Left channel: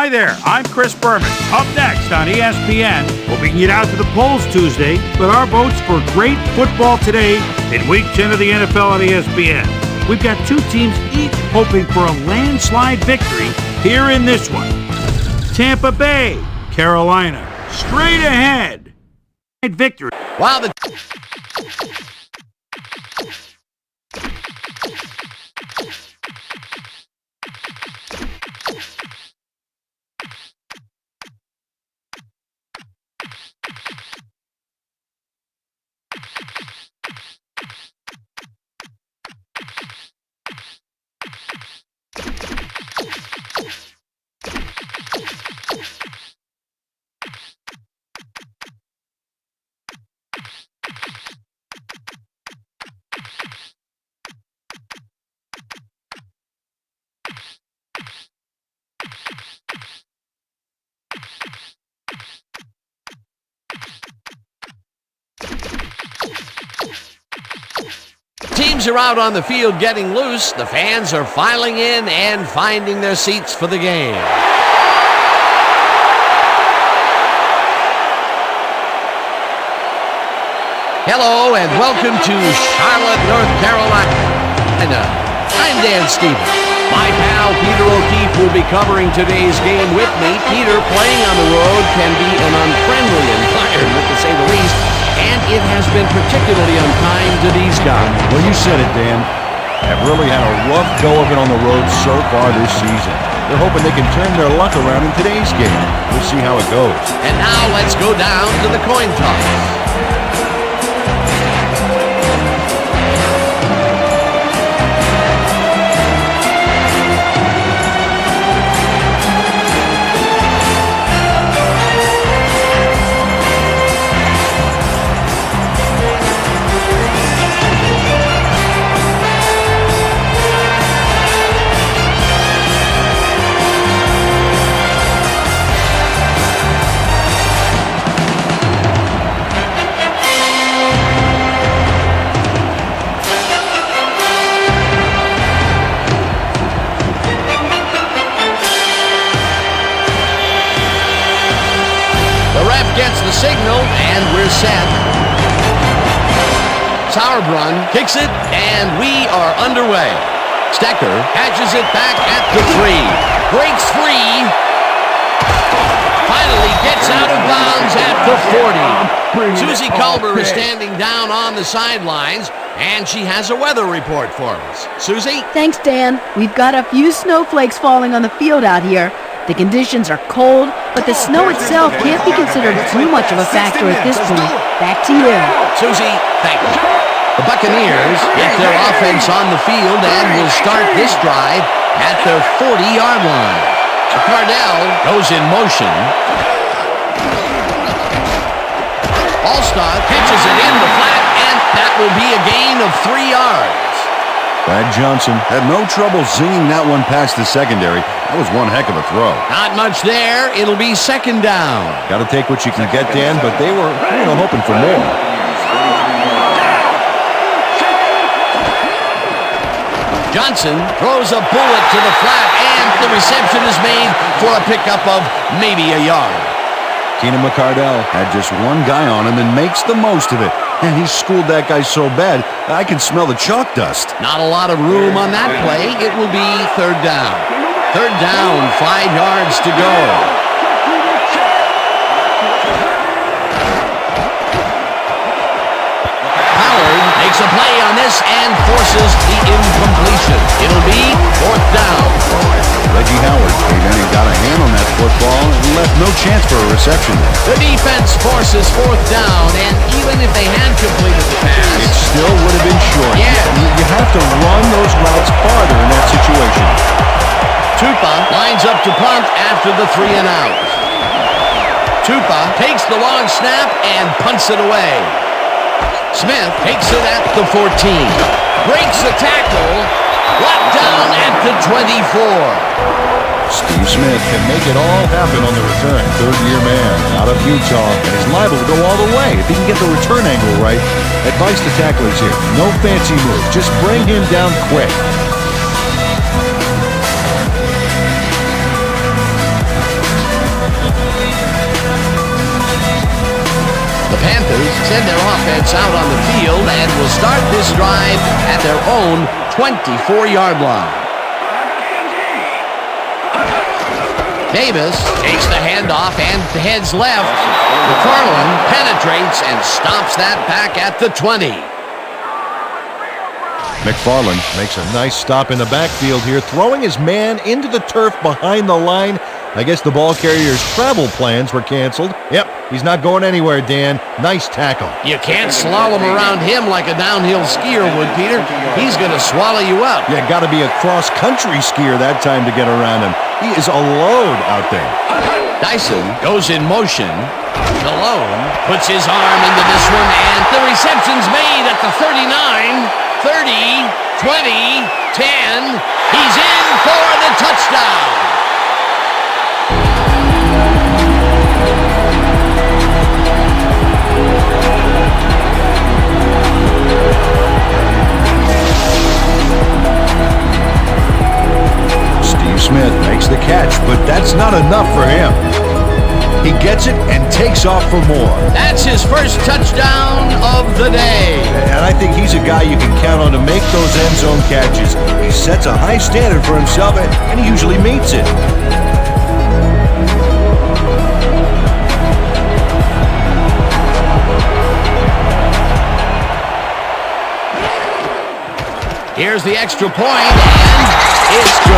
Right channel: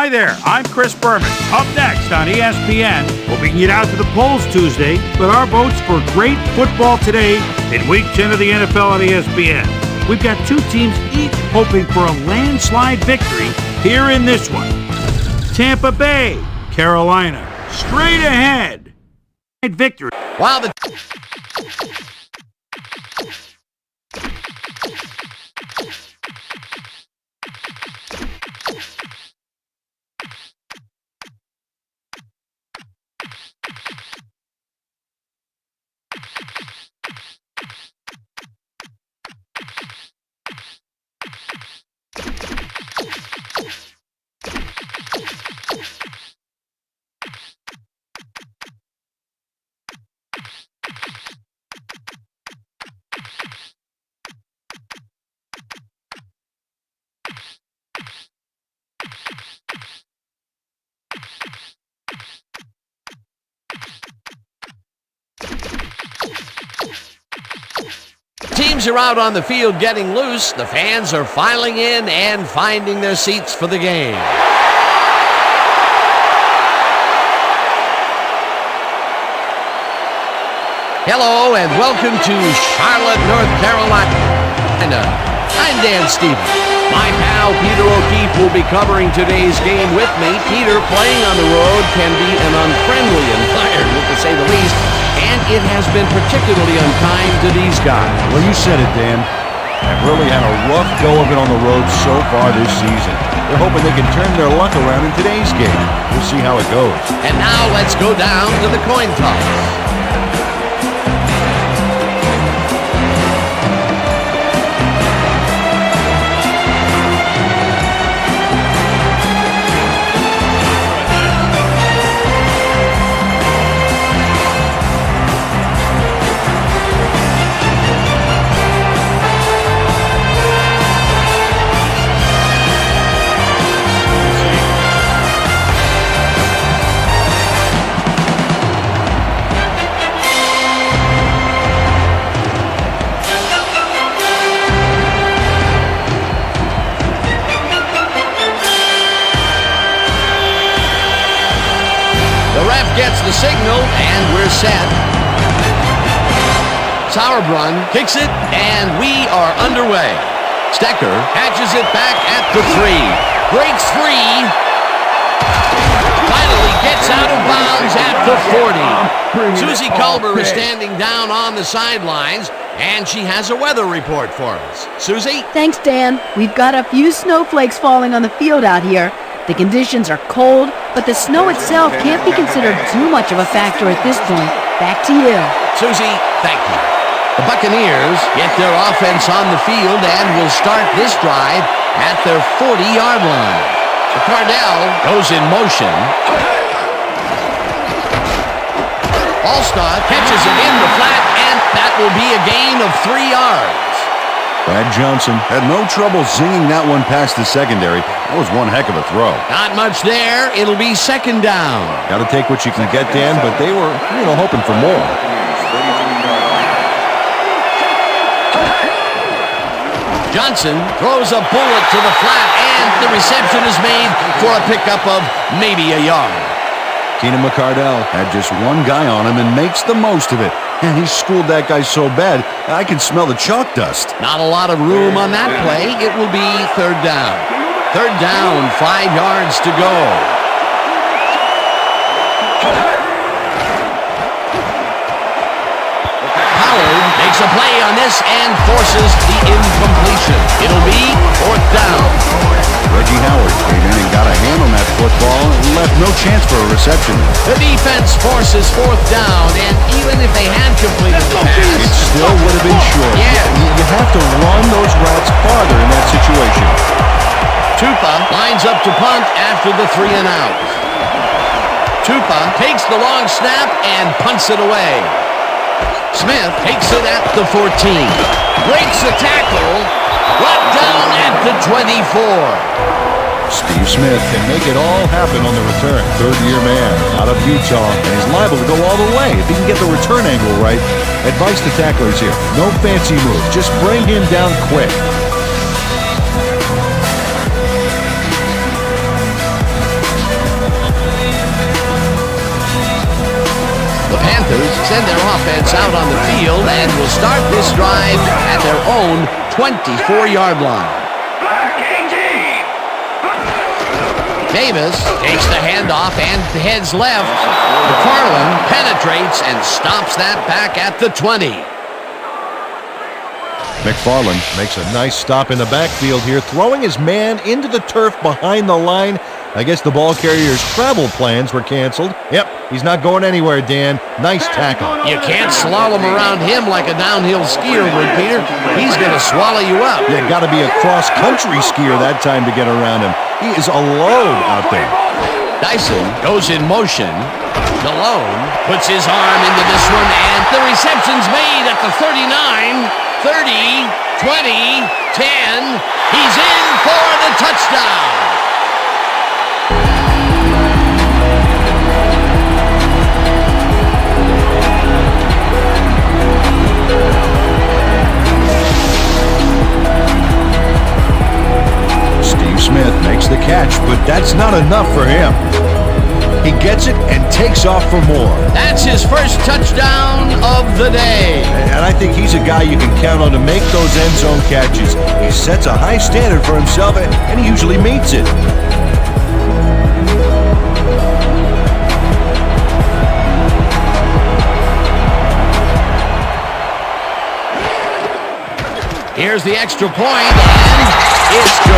Hi there, I'm Chris Berman. Up next on ESPN, hoping to get out to the polls Tuesday, but our votes for great football today in Week 10 of the NFL on ESPN. We've got two teams each hoping for a landslide victory here in this one. Tampa Bay, Carolina, straight ahead. Victory. Wow, the teams are out on the field getting loose. The fans are filing in and finding their seats for the game. Hello and welcome to Charlotte, North Carolina. I'm Dan Stevens. My pal Peter O'Keefe will be covering today's game with me. Peter, playing on the road can be an unfriendly environment, to say the least, and it has been particularly unkind to these guys. Well, you said it, Dan. Have really had a rough go of it on the road so far this season. They're hoping they can turn their luck around in today's game. We'll see how it goes. And now let's go down to the coin toss. The ref gets the signal, and we're set. Sauerbrunn kicks it, and we are underway. Stecker catches it back at the 3. Breaks free. Finally gets out of bounds at the 40. Susie Culber is standing down on the sidelines, and she has a weather report for us. Susie? Thanks, Dan. We've got a few snowflakes falling on the field out here. The conditions are cold, but the snow itself can't be considered too much of a factor at this point. Back to you. Susie, thank you. The Buccaneers get their offense on the field and will start this drive at their 40-yard line. So Cardell goes in motion. Allstott catches it in the flat, and that will be a gain of 3 yards. Brad Johnson had no trouble zinging that one past the secondary. That was one heck of a throw. Not much there. It'll be second down. Got to take what you can get, Dan, but they were, hoping for more. Johnson throws a bullet to the flat, and the reception is made for a pickup of maybe a yard. Keenan McCardell had just one guy on him and makes the most of it. And he schooled that guy so bad, I can smell the chalk dust. Not a lot of room on that play. It will be third down. Third down, 5 yards to go. Howard makes a play on this and forces the incompletion. It'll be fourth down. Reggie Howard came in and got a hand on that football and left no chance for a reception there. The defense forces fourth down, and even if they had completed the pass, it still would have been short. Yeah. You have to run those routes farther in that situation. Tupa lines up to punt after the 3 and out. Tupa takes the long snap and punts it away. Smith takes it at the 14. Breaks the tackle. Brought down at the 24. Steve Smith can make it all happen on the return. Third-year man out of Utah, and he's liable to go all the way if he can get the return angle right. Advice to tacklers here: no fancy moves, just bring him down quick. The Panthers send their offense out on the field and will start this drive at their own 24-yard line. Davis takes the handoff and heads left. McFarland penetrates and stops that back at the 20. McFarland makes a nice stop in the backfield here, throwing his man into the turf behind the line. I guess the ball carrier's travel plans were canceled. Yep, he's not going anywhere, Dan. Nice tackle. You can't slalom around him like a downhill skier would, Peter. He's going to swallow you up. Yeah, got to be a cross-country skier that time to get around him. He is a load out there. Dyson goes in motion. Delhomme puts his arm into this one, and the reception's made at the 39, 30, 20, 10. He's in for the touchdown. Smith makes the catch, but that's not enough for him. He gets it and takes off for more. That's his first touchdown of the day. And I think he's a guy you can count on to make those end zone catches. He sets a high standard for himself, and he usually meets it. Here's the extra point, and it's good.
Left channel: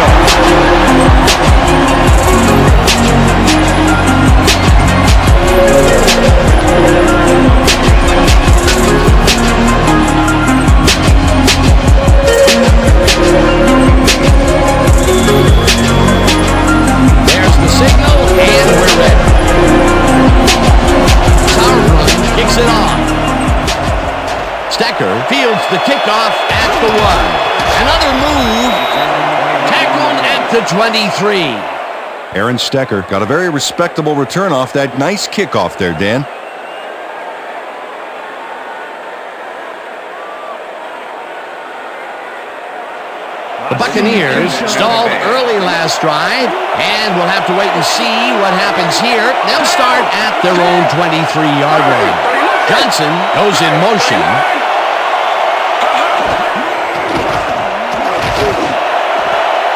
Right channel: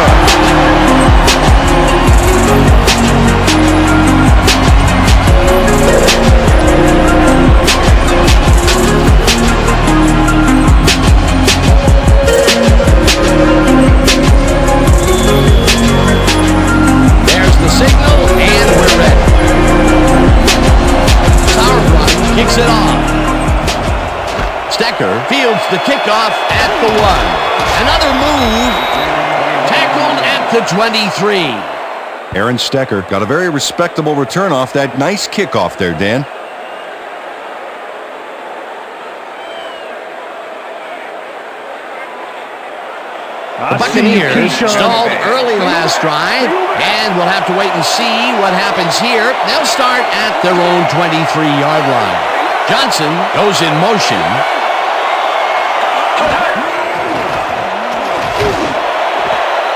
There's the signal, and we're ready. Sauerbrunn kicks it off. Stecker fields the kickoff at the 1. Another move, tackled at the 23. Aaron Stecker got a very respectable return off that nice kickoff there, Dan. The Buccaneers stalled early last drive, and we'll have to wait and see what happens here. They'll start at their own 23-yard line. Johnson goes in motion.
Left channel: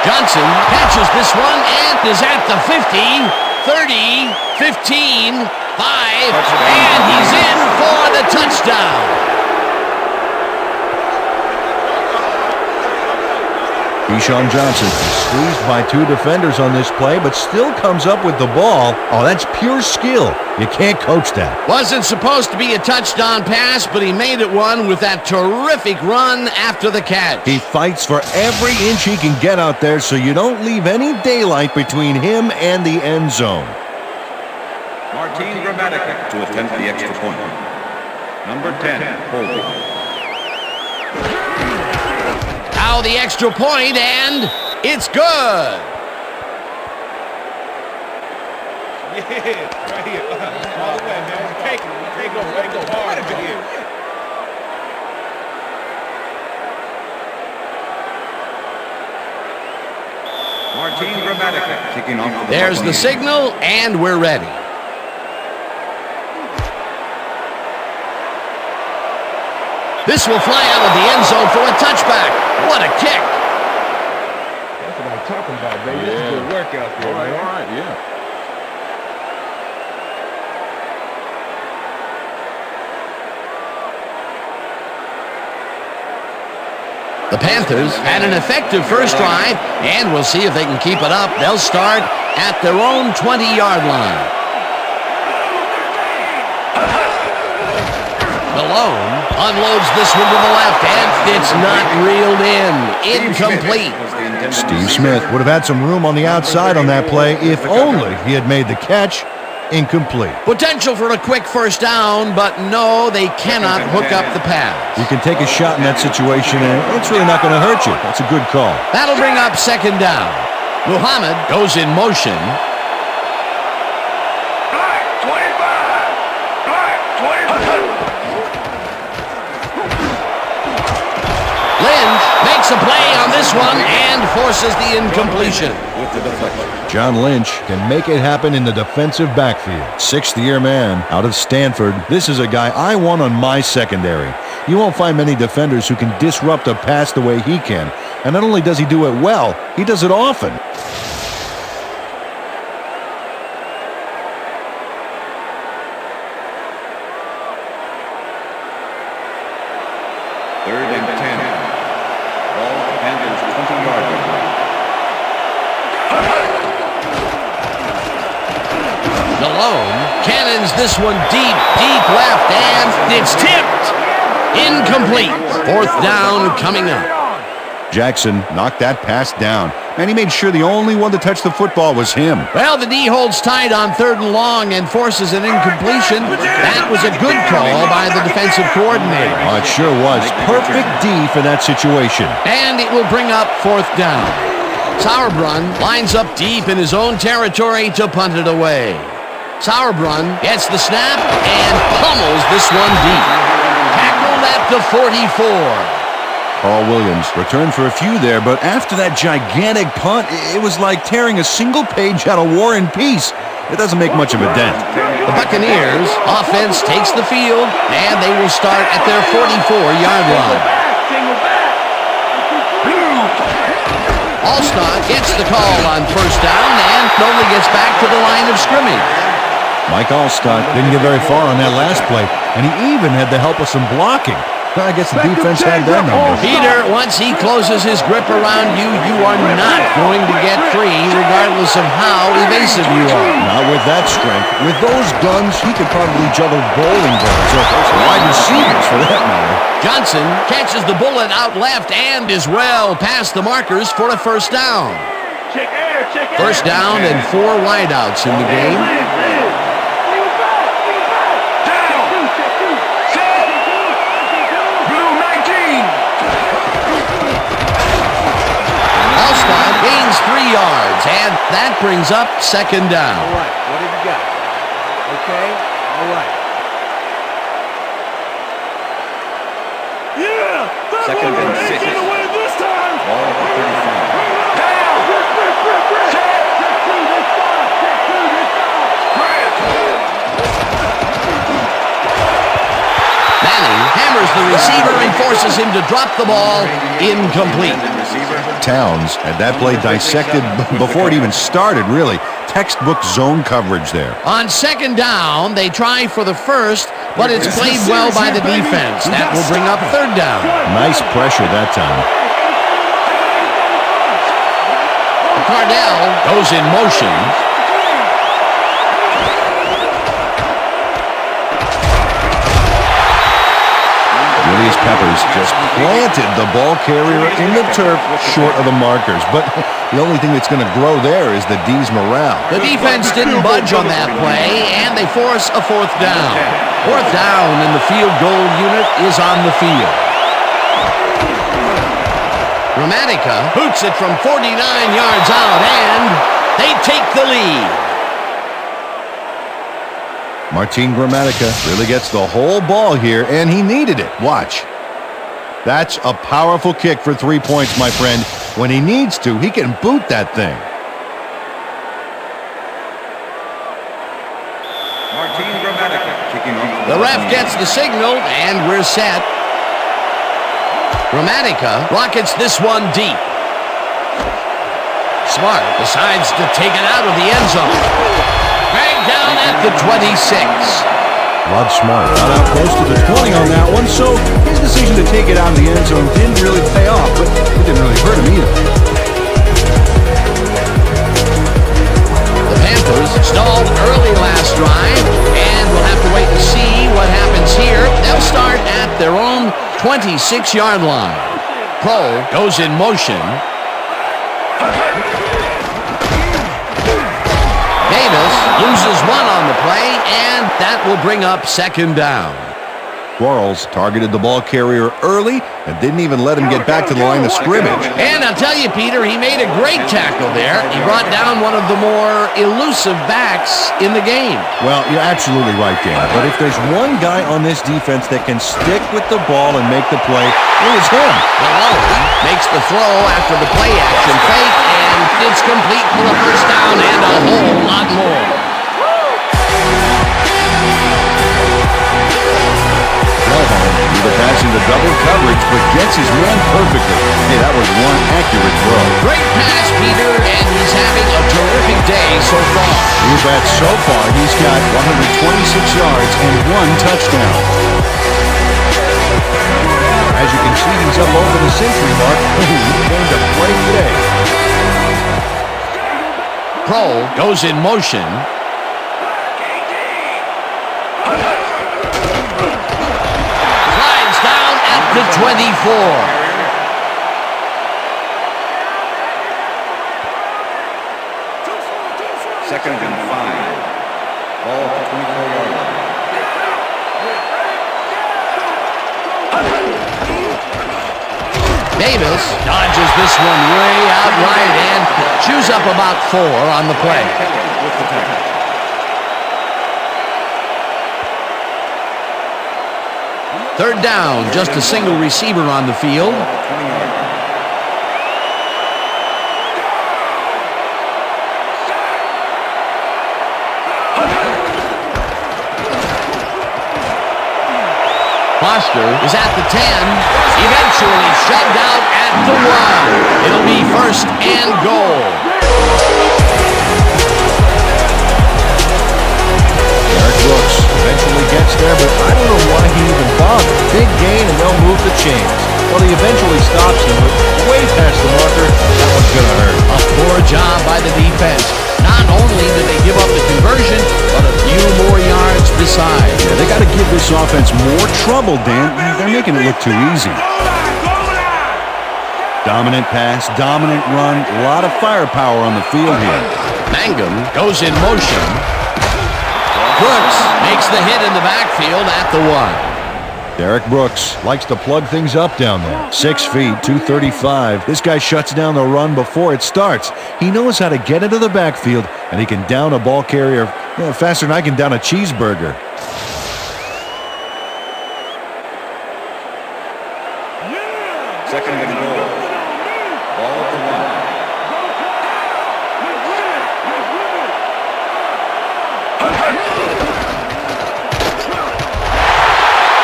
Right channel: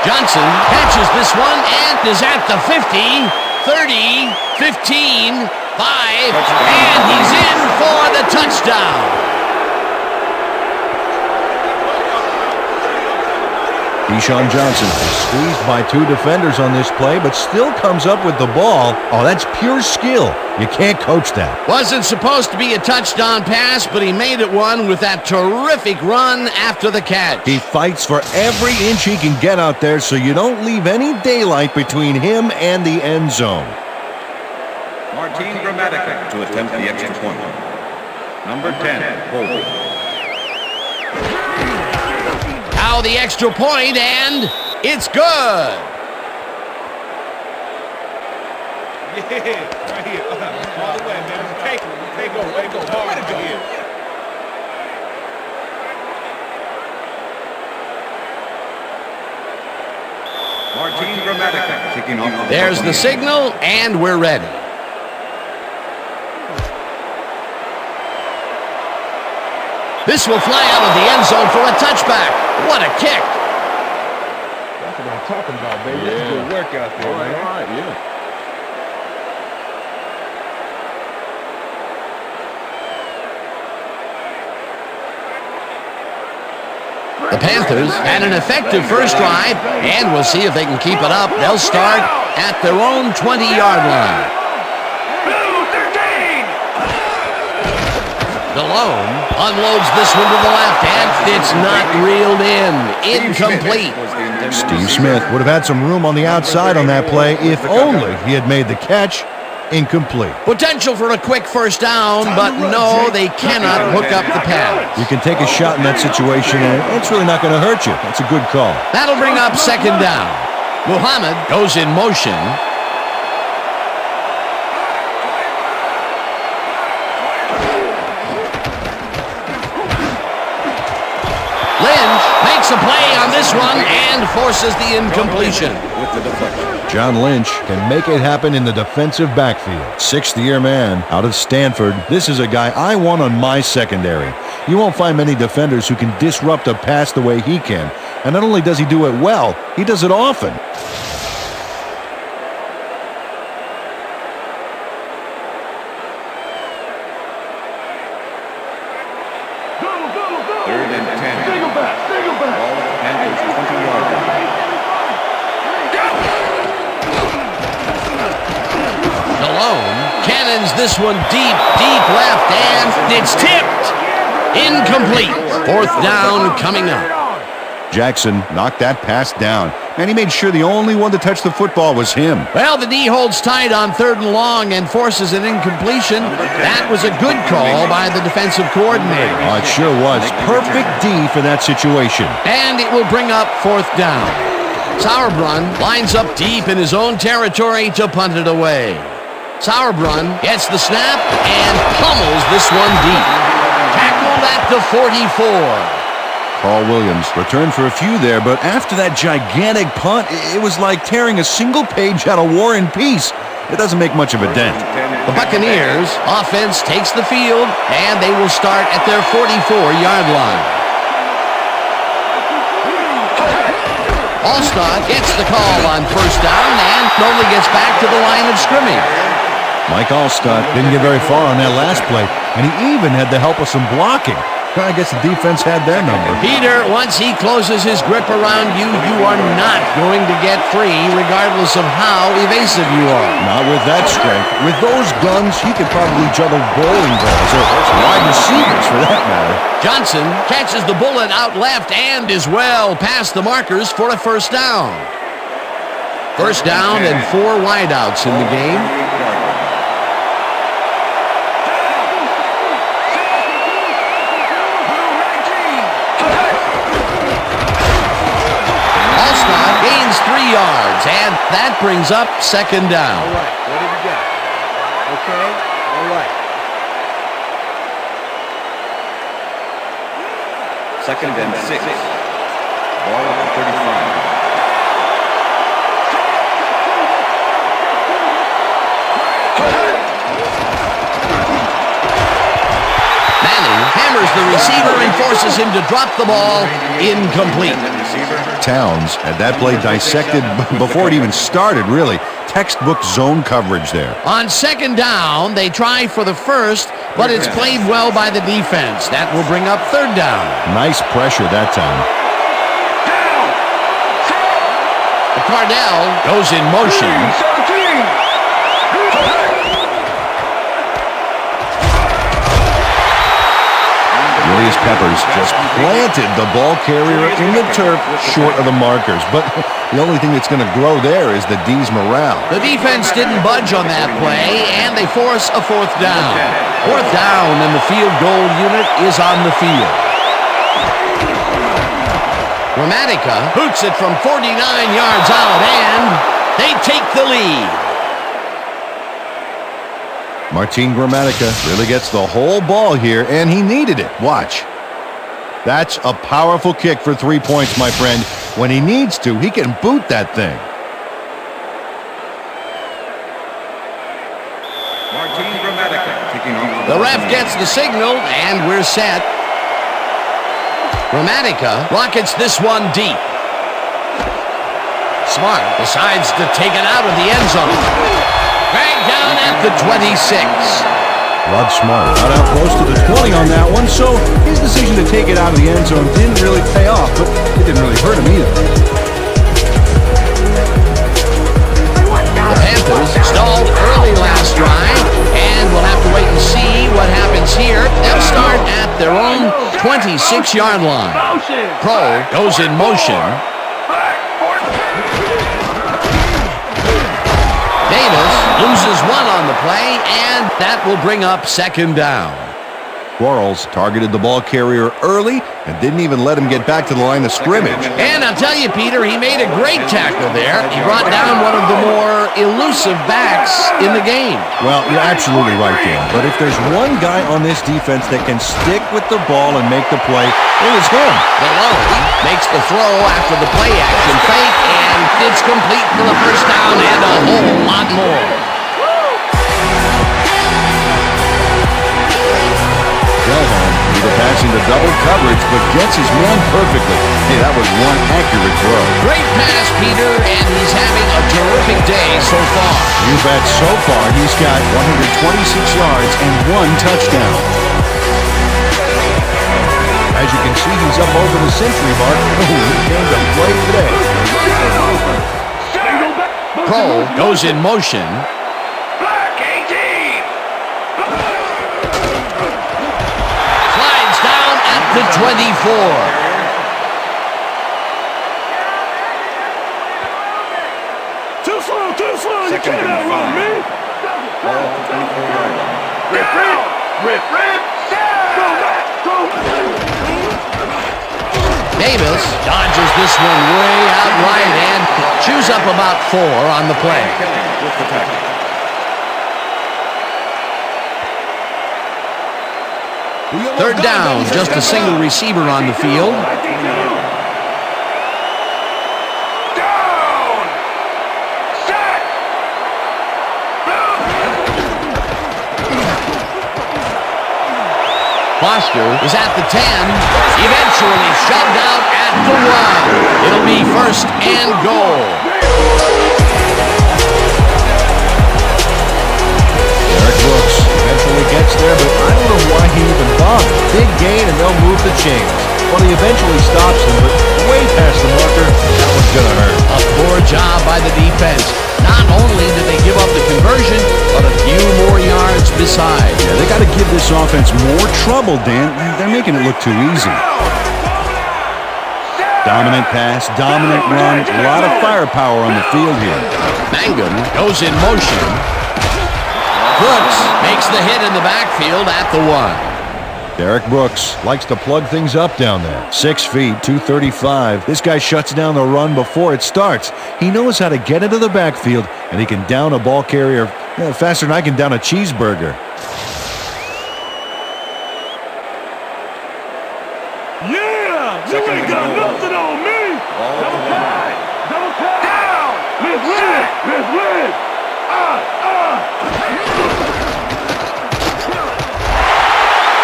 Johnson catches this one and is at the 50, 30, 15, 5, and he's in for the touchdown. Deshaun Johnson is squeezed by 2 defenders on this play, but still comes up with the ball. Oh, that's pure skill. You can't coach that. Wasn't supposed to be a touchdown pass, but he made it one with that terrific run after the catch. He fights for every inch he can get out there, so you don't leave any daylight between him and the end zone. Martin Gramatica to attempt the extra point. Number 10, holding. Now the extra point, and it's good. Yeah, right here. All the way, man. Take over. Way to go hard over here. Martin Gramatica kicking off for the There's the Buccaneers. signal, and we're ready. This will fly out of the end zone for a touchback. What a kick. That's what I'm talking about, baby. That's good work out there, man. All right, yeah. The Panthers had an effective first drive, and we'll see if they can keep it up. They'll start at their own 20-yard line. Delhomme unloads this one to the left, and it's not reeled in. Incomplete. Steve Smith would have had some room on the outside on that play if only he had made the catch. Incomplete. Potential for a quick first down, but no, they cannot hook up the pass. You can take a shot in that situation, and it's really not going to hurt you. That's a good call. That'll bring up second down. Muhammad goes in motion. Lynch makes a play on this one and forces the incompletion. With the deflection. John Lynch can make it happen in the defensive backfield. Sixth-year man out of Stanford. This is a guy I want on my secondary. You won't find many defenders who can disrupt a pass the way he can. And not only does he do it well, he does it often. Third and 10. Ball at the Panthers' 20-yard line. Delhomme cannons this one deep left, and it's tipped. Incomplete. Fourth down coming up. Jackson knocked that pass down, and he made sure the only one to touch the football was him. Well, the D holds tight on 3rd and long and forces an incompletion. That was a good call by the defensive coordinator. Oh, it sure was. Perfect D for that situation. And it will bring up 4th down. Sauerbrunn lines up deep in his own territory to punt it away. Sauerbrunn gets the snap and pummels this one deep. Tackled at the 44. Carl Williams returned for a few there, but after that gigantic punt, it was like tearing a single page out of War and Peace. It doesn't make much of a dent. The Buccaneers offense takes the field, and they will start at their 44-yard line. Allstott gets the call on 1st down and only gets back to the line of scrimmage. Mike Allstott didn't get very far on that last play, and he even had the help of some blocking. I guess the defense had their number. Peter, once he closes his grip around you, you are not going to get free, regardless of how evasive you are. Not with that strength. With those guns, he could probably juggle bowling balls, or wide receivers for that matter. Johnson catches the bullet out left and is well past the markers for a 1st down. 1st down and 4 wideouts in the game. Allstott gains 3 yards, and that brings up 2nd down. All right, what have you got? Okay, all right. 2nd and 6. Ball at the 35. Manning hammers the receiver and forces him to drop the ball. Incomplete. Towns had that play dissected before it even started, really. Textbook zone coverage there. On 2nd down, they try for the 1st, but it's played well by the defense. That will bring up 3rd down. Nice pressure that time. Cardell goes in motion. Julius Peppers just planted the ball carrier in the turf short of the markers. But the only thing that's going to grow there is the D's morale. The defense didn't budge on that play, and they force a 4th down. 4th down, and the field goal unit is on the field. Gramatica boots it from 49 yards out, and they take the lead. Martin Gramatica really gets the whole ball here, and he needed it. Watch. That's a powerful kick for 3 points, my friend. When he needs to, he can boot that thing. Martin Gramatica kicking off. The ref gets the signal, and we're set. Gramatica rockets this one deep. Smart decides to take it out of the end zone. Dragged down at the 26. Rod Smart got out close to the 20 on that one, so his decision to take it out of the end zone didn't really pay off, but it didn't really hurt him either. The Panthers stalled early last drive, and we'll have to wait and see what happens here. They'll start at their own 26-yard line. Kroll goes in motion. Davis loses 1 on the play, and that will bring up 2nd down. Quarles targeted the ball carrier early and didn't even let him get back to the line of scrimmage. And I'll tell you, Peter, he made a great tackle there. He brought down one of the more elusive backs in the game. Well, you're absolutely right, Dan. But if there's one guy on this defense that can stick with the ball and make the play, it was him. Malone makes the throw after the play action fake, and it's complete for the first down and a whole lot more. Home threw the pass into double coverage, but gets his man perfectly. Hey, that was one accurate throw. Great pass, Peter, and he's having a terrific day so far. You bet. So far, he's got 126 yards and 1 touchdown. As you can see, he's up over the century mark. Oh, he came to play today. Kroll goes in motion. Down at the 24. Too slow. Second and 5. Ball at the 24-yard line. Rip. Go back. Davis dodges this one way out right and chews up about 4 on the play. Kelly with the tackle. Third down, just a single receiver on the field. Foster is at the 10, eventually shoved out at the 1. It'll be first and goal. Derek Brooks eventually gets there, but I don't know why he even bothered. Big gain, and they'll move the chains. Well, he eventually stops them, but way past the marker, that one's going to hurt. A poor job by the defense. Not only did they give up the conversion, but a few more yards besides. Yeah, they got to give this offense more trouble, Dan. They're making it look too easy. Dominant pass, dominant run, a lot of firepower on the field here. Mangum goes in motion. Brooks makes the hit in the backfield at the 1. Derek Brooks likes to plug things up down there. 6 feet, 235. This guy shuts down the run before it starts. He knows how to get into the backfield, and he can down a ball carrier faster than I can down a cheeseburger. Yeah! Second you ain't and got goal. nothing on me! Ball at the 1. Don't tie! Let's win!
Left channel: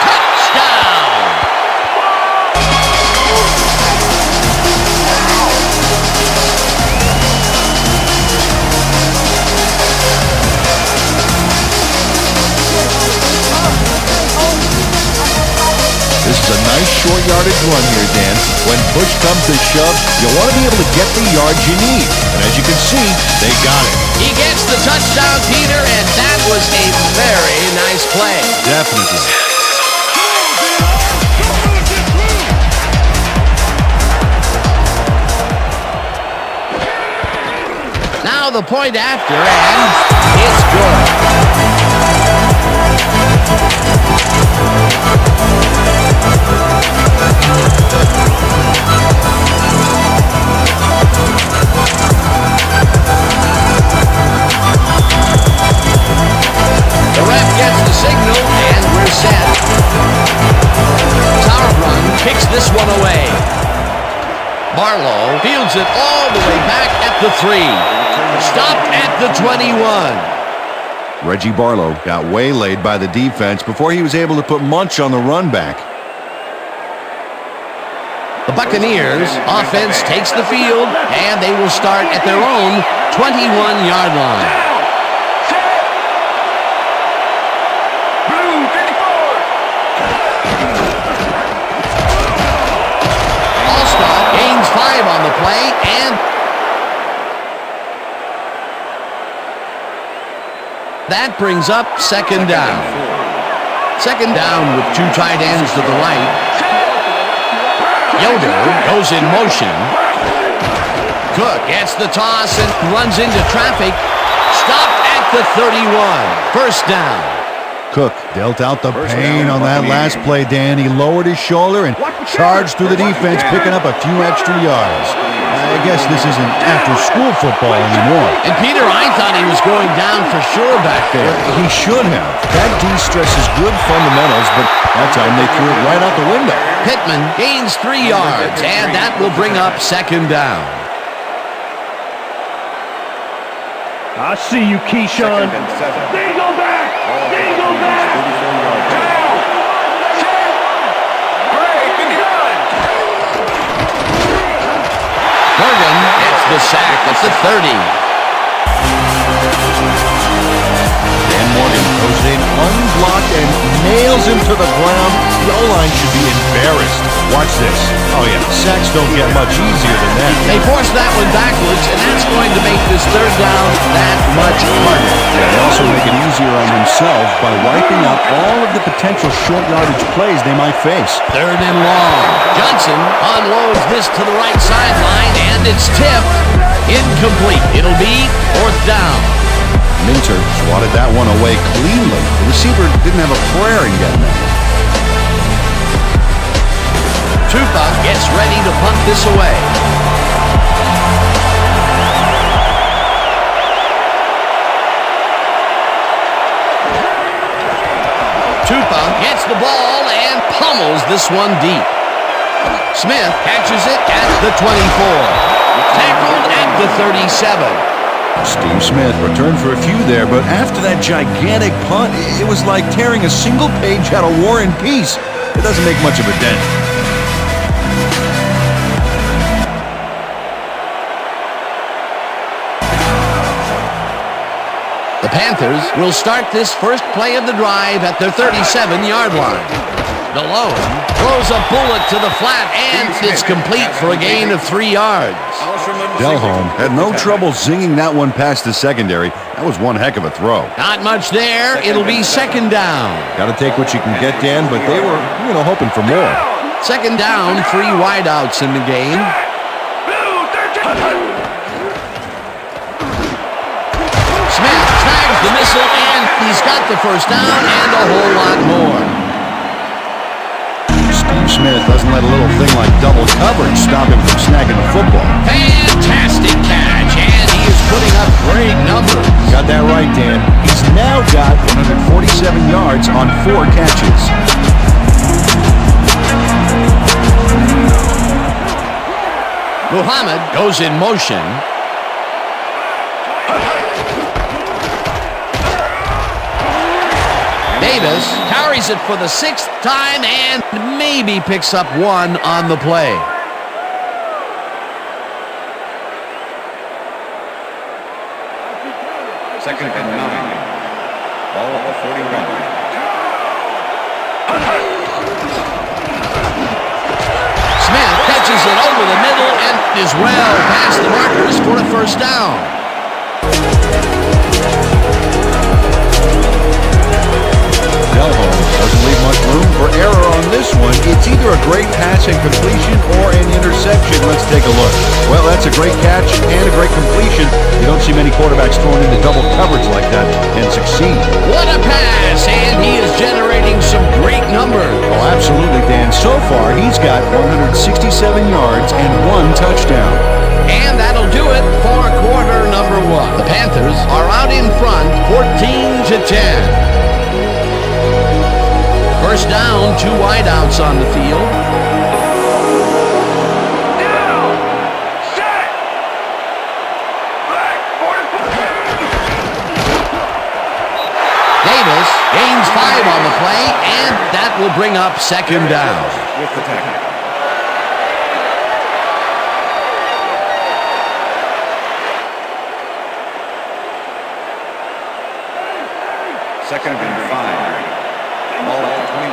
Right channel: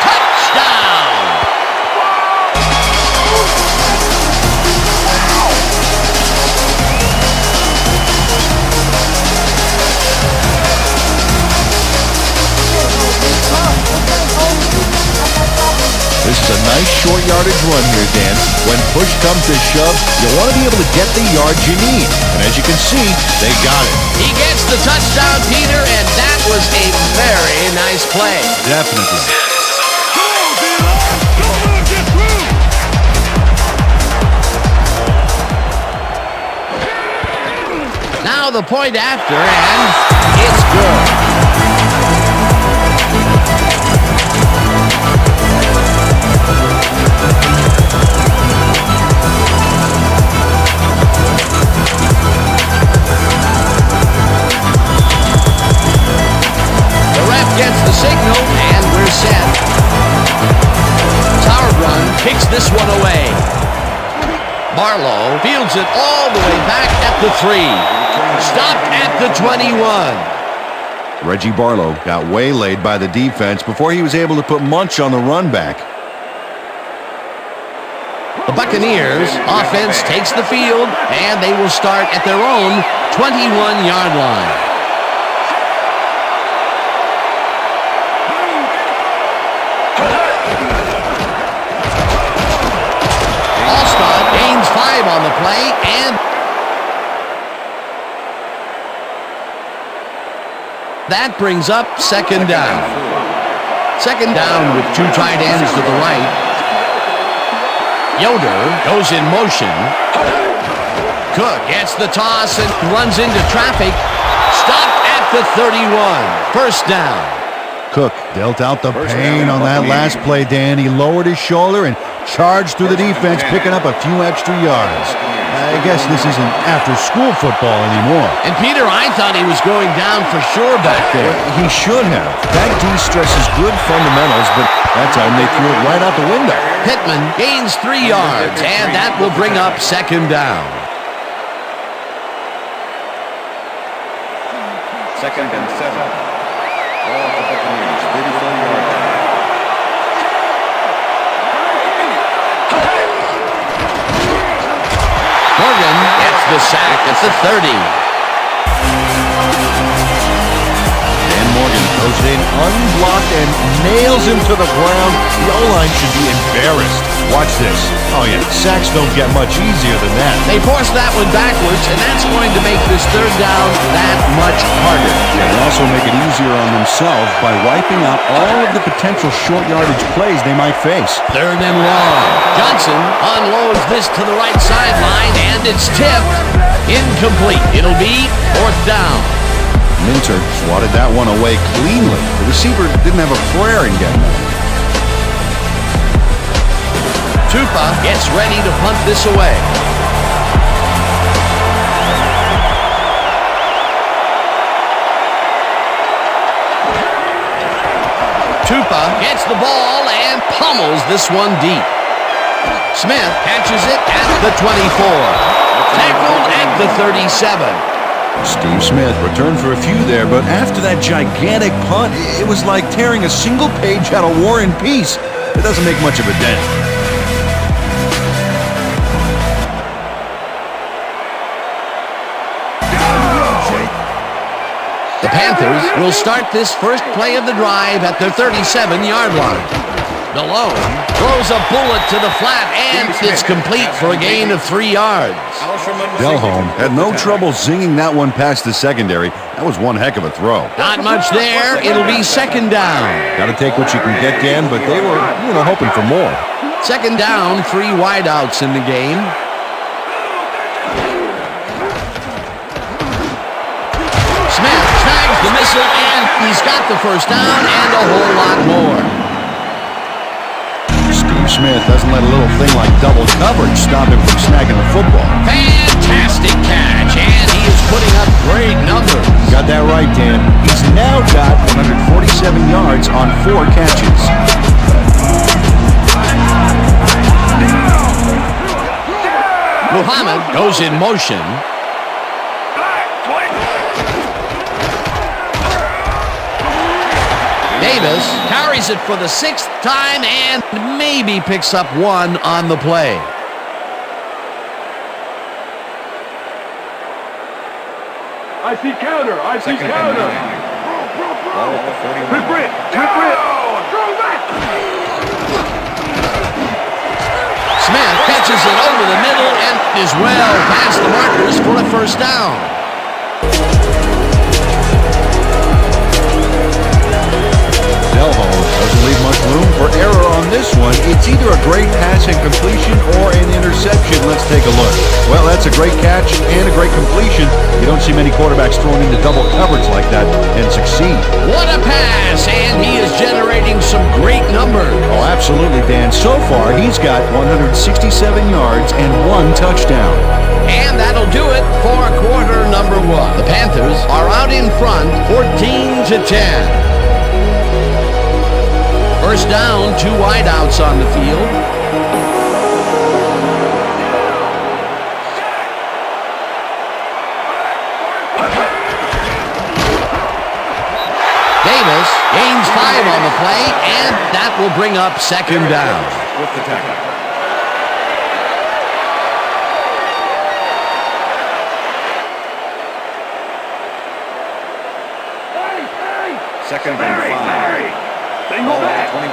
Touchdown! This is a nice short yardage run here, Dan. When push comes to shove, you want to be able to get the yards you need. And as you can see, they got it. He gets the touchdown, Peter, and that was a very nice play. Definitely. Come on, D-line! Don't let him get through! Now the point after, and it's good. The ref gets the signal, and we're set. Sauerbrunn kicks this one away. Barlow fields it all the way back at the 3. Stopped at the 21. Reggie Barlow got waylaid by the defense before he was able to put Munch on the run back. The Buccaneers offense takes the field, and they will start at their own 21-yard line. Allstott gains 5 on the play, and that brings up second down. Second down with 2 tight ends to the right. Yoder goes in motion. Cook gets the toss and runs into traffic. Stopped at the 31. First down. Cook dealt out the First pain down, on that Buccaneers. last play, Dan. He lowered his shoulder and charged through the defense, picking up a few extra yards. I guess this isn't after-school football anymore. And Peter, I thought he was going down for sure back there. He should have. That D stresses good fundamentals, but that time they threw it right out the window. Pittman gains 3 yards, and that will bring up second down. I see you, Keyshawn. Second and 7. There you go back. Ball at the Buccaneers, 34-yard line. Morgan gets the sack at the 30. Dan Morgan goes in unblocked and nails him to the ground. The O-line should be embarrassed. Watch this. Oh, yeah, sacks don't get much easier than that. They force that one backwards, and that's going to make this third down that much harder. Yeah, they also make it easier on themselves by wiping out all of the potential short yardage plays they might face. Third and long. Johnson unloads this to the right sideline, and it's tipped. Incomplete. It'll be fourth down. Minter swatted that one away cleanly. The receiver didn't have a prayer in getting that one. Tupa gets ready to punt this away. Tupa gets the ball and pummels this one deep. Smith catches it at the 24. Tackled at the 37. Steve Smith returned for a few there, but after that gigantic punt, it was like tearing a single page out of War and Peace. It doesn't make much of a dent. The Panthers will start this first play of the drive at their 37-yard line. Delhomme throws a bullet to the flat, and it's complete for a gain of 3 yards. Delhomme had no trouble zinging that one past the secondary. That was one heck of a throw. Not much there. It'll be second down. Got to take what you can get, Dan, but they were, hoping for more. Second down, 3 wideouts in the game. Smith snags the missile, and he's got the first down and a whole lot more. Steve Smith doesn't let a little thing like double coverage stop him from snagging the football. Fantastic catch, and he is putting up great numbers. Got that right, Dan. He's now got 147 yards on 4 catches. Muhammad goes in motion. Davis carries it for the 6th time and maybe picks up 1 on the play. I see counter. I see Second counter. and 9. Ball at the 41. Rip. Smith catches it over the middle and is well past the markers for a first down. Delhomme doesn't leave much room for error on this one. It's either a great pass and completion or an interception. Let's take a look. Well, that's a great catch and a great completion. You don't see many quarterbacks thrown into double coverage like that and succeed. What a pass, and he is generating some great numbers. Oh, absolutely, Dan. So far, he's got 167 yards and 1 touchdown. And that'll do it for quarter number 1. The Panthers are out in front, 14-10. First down, 2 wideouts on the field. Davis gains 5 on the play, and that will bring up second down. With the tackle. Second and 5. Ball at the 21.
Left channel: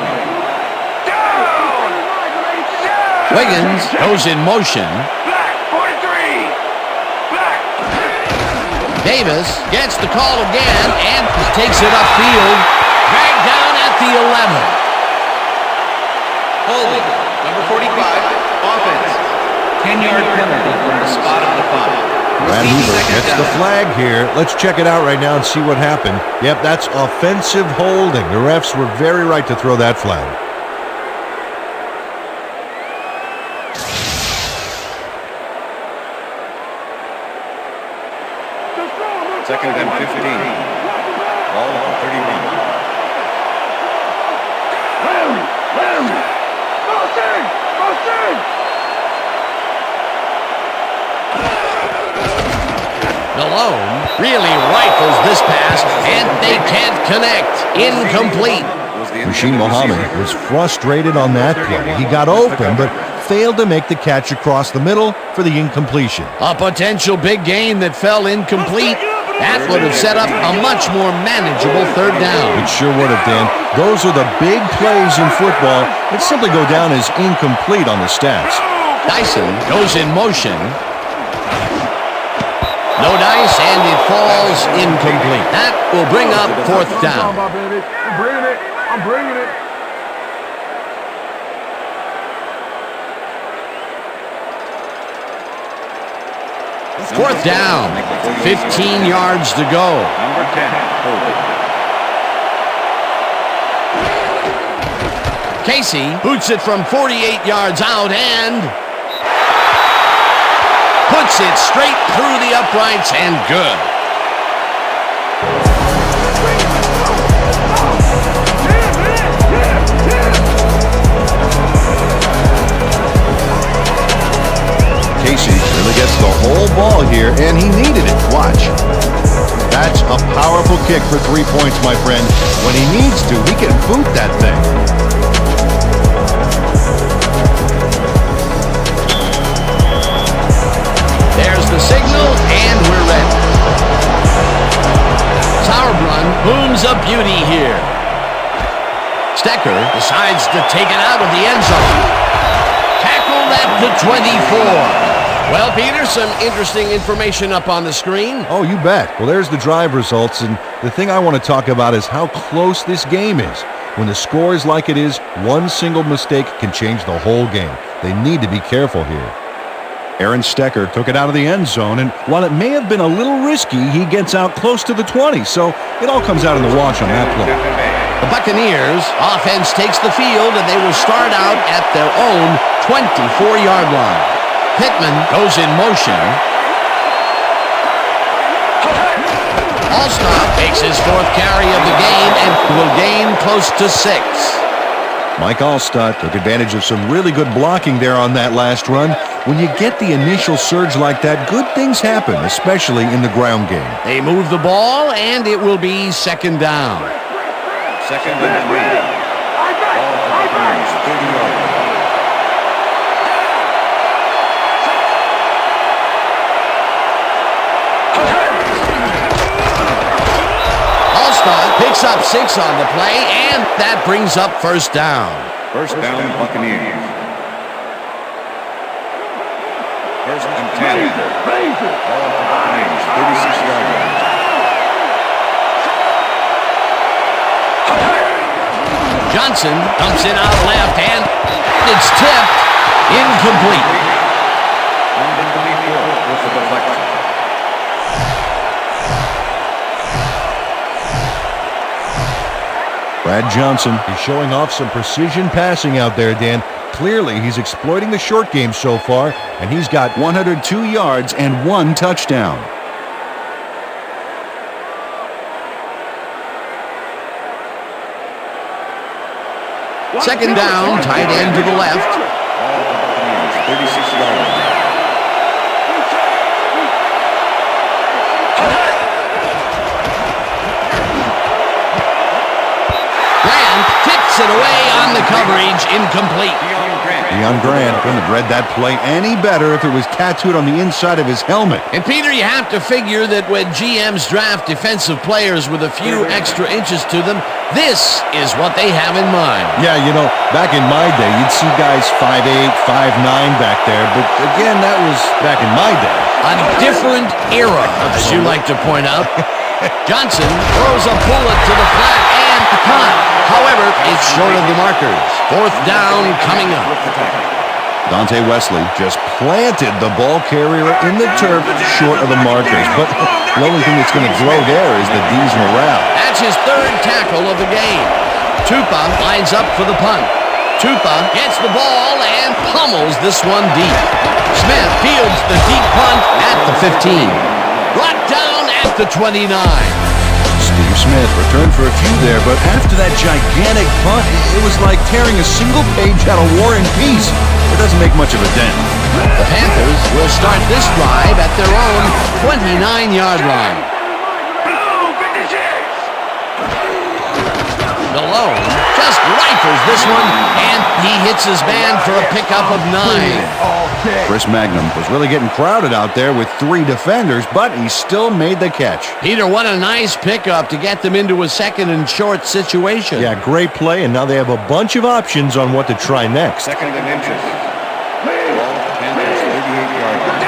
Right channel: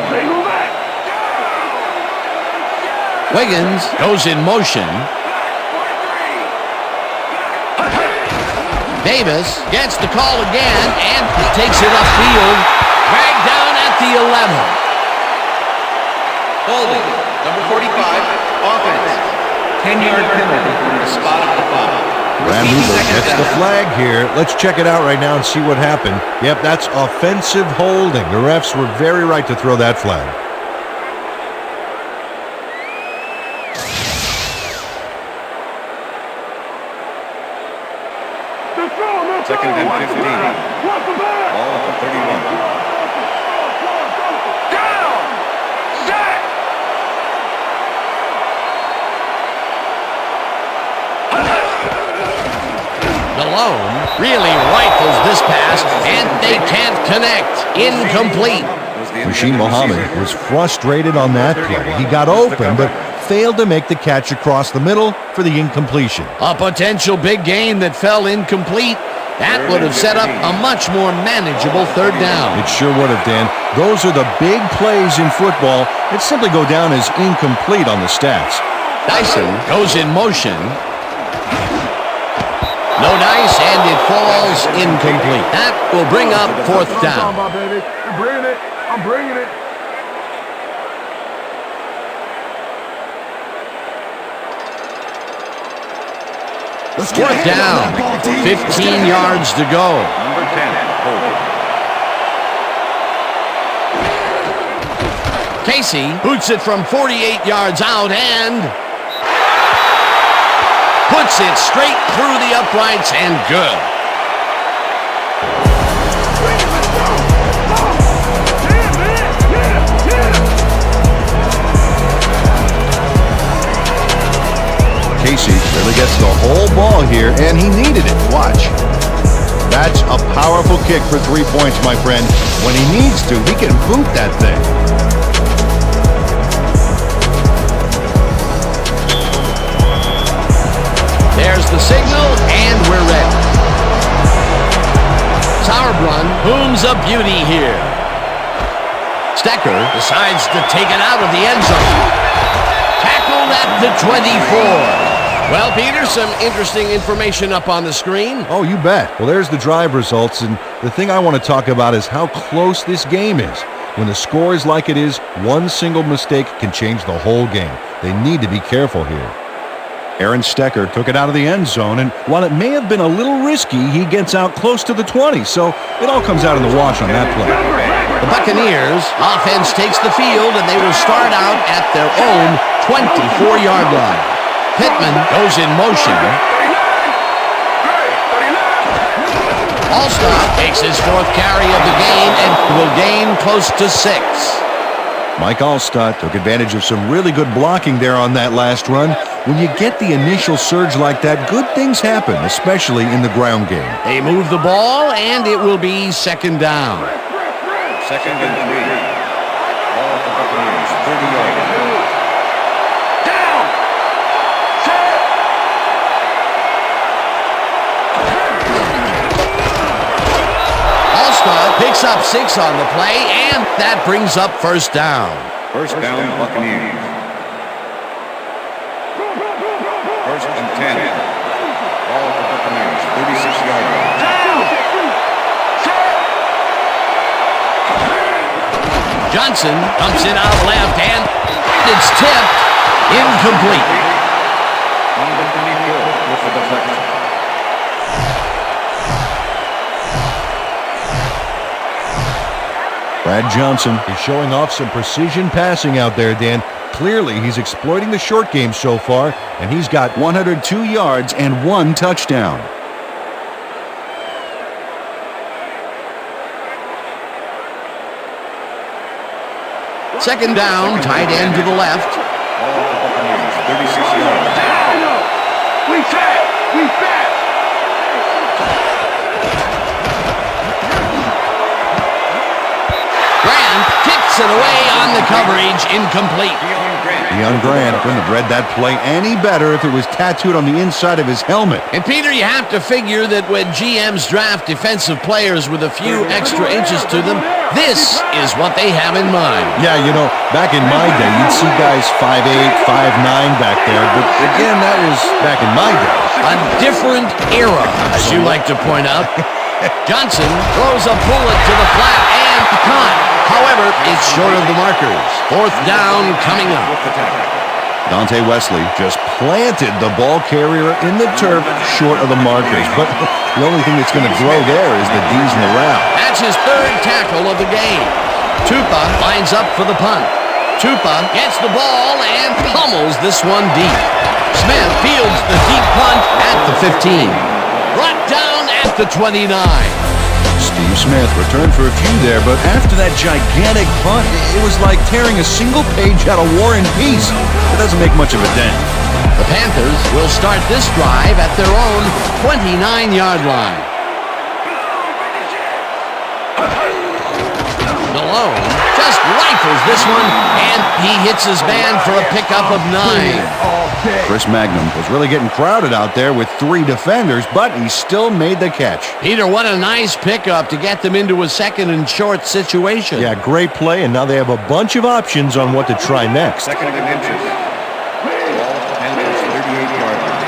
Wiggins goes in motion. Davis gets the call again and takes it upfield. Dragged down at the 11. Holding, number 45, offense. 10-yard penalty from the spot of the foul. Brad Hoover gets the flag here. Let's check it out right now and see what happened. Yep, that's offensive holding. The refs were very right to throw that flag. Second and 15. Ball at the 31. Delhomme really rifles this pass, and they can't connect. Incomplete. Rasheed Muhammad was frustrated on that play. He got open, but failed to make the catch across the middle for the incompletion. A potential big game that fell incomplete. That would have set up a much more manageable third down. It sure would have, Dan. Those are the big plays in football that simply go down as incomplete on the stats. Dyson goes in motion. No dice, and it falls incomplete. That will bring up fourth down. Baby. I'm bringing it. I'm bringing it. Fourth down. 15 yards to go. Number 10, holding. Casey boots it from 48 yards out and puts it straight through the uprights and good. Bring it. Let's go. Let's go. Yeah, man. Yeah. Casey really gets the whole ball here, and he needed it. Watch. That's a powerful kick for 3 points, my friend. When he needs to, he can boot that thing. There's the signal, and we're ready. Sauerbrunn booms a beauty here. Stecker decides to take it out of the end zone. Tackled at the 24. Well, Peter, some interesting information up on the screen. Oh, you bet. Well, there's the drive results, and the thing I want to talk about is how close this game is. When the score is like it is, one single mistake can change the whole game. They need to be careful here. Aaron Stecker took it out of the end zone, and while it may have been a little risky, he gets out close to the 20, so it all comes out in the wash on that play. The Buccaneers offense takes the field, and they will start out at their own 24-yard line. Pittman goes in motion. Allstott makes his fourth carry of the game and will gain close to 6. Mike Allstott took advantage of some really good blocking there on that last run. When you get the initial surge like that, good things happen, especially in the ground game. They move the ball, and it will be second down. Second and 3. Ball at the Buccaneers, 30-yard line. Allstott picks up 6 on the play, and that brings up first down. First down, Buccaneers. First and 10. Ball at the Buccaneers, 36-yard line. Johnson dumps it out left, and it's tipped. Incomplete. Number 24 with the deflection. Brad Johnson is showing off some precision passing out there, Dan. Clearly, he's exploiting the short game so far, and he's got 102 yards and 1 touchdown. Second down, tight end to the left. Ball at the Buccaneers, 36-yard line. We back. Grant tips it away on the coverage, incomplete. Deion Grant couldn't have read that play any better if it was tattooed on the inside of his helmet. And Peter, you have to figure that when GMs draft defensive players with a few extra inches to them, this is what they have in mind. Yeah, you know, back in my day, you'd see guys 5'8", 5'9" back there, but again, that was back in my day. A different era, as you like to point out. Johnson throws a bullet to the flat and caught. However, it's short of the markers. Fourth down coming up. With the tackle. Dante Wesley just planted the ball carrier in the turf short of the markers. But the only thing that's going to grow there is the D's morale. That's his third tackle of the game. Tupa lines up for the punt. Tupa gets the ball and pummels this one deep. Smith fields the deep punt at the 15. Brought down at the 29. Steve Smith returned for a few there, but after that gigantic punt, it was like tearing a single page out of War and Peace. It doesn't make much of a dent. The Panthers will start this drive at their own 29-yard line. Malone just rifles this one, and he hits his man for a pickup of 9. Chris Magnum was really getting crowded out there with 3 defenders, but he still made the catch. Peter, what a nice pickup to get them into a second and short situation. Yeah, great play, and now they have a bunch of options on what to try next. Second and inches. Ball at the Panthers' 38-yard line.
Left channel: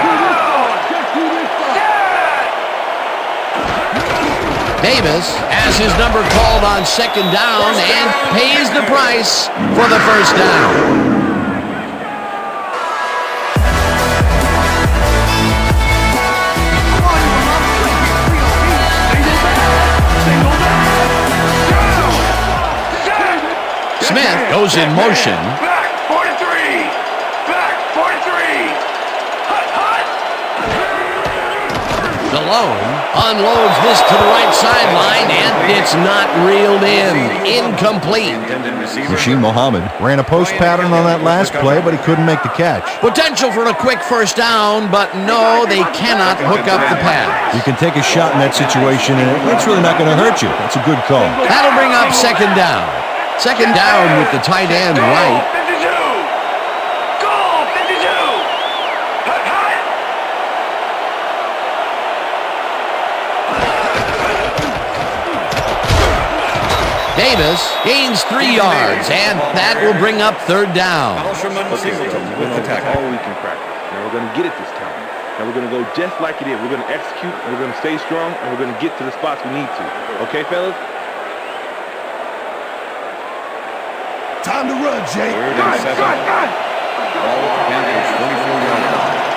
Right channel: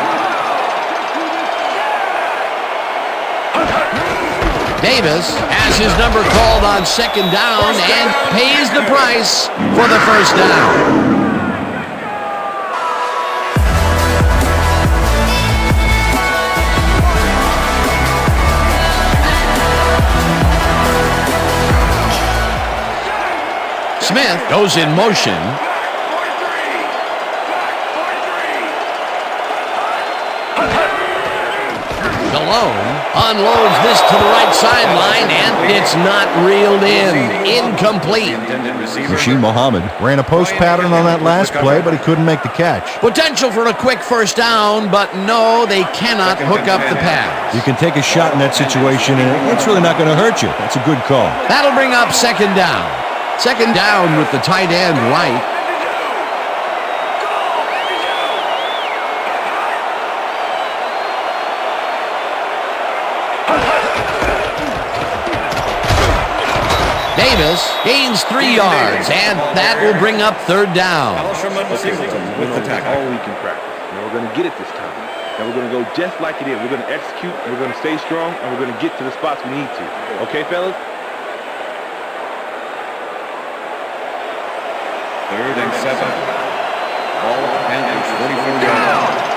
Davis has his number called on second down and pays the price for the first down. Smith goes in motion. Malone unloads this to the right sideline, and it's not reeled in. Incomplete. Rasheed Muhammad ran a post pattern on that last play, but he couldn't make the catch. Potential for a quick first down, but no, they cannot hook up the pass. You can take a shot in that situation, and it's really not going to hurt you. That's a good call. That'll bring up second down. Second down with the tight end right. Davis gains 3 yards, and that will bring up third down. Singleton with the tackle. All week in practice. Now we're going to get it this time. Now we're going to go just like it is. We're going to execute, and we're going to stay strong, and we're going to get to the spots we need to. Okay, fellas? Time to run, Jay. Third and 7. Ball at the Panthers' 44-yard line.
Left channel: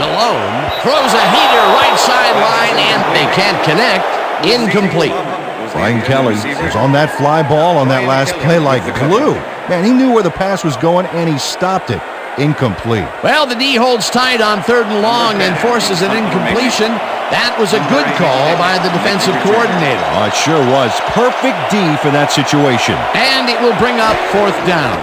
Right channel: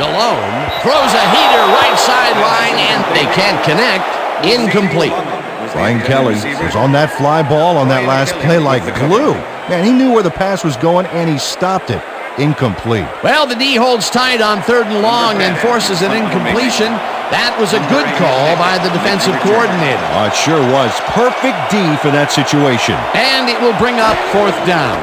Malone throws a heater right sideline, and they can't connect. Incomplete. Brian Kelly was on that fly ball on that last play like glue. Man, he knew where the pass was going, and he stopped it. Incomplete. Well, the D holds tight on third and long and forces an incompletion. That was a good call by the defensive coordinator. Oh, it sure was. Perfect D for that situation. And it will bring up fourth down.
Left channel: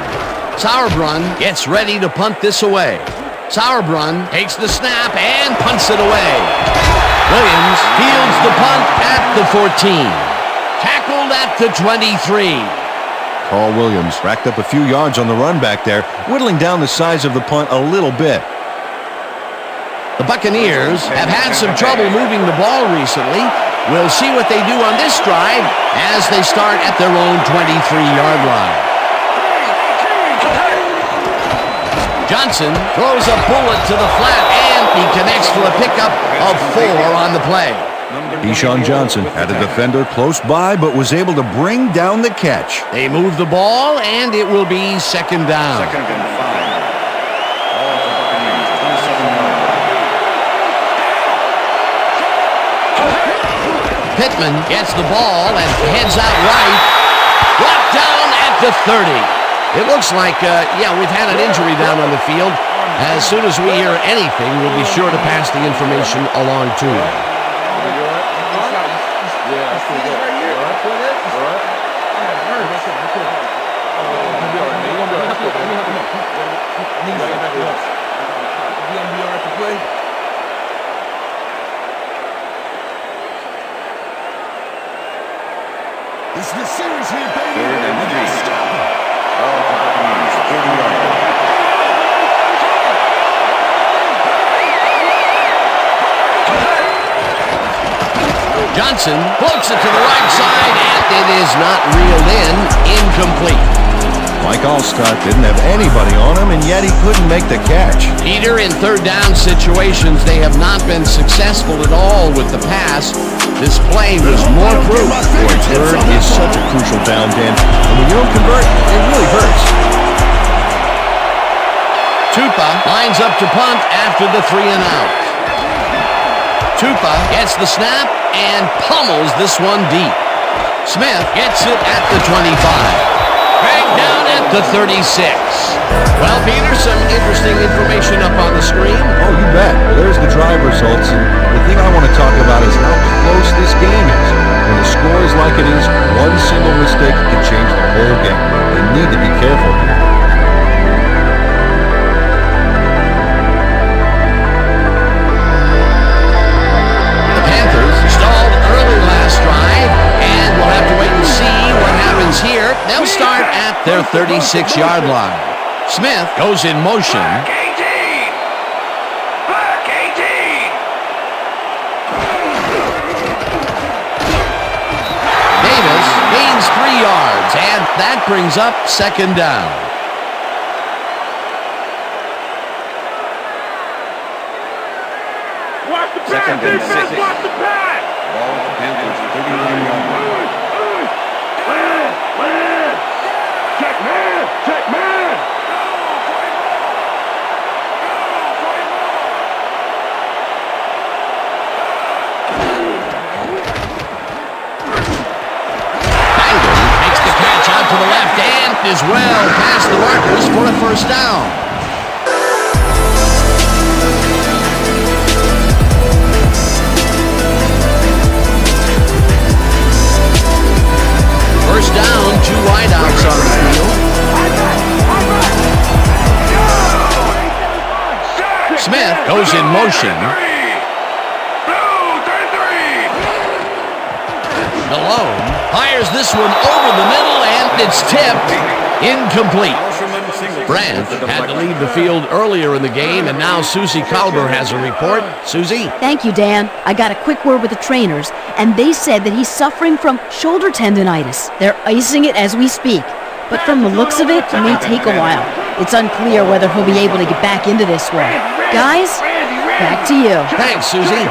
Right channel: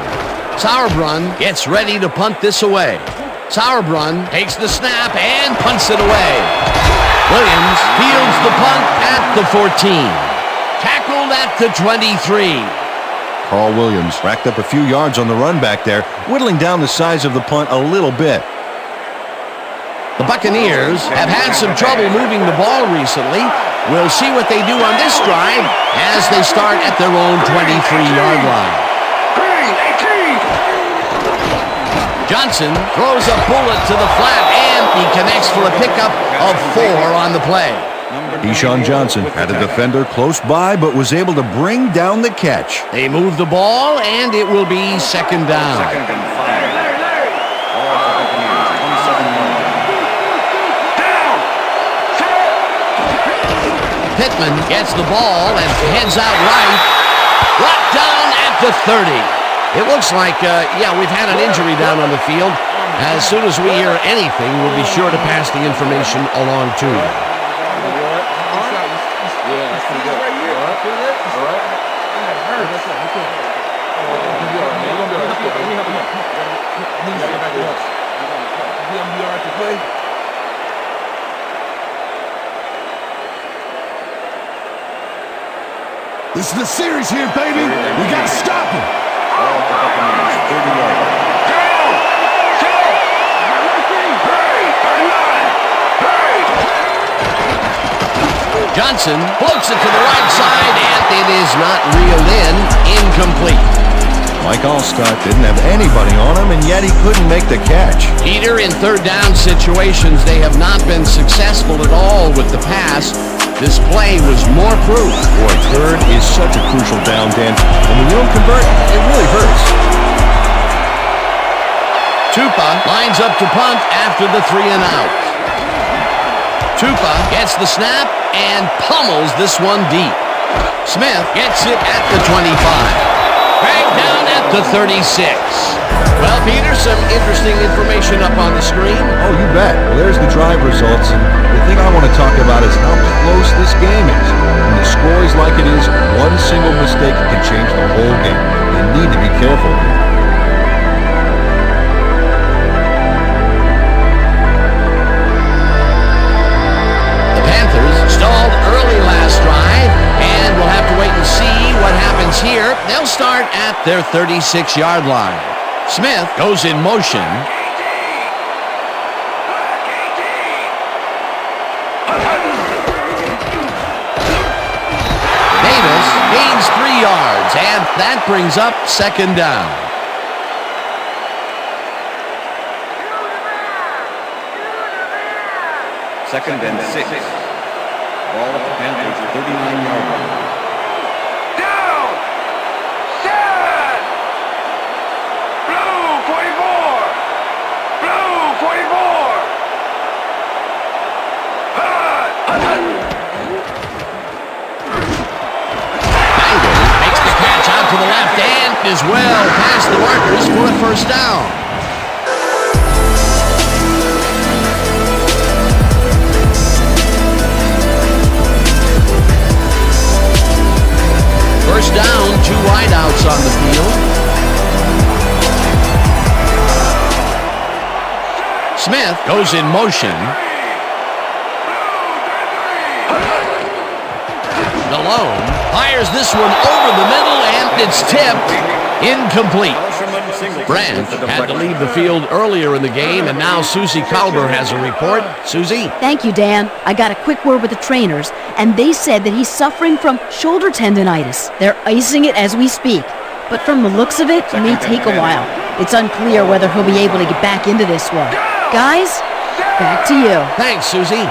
Sauerbrunn gets ready to punt this away. Sauerbrunn takes the snap and punts it away. Williams fields the punt at the 14. Tackled at the 23. Carl Williams racked up a few yards on the run back there, whittling down the size of the punt a little bit. The Buccaneers have had some trouble moving the ball recently. We'll see what they do on this drive as they start at their own 23-yard line. Johnson throws a bullet to the flat, and he connects for a pickup of 4 on the play. Deshaun Johnson had a defender close by, but was able to bring down the catch. They move the ball, and it will be second down. Second and 5. Ball at the Buccaneers' 27-yard line. Pittman gets the ball and heads out right. Brought down at the 30. It looks like, we've had an injury down on the field. As soon as we hear anything, we'll be sure to pass the information along to you. Yeah, that's pretty good. All right? Feel this? All right. That hurts. You're going to be all right, man. You're going to be all right. Let's go. Let me help him up. Come on. I need to get back to us. You're going to be all right to play? This is the series here, baby. We got to stop him. Ball at the Buccaneers' 30-yard line. Johnson floats it to the right side, and it is not reeled in. Incomplete. Mike Allstott didn't have anybody on him, and yet he couldn't make the catch. Peter, in third down situations, they have not been successful at all with the pass. This play was more proof. Boy, third is such a crucial down, Dan. And when you don't convert, it really hurts. Tupa lines up to punt after the 3-and-out. Tupa gets the snap and pummels this one deep. Smith gets it at the 25. Dragged down at the 36. Well, Peter, some interesting information up on the screen. Oh, you bet. Well, there's the drive results, and the thing I want to talk about is how close this game is. When the score is like it is, one single mistake can change the whole game. They need to be careful here. The Panthers stalled early last drive, and we'll have to wait and see what happens here. They'll start at their 36-yard line. Smith goes in motion. Davis gains 3 yards, and that brings up second down. Second and 6. Ball at the Panthers' 39-yard line. Makes the catch out to the left and is well past the markers for a first down. First down, 2 wideouts on the field. Smith goes in motion. Malone fires this one over the middle, and it's tipped. Incomplete. Brandt had to leave the field earlier in the game, and now Susie Kalber has a report. Susie? Thank you, Dan. I got a quick word with the trainers, and they said that he's suffering from shoulder tendonitis. They're icing it as we speak. But from the looks of it, it may take a while. It's unclear whether he'll be able to get back into this one. Guys, back to you. Thanks, Susie.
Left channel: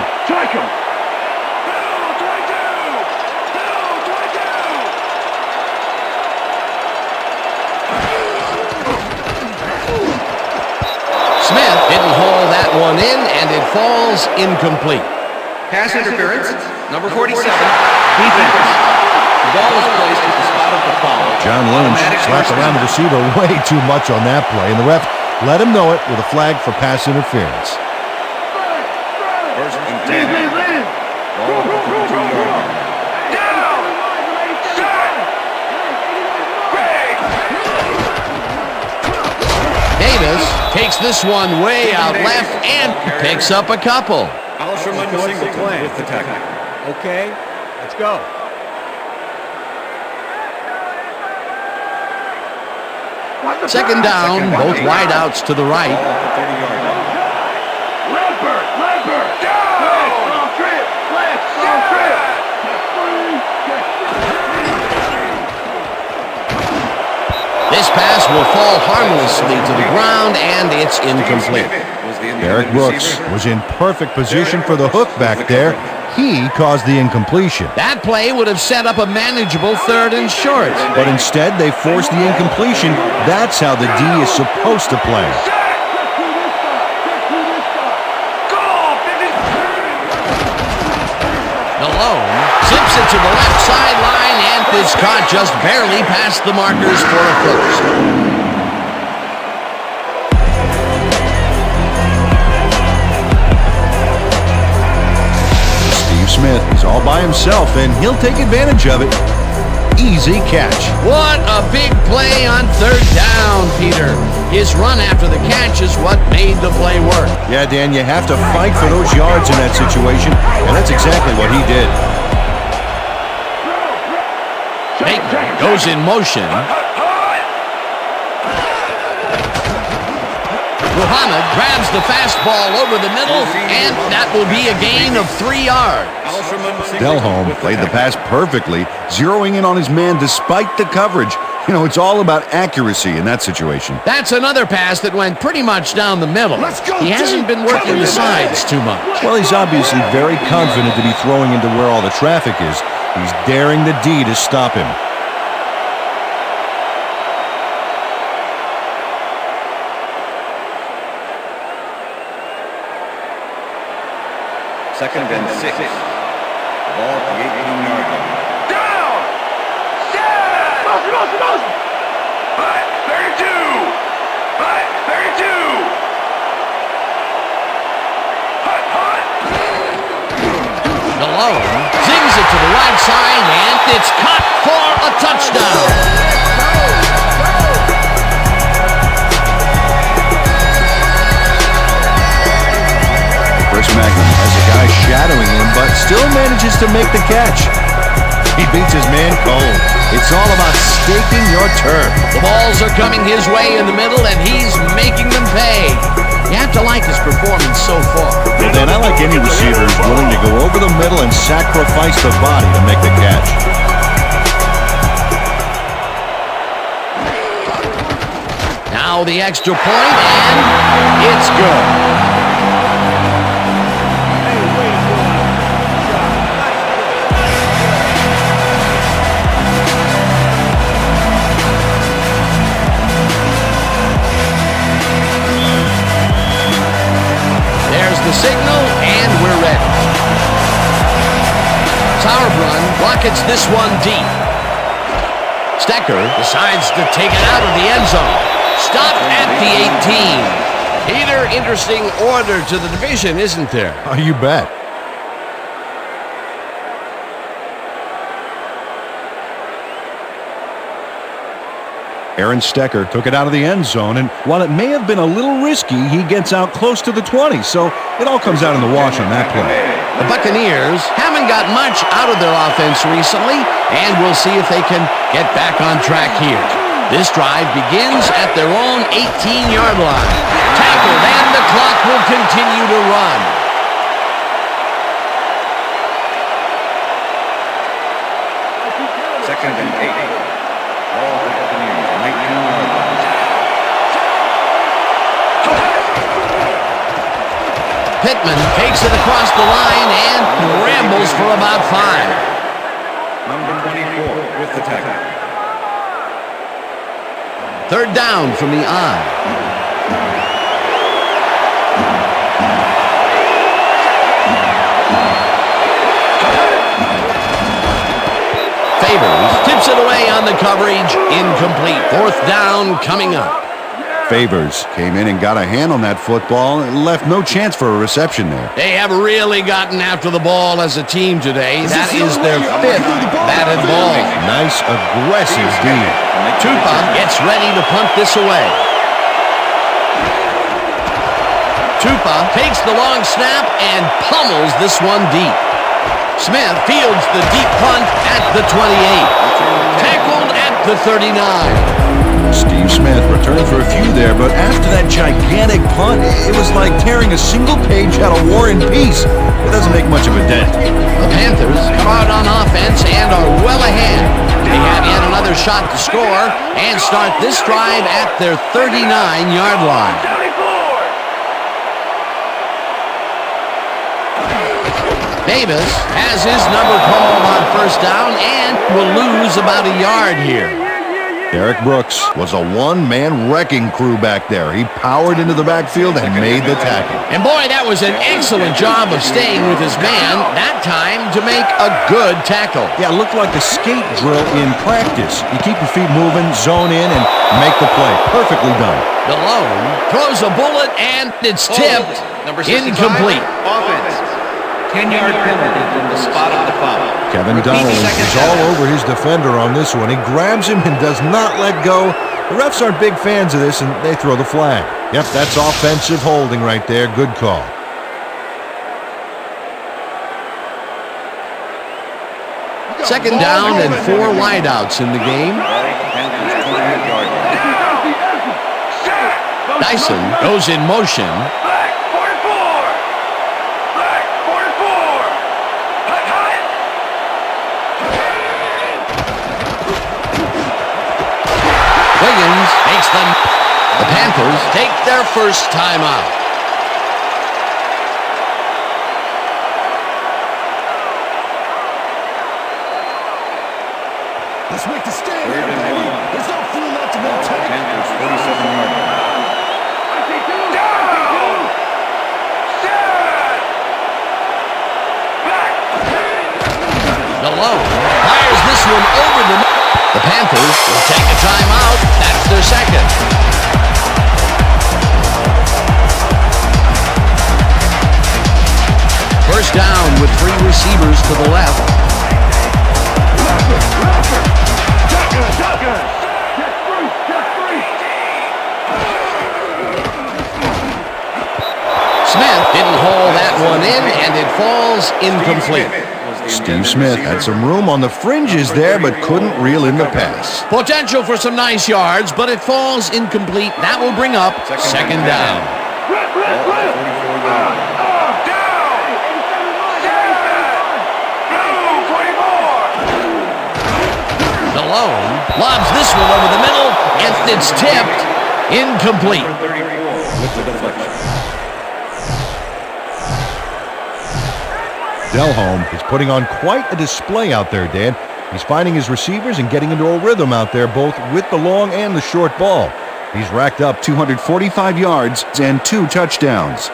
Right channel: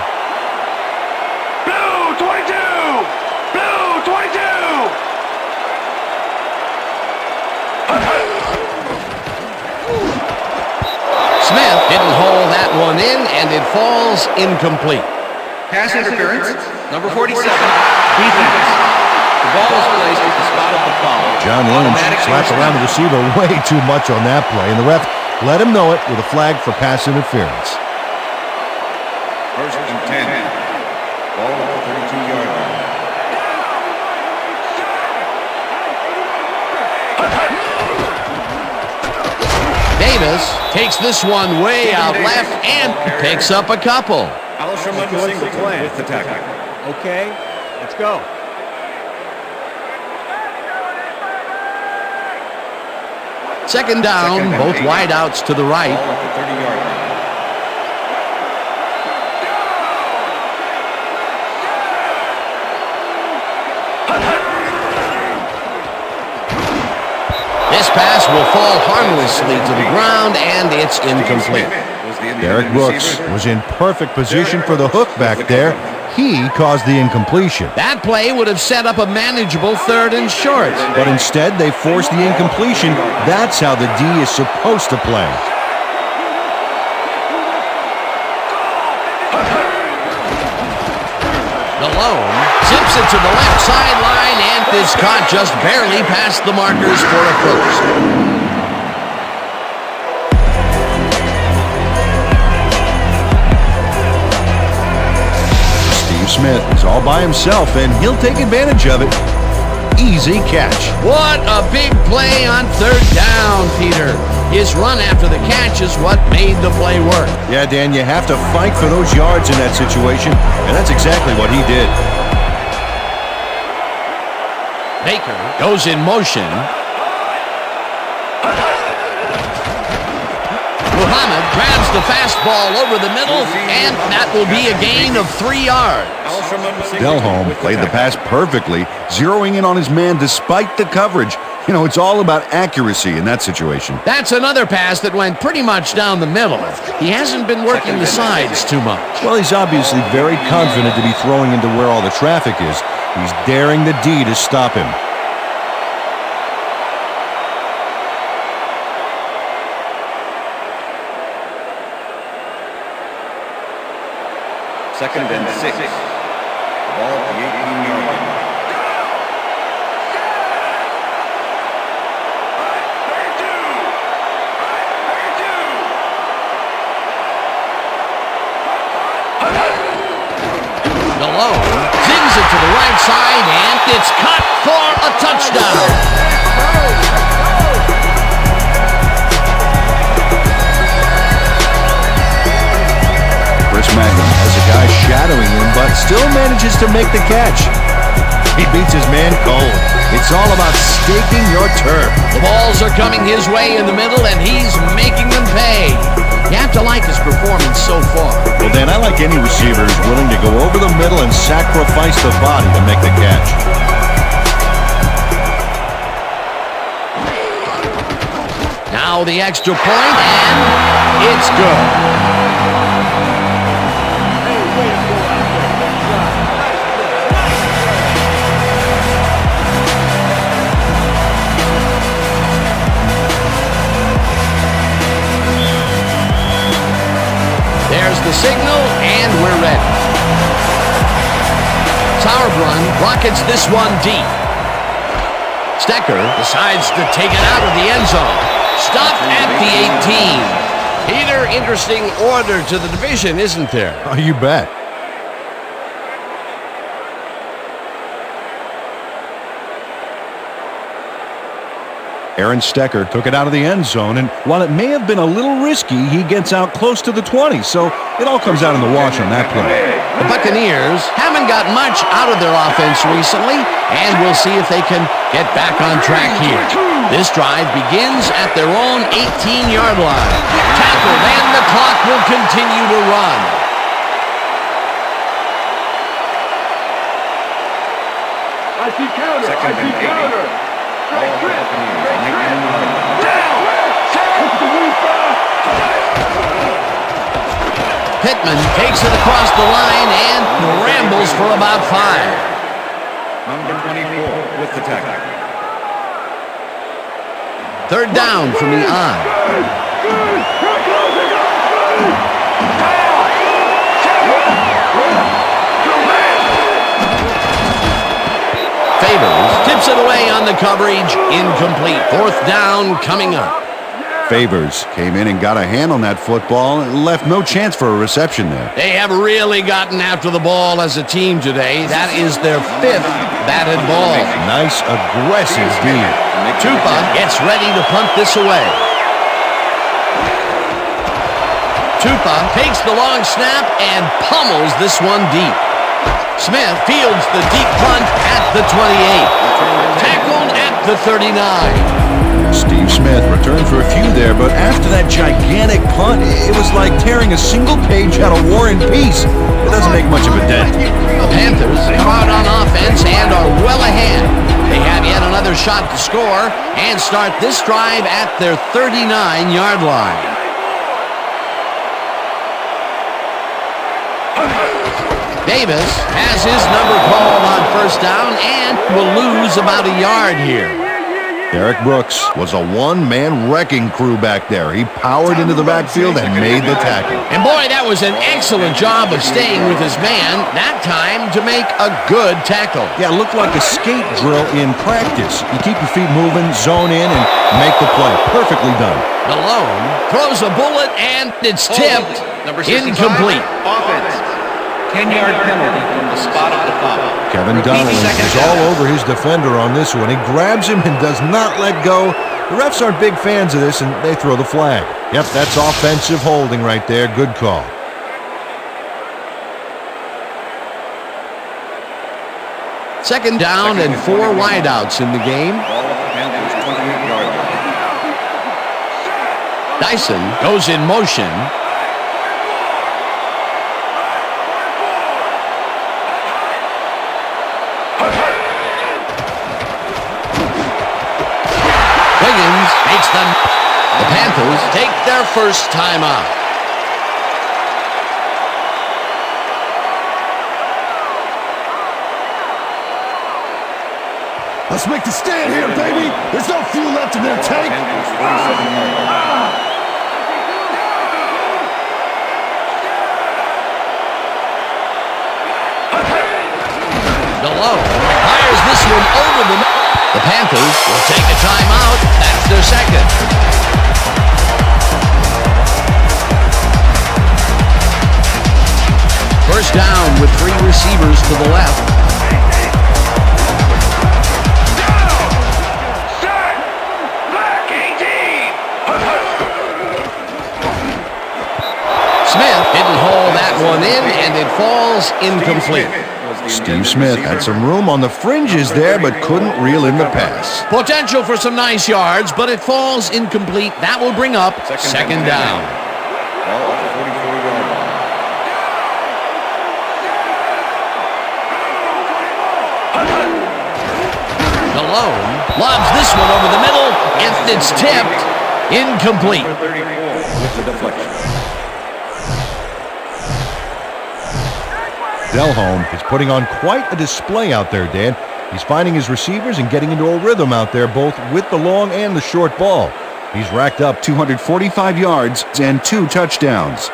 Smith didn't haul that one in, and it falls incomplete. Pass interference, number 47, defense. The ball is placed at the spot of the foul. John Lynch slapped around the receiver way too much on that play, and the ref let him know it with a flag for pass interference. First and 10. Ball at the 32-yard line. Davis takes this one way out left and picks up a couple. Alsherman Singleton with the tackle. Okay, let's go. Second down, both wideouts to the right. Ball at the 30-yard line. This pass will fall harmlessly to the ground, and it's incomplete. Derek Brooks was in perfect position for the hook back there. He caused the incompletion. That play would have set up a manageable 3rd and short. But instead, they forced the incompletion. That's how the D is supposed to play. Malone zips it to the left sideline, and is caught just barely past the markers for a first. Steve Smith is all by himself, and he'll take advantage of it. Easy catch. What a big play on 3rd down, Peter. His run after the catch is what made the play work. Yeah, Dan, you have to fight for those yards in that situation, and that's exactly what he did. Baker goes in motion. Muhammad grabs the fastball over the middle, and that will be a gain of 3 yards. Delholm played the pass perfectly, zeroing in on his man despite the coverage. You know, it's all about accuracy in that situation. That's another pass that went pretty much down the middle. He hasn't been working the sides too much. Well, he's obviously very confident to be throwing into where all the traffic is. He's daring the D to stop him. Second and 6. Ball at the 18-yard line. Malone zings it to the right side, and it's caught for a touchdown. Chris Magnum has a guy shadowing him, but still manages to make the catch. He beats his man cold. It's all about staking your turf. The balls are coming his way in the middle, and he's making them pay. You have to like his performance so far. Well, Dan, I like any receiver who's willing to go over the middle and sacrifice the body to make the catch. Now the extra point, and it's good. Hey, way to go out there. Good job. Nice play. Nice play. There's the signal, and we're ready. Sauerbrunn rockets this one deep. Stecker decides to take it out of the end zone. Stopped at the 18. Peter, interesting order to the division, isn't there? Oh, you bet. Aaron Stecker took it out of the end zone, and while it may have been a little risky, he gets out close to the 20, so it all comes out in the wash on that play. The Buccaneers haven't got much out of their offense recently, and we'll see if they can get back on track here. This drive begins at their own 18-yard line. Tackled, and the clock will continue to run. I see counter. Second I see and 8. counter. Ball for Buccaneers, 19-yard line. Pittman takes it across the line and rambles for about 5. Number 24 with the tackle. Third down from the I. Favors tips it away on the coverage. Incomplete. Fourth down coming up. Favors came in and got a hand on that football and left no chance for a reception there. They have really gotten after the ball as a team today. That is their 5th batted ball. Nice, aggressive D. Tupa gets ready to punt this away. Tupa takes the long snap and pummels this one deep. Smith fields the deep punt at the 28. Tackled at the 39. Steve Smith returned for a few there, but after that gigantic punt, it was like tearing a single page out of War and Peace. It doesn't make much of a dent. The Panthers come out on offense and are well ahead. They have yet another shot to score and start this drive at their 39-yard line. Davis has his number called on first down and will lose about a yard here. Derek Brooks was a one-man wrecking crew back there. He powered into the backfield and made the tackle. And boy, that was an excellent job of staying with his man, that time to make a good tackle. Yeah, it looked like a skate drill in practice. You keep your feet moving, zone in, and make the play. Perfectly done. Malone throws a bullet, and it's tipped. Incomplete. Offense. 10-yard penalty from the spot of the foul. Kevin Donnelly is all over his defender on this one. He grabs him and does not let go. The refs aren't big fans of this, and they throw the flag. Yep, that's offensive holding right there. Good call. Second down and 4 wideouts in the game. Panthers 28-yard line. Dyson goes in motion. Wiggins makes them. The Panthers take their first time out. Let's make the stand here, baby. There's no fuel left in their tank. Panthers 47-yard line. I see two. Malone fires this one over the... The Panthers will take a timeout. That's their second. First down with 3 receivers to the left. Smith didn't haul that one in, and it falls incomplete. Steve Smith had some room on the fringes there, but couldn't reel in the pass. Potential for some nice yards, but it falls incomplete. That will bring up second down. Ball at the 44-yard line. Malone lobs this one over the middle, and it's tipped incomplete. Number 34 with the deflection. Delhomme is putting on quite a display out there, Dan. He's finding his receivers and getting into a rhythm out there, both with the long and the short ball. He's racked up 245 yards and 2 touchdowns.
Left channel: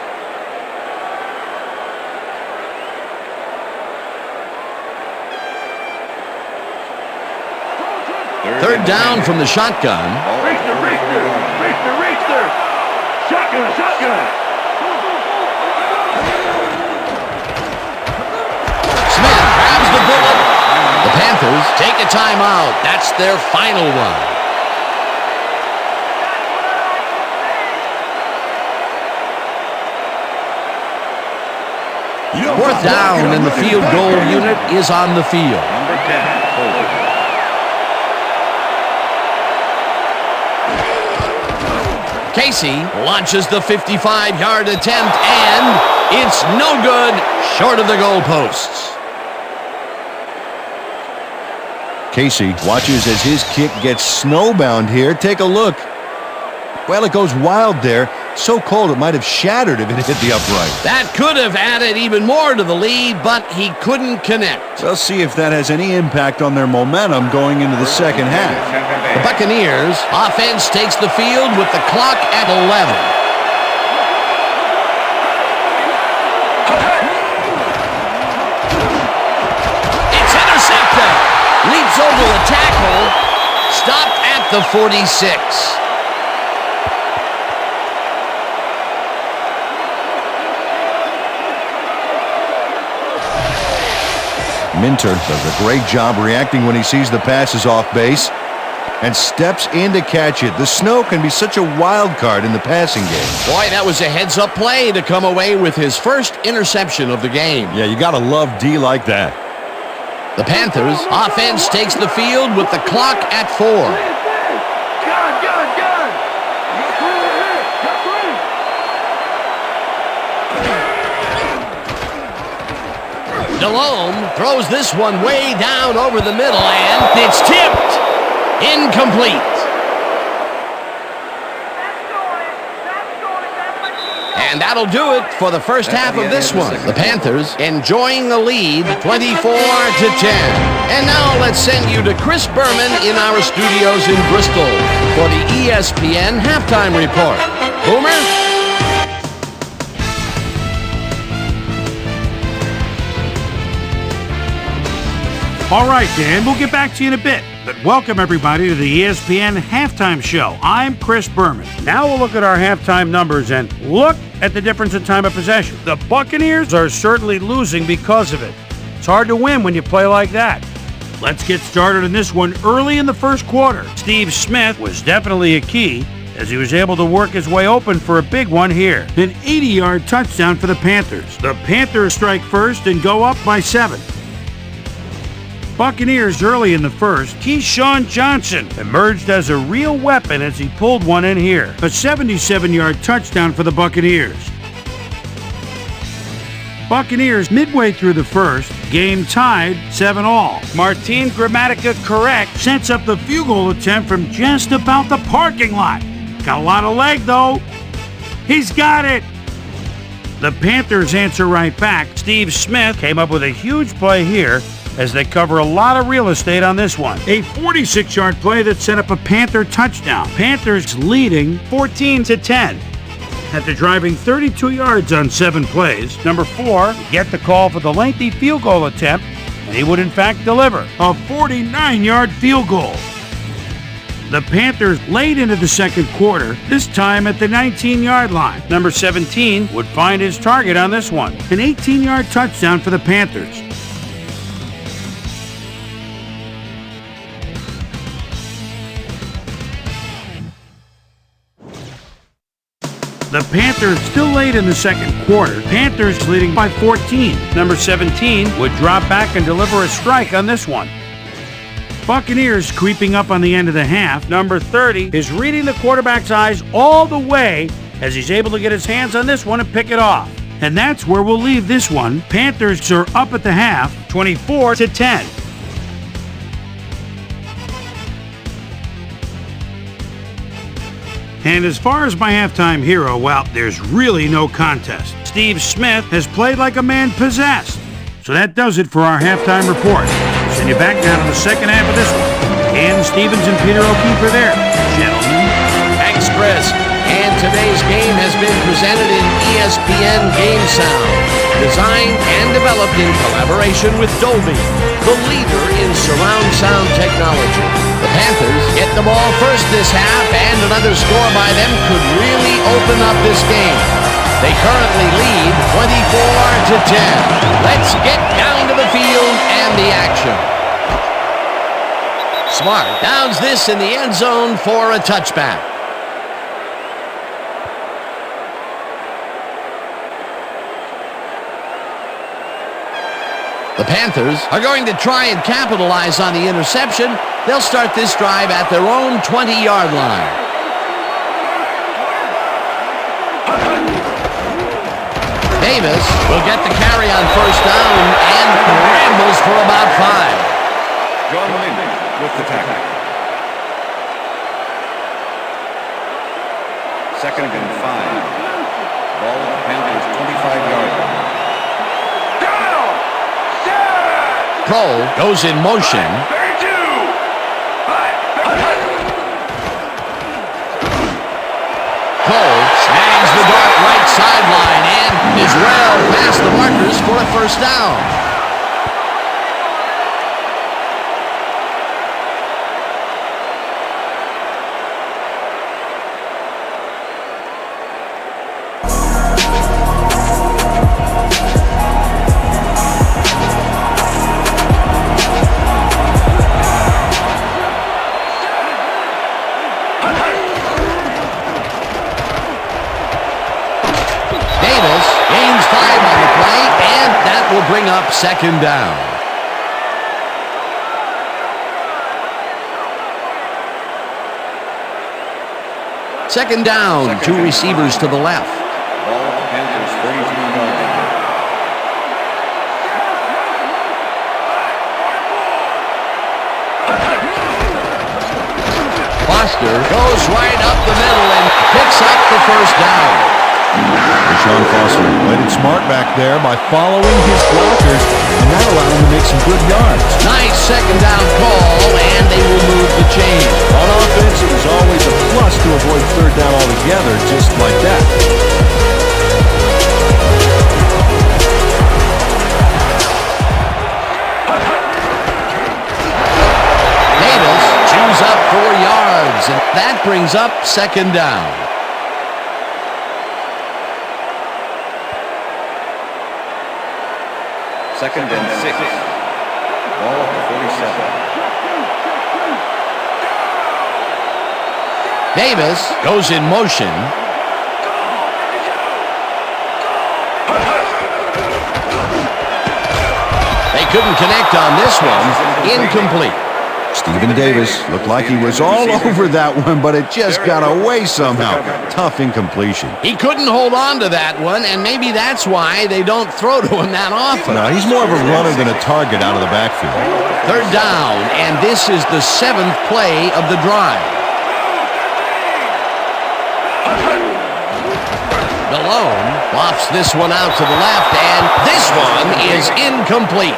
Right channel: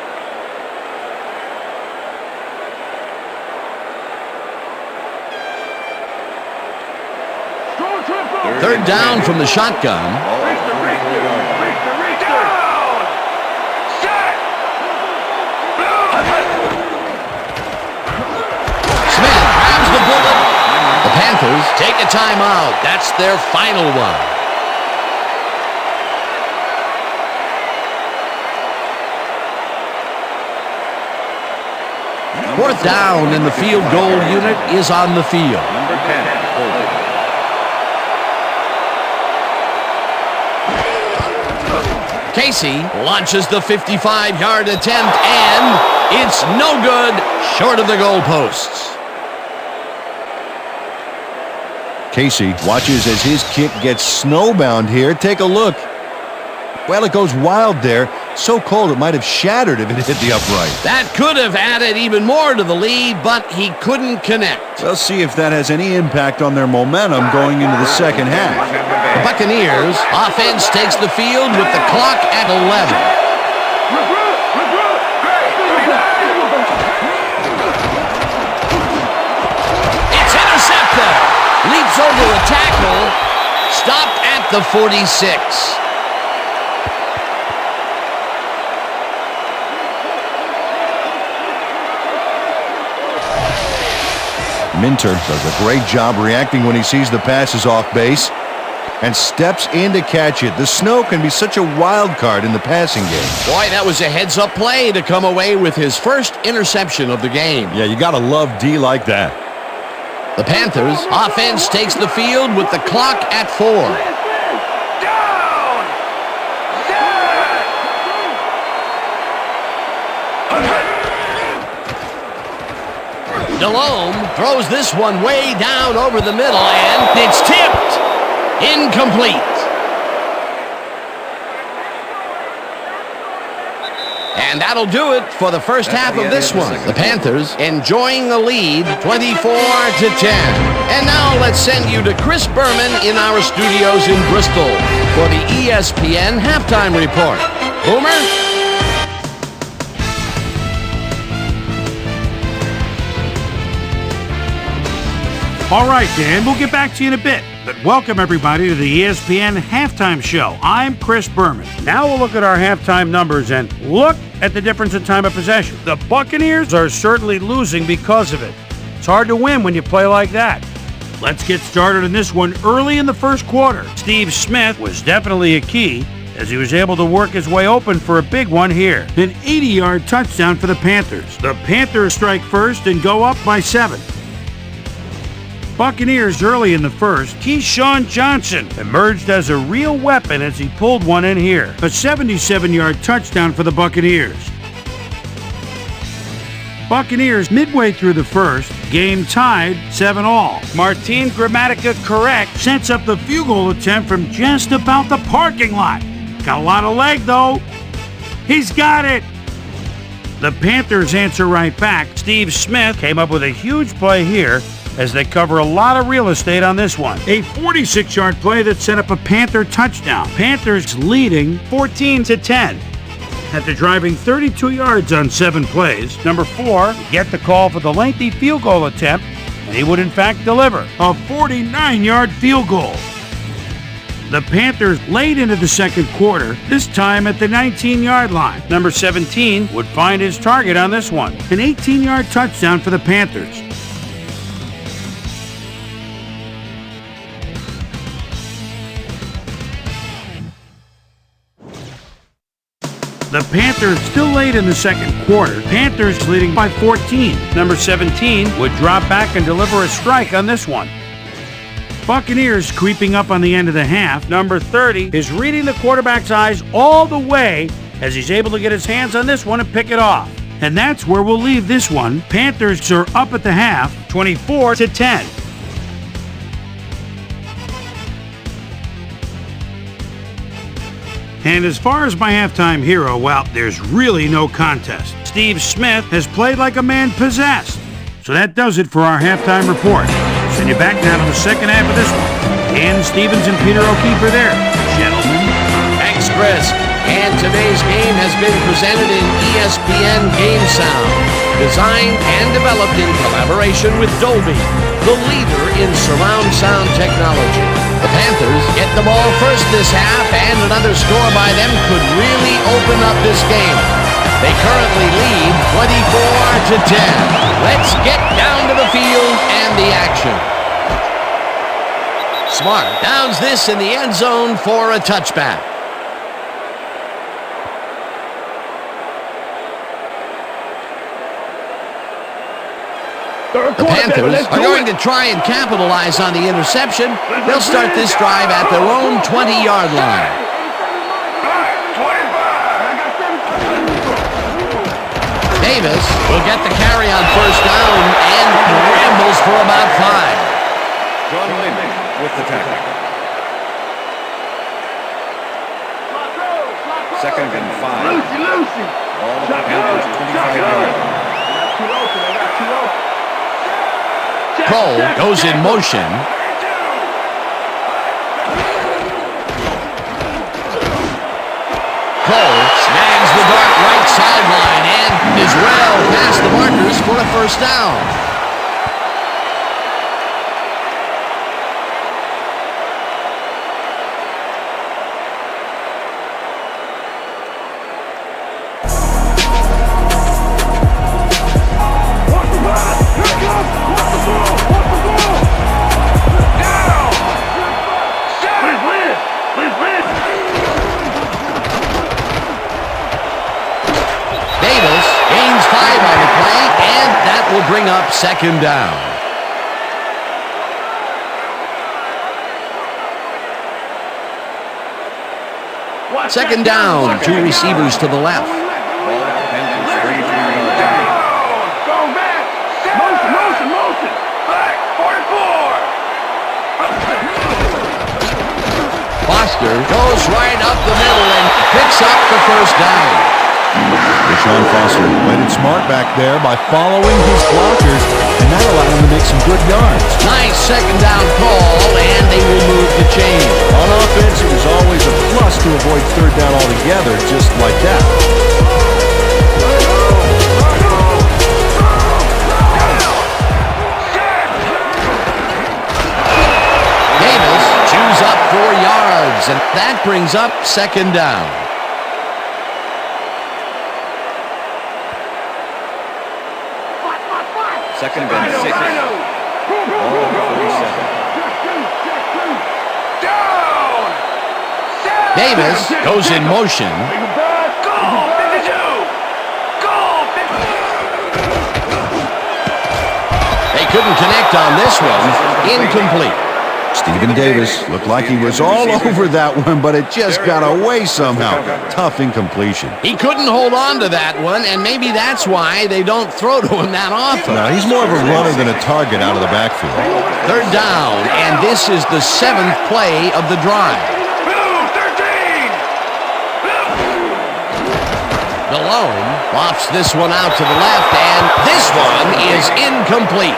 Third down from the shotgun. Smith grabs the bullet. The Panthers take a timeout. That's their final one. Fourth down, and the field goal unit is on the field. Number 10, holding. Casey launches the 55-yard attempt, and it's no good, short of the goalposts. Casey watches as his kick gets snowbound here. Take a look. Well, it goes wild there. So cold it might have shattered if it hit the upright. That could have added even more to the lead, but he couldn't connect. We'll see if that has any impact on their momentum going into the second half. The Buccaneers offense takes the field with the clock at 11. It's intercepted. Leaps over the tackle. Stopped at the 46. Minter does a great job reacting when he sees the passes off base and steps in to catch it. The snow can be such a wild card in the passing game. Boy, that was a heads-up play to come away with his first interception of the game. Yeah, you got to love D like that. The Panthers offense takes the field with the clock at 4. Delhomme throws this one way down over the middle, and it's tipped. Incomplete. And that'll do it for the first half of this one. The Panthers enjoying the lead 24-10. And now let's send you to Chris Berman in our studios in Bristol for the ESPN halftime report. Boomer? All right, Dan, we'll get back to you in a bit. But welcome, everybody, to the ESPN Halftime Show. I'm Chris Berman. Now we'll look at our halftime numbers and look at the difference in time of possession. The Buccaneers are certainly losing because of it. It's hard to win when you play like that. Let's get started in this one early in the first quarter. Steve Smith was definitely a key as he was able to work his way open for a big one here. An 80-yard touchdown for the Panthers. The Panthers strike first and go up by 7. Buccaneers early in the first. Keyshawn Johnson emerged as a real weapon as he pulled one in here. A 77-yard touchdown for the Buccaneers. Buccaneers midway through the first, game tied 7-all. Martin Gramatica correct sets up the field goal attempt from just about the parking lot. Got a lot of leg though. He's got it. The Panthers answer right back. Steve Smith came up with a huge play here as they cover a lot of real estate on this one. A 46-yard play that set up a Panther touchdown. Panthers leading 14-10. After driving 32 yards on 7 plays, number 4 get the call for the lengthy field goal attempt, and he would in fact deliver a 49-yard field goal. The Panthers late into the second quarter, this time at the 19-yard line. Number 17 would find his target on this one, an 18-yard touchdown for the Panthers. The Panthers still late in the second quarter. Panthers leading by 14. Number 17 would drop back and deliver a strike on this one. Buccaneers creeping up on the end of the half. Number 30 is reading the quarterback's eyes all the way as he's able to get his hands on this one and pick it off. And that's where we'll leave this one. Panthers are up at the half, 24-10. And as far as my halftime hero, well, there's really no contest. Steve Smith has played like a man possessed. So that does it for our halftime report. Send you back now to the second half of this one. Dan Stevens and Peter O'Keefe are there. Gentlemen. Thanks, Chris. And today's game has been presented in ESPN Game Sound, designed and developed in collaboration with Dolby, the leader in surround sound technology. The Panthers get the ball first this half, and another score by them could really open up this game. They currently lead 24-10. Let's get down to the field and the action. Smart downs this in the end zone for a touchback. The Panthers are going to try and capitalize on the interception. They'll start this drive at their own 20-yard line. Davis will get the carry on first down and rambles for about 5. John Lynch with the tackle. Second and 5. Ball at the Panthers' 25-yard line. Kroll goes in motion. Cole snags the dart right sideline and is well past the markers for a first down. Davis gains 5 on the play, and that will bring up second down. Second down, 2 receivers to the left. Ball at the Panthers' 33-yard line. Foster goes right up the middle and picks up the first down. Deshaun Foster played it smart back there by following his blockers, and that allowed him to make some good yards. Nice second down call, and they will move the chain. On offense, it was always a plus to avoid third down altogether, just like that. Davis chews up 4 yards, and that brings up second down. Second and 6. Ball at the 47. Davis goes in motion. They couldn't connect on this one. Incomplete. Stephen Davis looked like he was all over that one, but it just got away somehow. Tough incompletion. He couldn't hold on to that one, and maybe that's why they don't throw to him that often. No, he's more of a runner than a target out of the backfield. Third down, and this is the 7th play of the drive. Delhomme lofts this one out to the left, and this one is incomplete.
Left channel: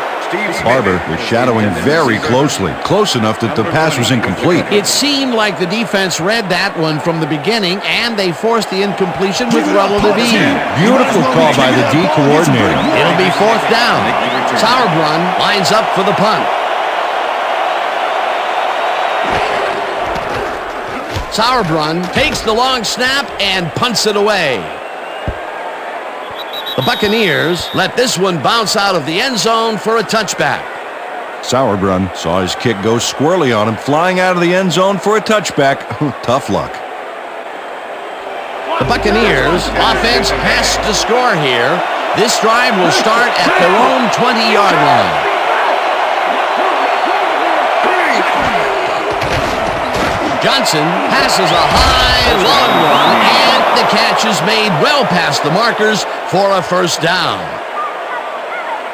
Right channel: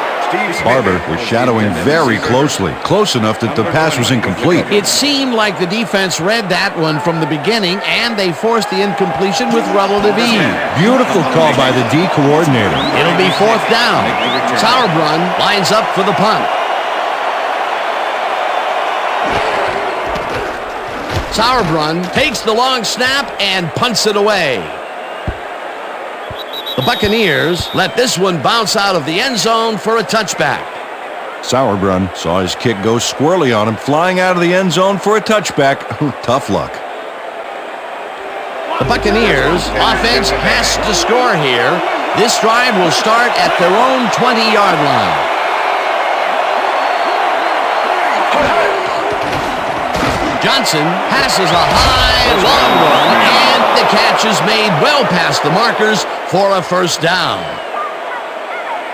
Barber was shadowing very closely, close enough that the pass was incomplete. It seemed like the defense read that one from the beginning, and they forced the incompletion with relative ease. Beautiful call by the D coordinator. It'll be 4th down. Sauerbrunn lines up for the punt. Sauerbrunn takes the long snap and punts it away. The Buccaneers let this one bounce out of the end zone for a touchback. Sauerbrunn saw his kick go squirrely on him, flying out of the end zone for a touchback. Tough luck. The Buccaneers offense has to score here. This drive will start at their own 20-yard line. Johnson passes a high, long one, and the catch is made well past the markers for a 1st down.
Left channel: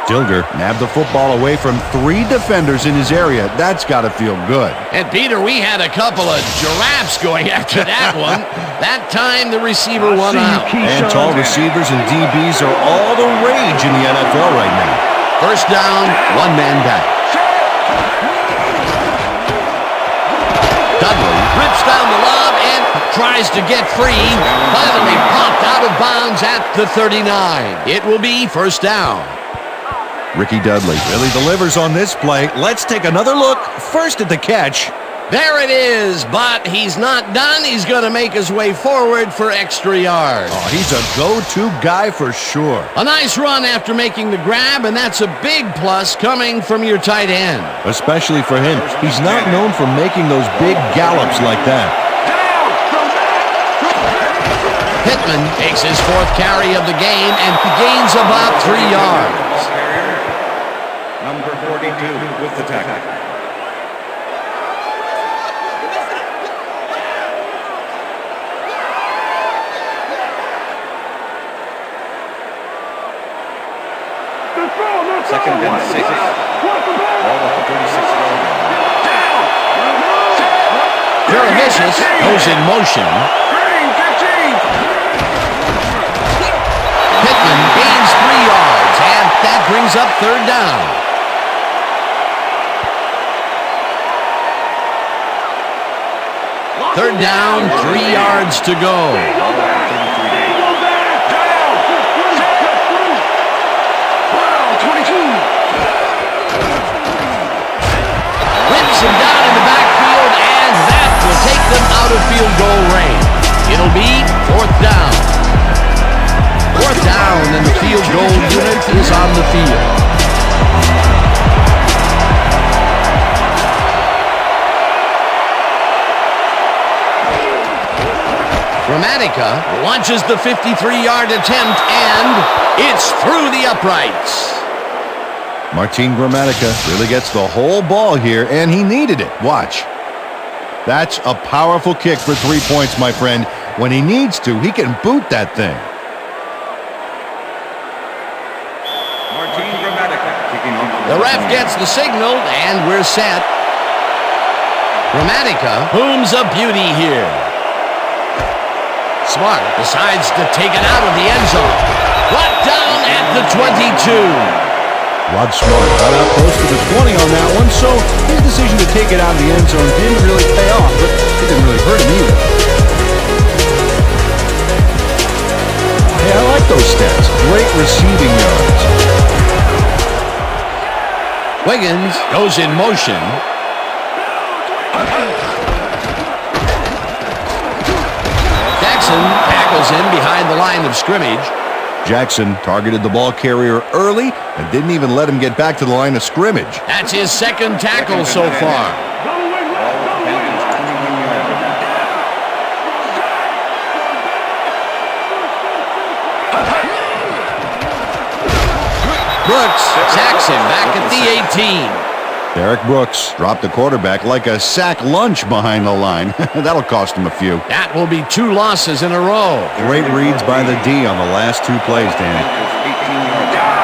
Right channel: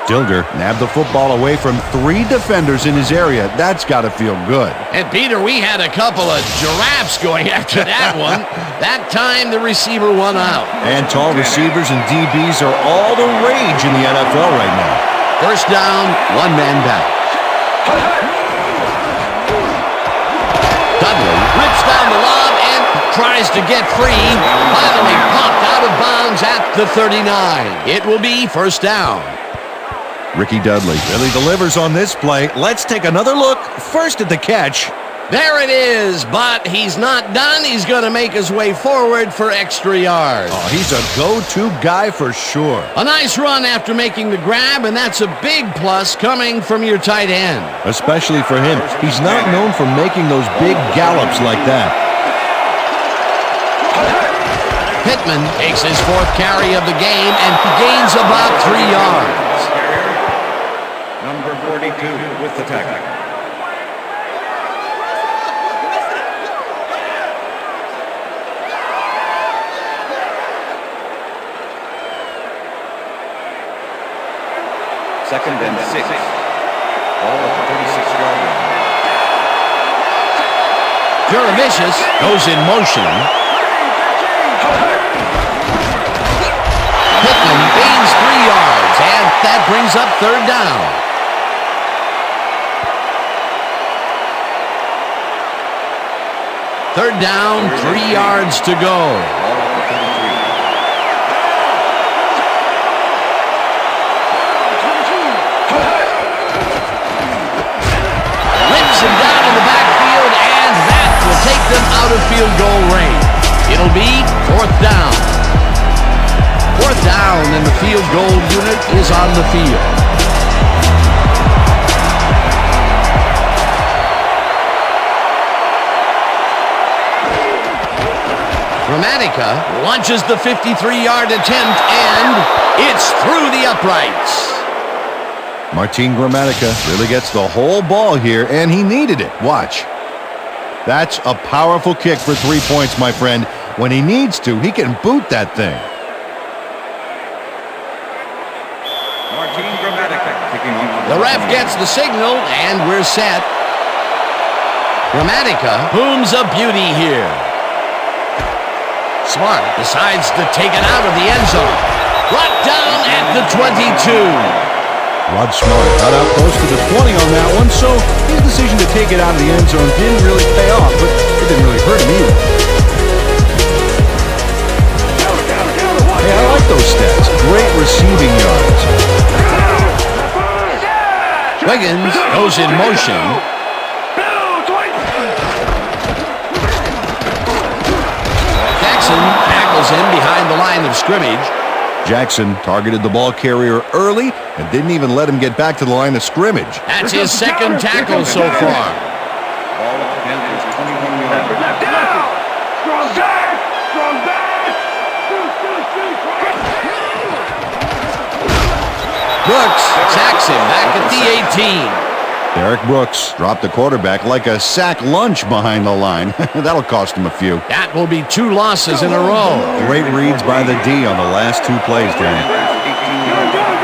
Dilger nabbed the football away from 3 defenders in his area. That's got to feel good. And, Peter, we had a couple of giraffes going after that one. That time, the receiver won out. And tall receivers and DBs are all the rage in the NFL right now. 1st down, 1 man back. Dudley rips down the lob and tries to get free. Finally popped out of bounds at the 39. It will be 1st down. Ricky Dudley really delivers on this play. Let's take another look. First at the catch. There it is, but he's not done. He's going to make his way forward for extra yards. Oh, he's a go-to guy for sure. A nice run after making the grab, and that's a big plus coming from your tight end. Especially for him. He's not known for making those big gallops like that. Pittman takes his 4th carry of the game and gains about 3 yards. Number 42 with the tackle. Second and 6. Ball at the 36-yard line. Juravicius goes in motion. Pittman gains 3 yards, and that brings up 3rd down. Third down, 3 yards to go. Ball at the 33. Rips him down in the backfield, and that will take them out of field goal range. It'll be 4th down. 4th down, and the field goal unit is on the field. Gramatica launches the 53-yard attempt, and it's through the uprights. Martin Gramatica really gets the whole ball here, and he needed it. Watch. That's a powerful kick for 3 points, my friend. When he needs to, he can boot that thing. Martin Gramatica kicking off for the ref gets the signal, and we're set. Gramatica booms a beauty here. Smart decides to take it out of the end zone. Brought down at the 22. Rod Smart got out close to the 20 on that one, so his decision to take it out of the end zone didn't really pay off, but it didn't really hurt him either. Hey, I like those stats. Great receiving yards. Wiggins goes in motion. Jackson tackles him behind the line of scrimmage. Jackson targeted the ball carrier early and didn't even let him get back to the line of scrimmage. That's his 2nd tackle so far. Ball at the Panthers' 21-yard line. Brooks sacks him back at the 18. Derek Brooks dropped the quarterback like a sack lunch behind the line. That'll cost him a few. That will be 2 losses in a row. Great reads by the D on the last 2 plays, Danny. 18-yard line.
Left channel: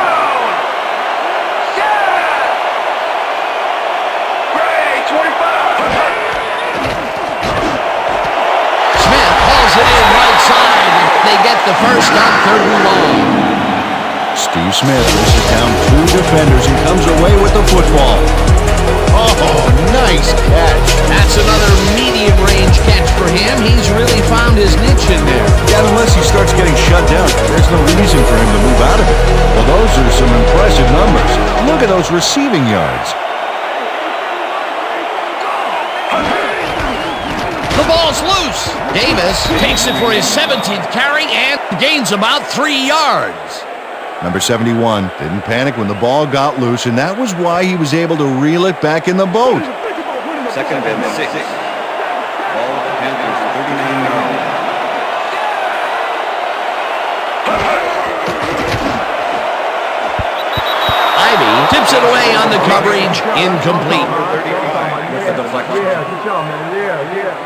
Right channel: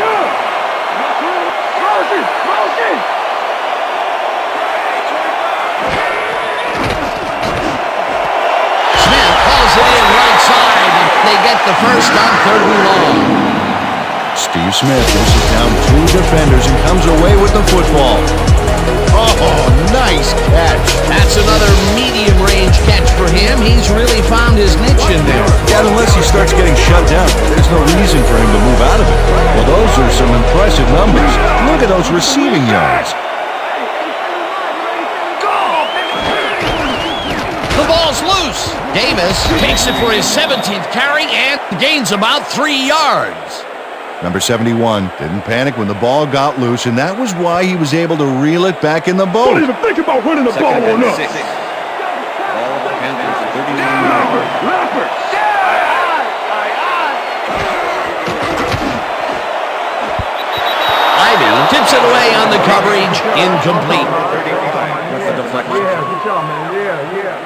Smith hauls it in right side, and they get the first on 3rd and long. Steve Smith faces down 2 defenders and comes away with the football. Oh, nice catch. That's another medium-range catch for him. He's really found his niche in there. Yeah, unless he starts getting shut down, there's no reason for him to move out of it. Well, those are some impressive numbers. Look at those receiving yards. The ball's loose. Davis takes it for his 17th carry and gains about 3 yards. Number 71 didn't panic when the ball got loose, and that was why he was able to reel it back in the boat. Don't even think about running the ball Second on and us. 6. Ball with the Panthers, 39-yard line. Ivy tips it away on the coverage. Incomplete. Number 35 with the deflection. Yeah, good job, man. Yeah.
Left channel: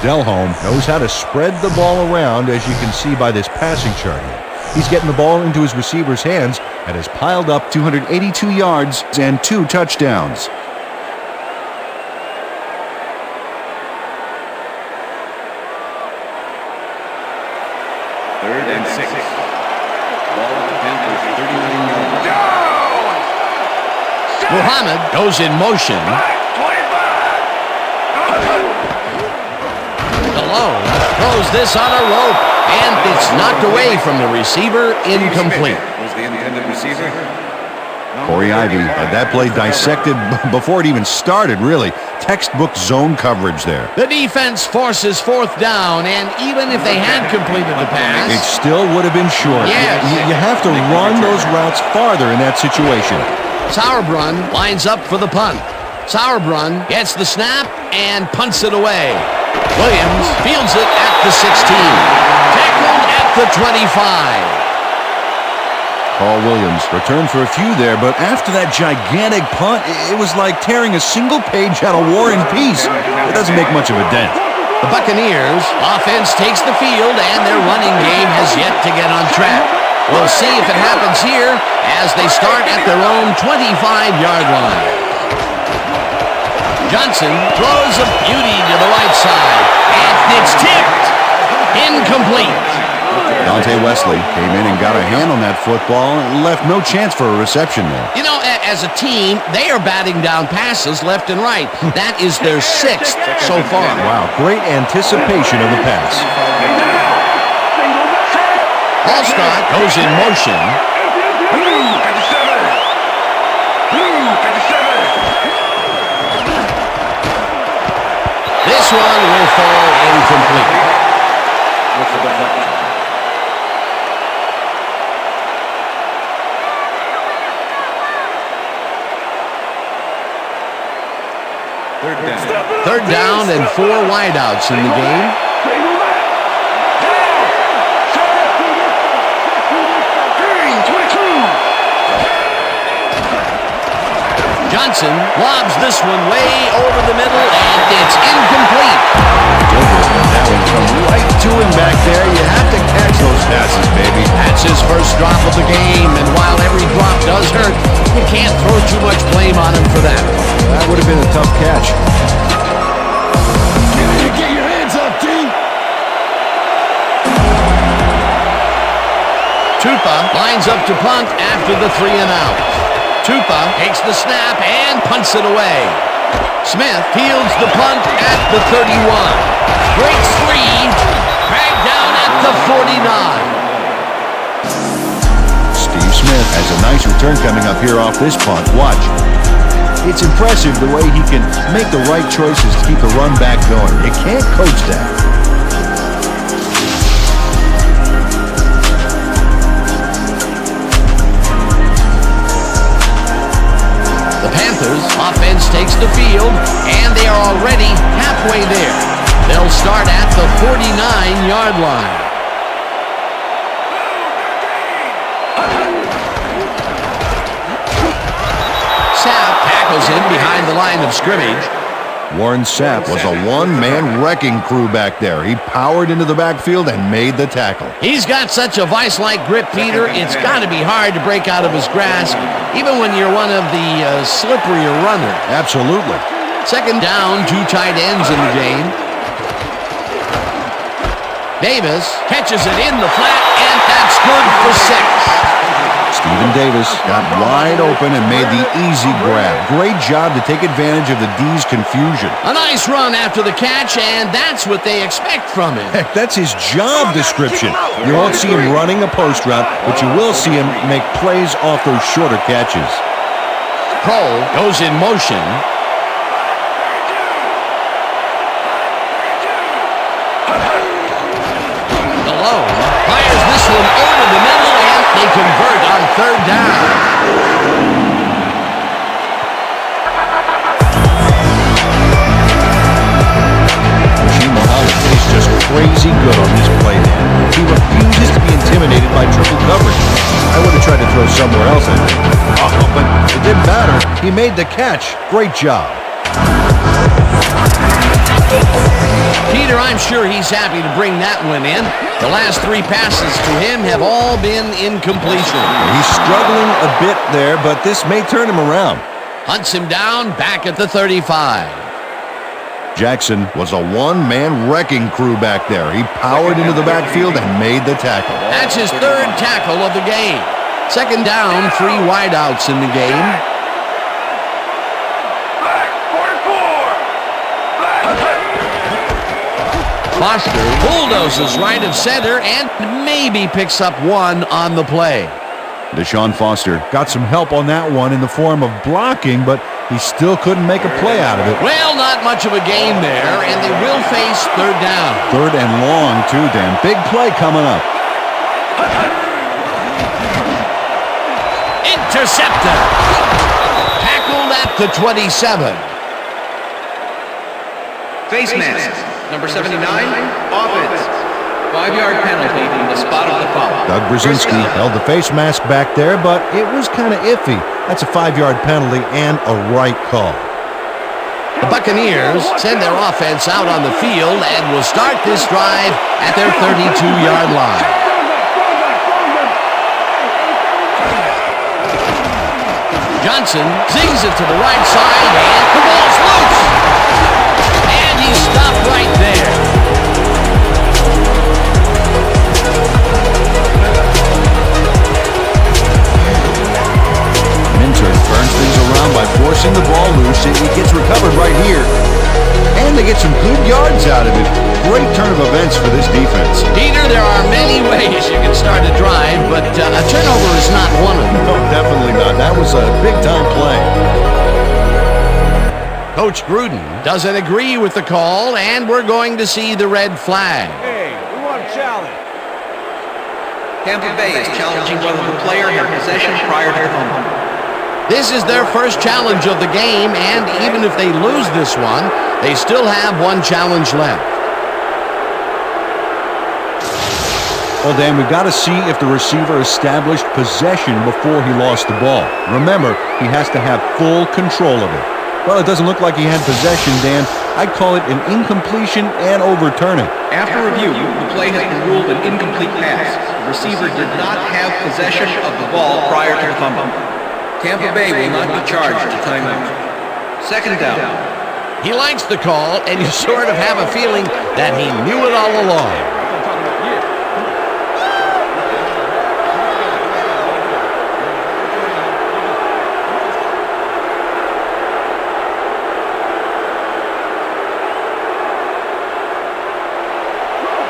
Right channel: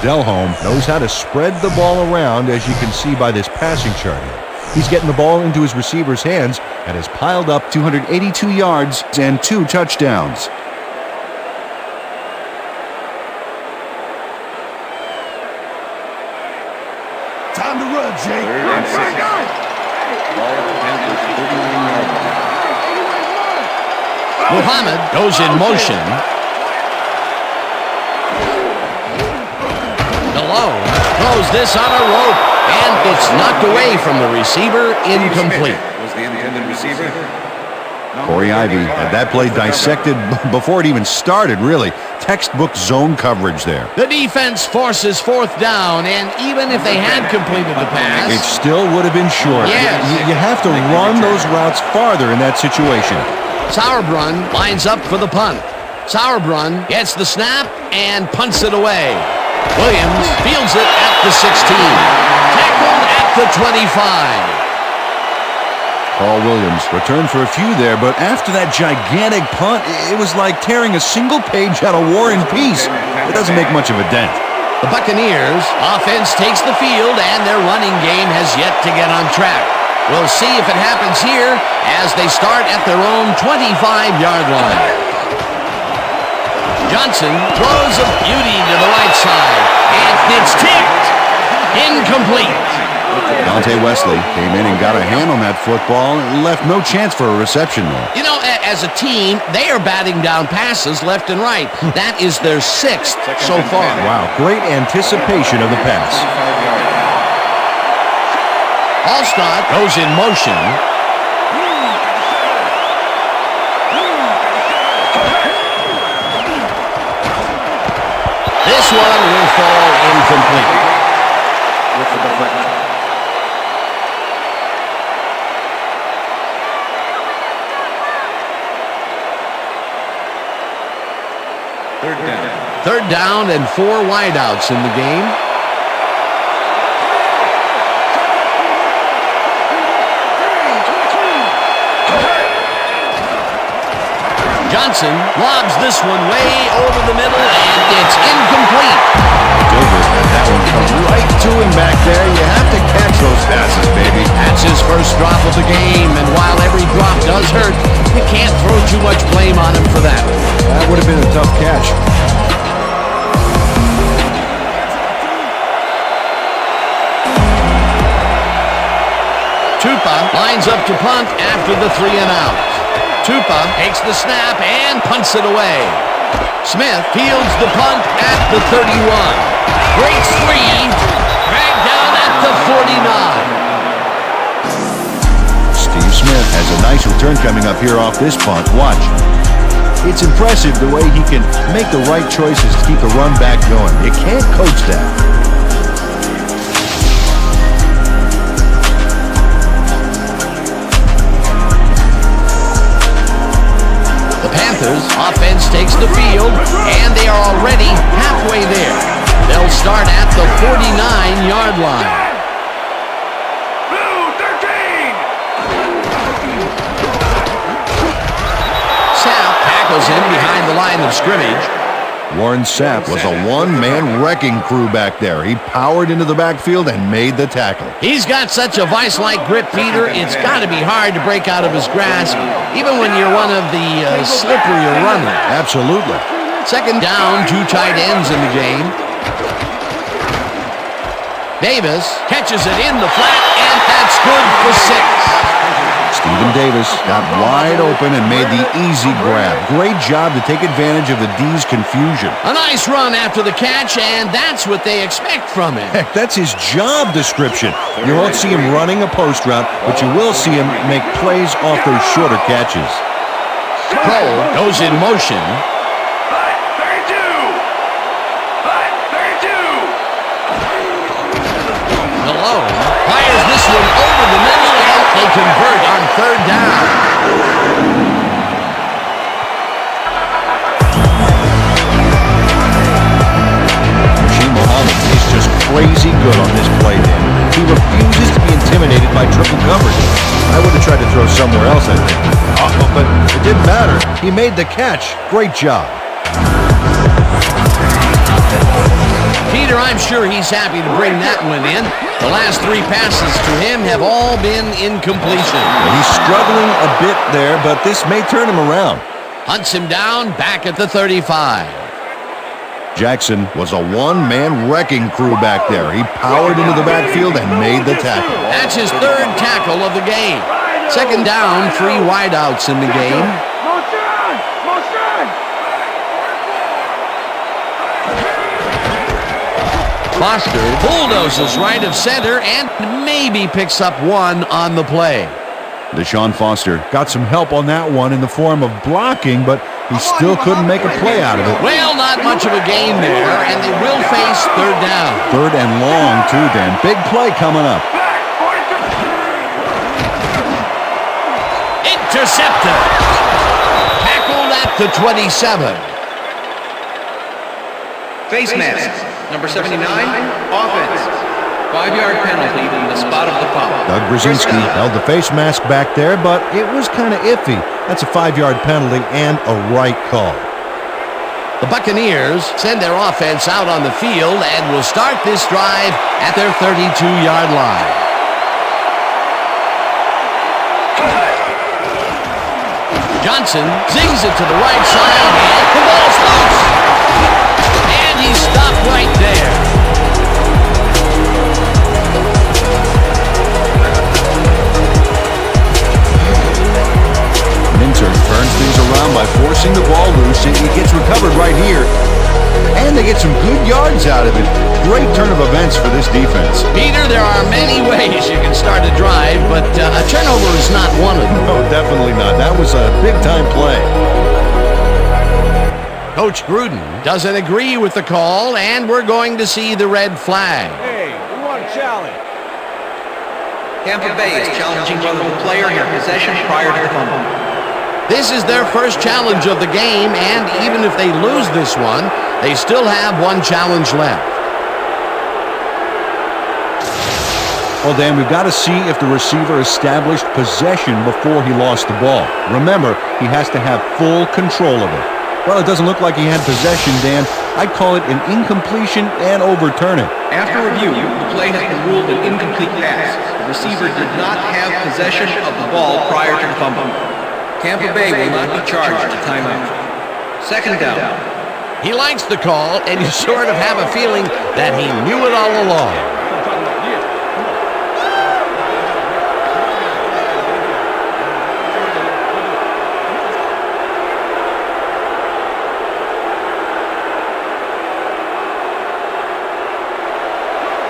Delhomme knows how to spread the ball around, as you can see by this passing chart here. He's getting the ball into his receiver's hands and has piled up 282 yards and 2 touchdowns. Time to run, Jay. 3rd and 6. Ball with the Panthers, 39-yard line. Muhammad goes in motion. Malone throws this on a rope, and it's knocked away from the receiver. Incomplete. Was the intended receiver. Corey Ivy had that play dissected before it even started, really. Textbook zone coverage there. The defense forces 4th down, and even if they had completed the It pass, still would have been short. Yes. You have to run those routes farther in that situation. Sauerbrunn lines up for the punt. Sauerbrunn gets the snap and punts it away. Williams fields it at the 16. Tackled at the 25. Carl Williams returned for a few there, but after that gigantic punt, it was like tearing a single page out of War and Peace. It doesn't make much of a dent. The Buccaneers offense takes the field, and their running game has yet to get on track. We'll see if it happens here as they start at their own 25-yard line. Johnson throws a beauty to the right side, and it's tipped. Incomplete. Dante Wesley came in and got a hand on that football and left no chance for a reception there. You know, as a team, they are batting down passes left and right. That is their 6th so far. Wow, great anticipation of the pass. 25-yard line. Allstott goes in motion. This one will fall incomplete. With the deflection. Third down and 4 wideouts in the game. Johnson lobs this one way over the middle, and it's incomplete. Dilger got that one come right to him back there. You have to catch those passes, baby. That's his first drop of the game, and while every drop does hurt, you can't throw too much blame on him for that. That would have been a tough catch. Get your hands up, team. Tupa lines up to punt after the 3 and out. Tupa takes the snap and punts it away. Smith fields the punt at the 31. Breaks free. Dragged down at the 49. Steve Smith has a nice return coming up here off this punt. Watch. It's impressive the way he can make the right choices to keep the run back going. You can't coach that. The Panthers offense takes the field, and they are already halfway there. They'll start at the 49-yard line. Sapp tackles him behind the line of scrimmage. Warren Sapp was a one-man wrecking crew back there. He powered into the backfield and made the tackle. He's got such a vice-like grip, Peter, it's got to be hard to break out of his grasp, even when you're one of the slipperier runners. Absolutely. Second down, 2 tight ends in the game. Davis catches it in the flat, and that's good for 6. Stephen Davis got wide open and made the easy grab. Great job to take advantage of the D's confusion. A nice run after the catch, and that's what they expect from him. Heck, that's his job description. You won't see him running a post route, but you will see him make plays off those shorter catches. Kroll goes in motion. Malone fires this one over the middle, and they convert on 3rd down. Muhammad is just crazy good on this play, Dan. He refuses to be intimidated by triple coverage. I would have tried to throw somewhere else, I think. Oh, but it didn't matter. He made the catch. Great job. Peter, I'm sure he's happy to bring that one in. The last 3 passes to him have all been incompletion. He's struggling a bit there, but this may turn him around. Hunts him down back at the 35. Jackson was a one-man wrecking crew back there. He powered into the backfield and made the tackle. That's his 3rd tackle of the game. 2nd down, 3 wideouts in the game. Foster bulldozes right of center and maybe picks up 1 on the play. Deshaun Foster got some help on that one in the form of blocking, but he still couldn't make a play out of it. Well, not much of a gain there, and they will face 3rd down. 3rd and long, too, Dan. Big play coming up. Interceptor. Tackled at the 27. Face mask, number 79, offense. 5-yard penalty from the spot of the foul. Doug Brzezinski held the face mask back there, but it was kind of iffy. That's a 5-yard penalty and a right call. The Buccaneers send their offense out on the field and will start this drive at their 32-yard line. Johnson zings it to the right side, and the ball's loose. And he's stopped right there. Minter turns things around by forcing the ball loose. It gets recovered right here, and they get some good yards out of it. Great turn of events for this defense. Peter, there are many ways you can start a drive, but a turnover is not one of them. No, definitely not. That was a big-time play. Coach Gruden doesn't agree with the call, and we're going to see the red flag. Hey, we want a challenge. Tampa Bay is challenging whether the player had possession prior to the fumble. This is their first challenge of the game, and even if they lose this one, they still have 1 challenge left. Well, Dan, we've got to see if the receiver established possession before he lost the ball. Remember, he has to have full control of it. Well, it doesn't look like he had possession, Dan. I'd call it an incompletion and overturn it. After review, the play has been ruled an incomplete pass. The receiver did not have possession of the ball prior to the fumble. Tampa Bay will not be charged a timeout. 2nd down. He likes the call, and you sort of have a feeling that he knew it all along.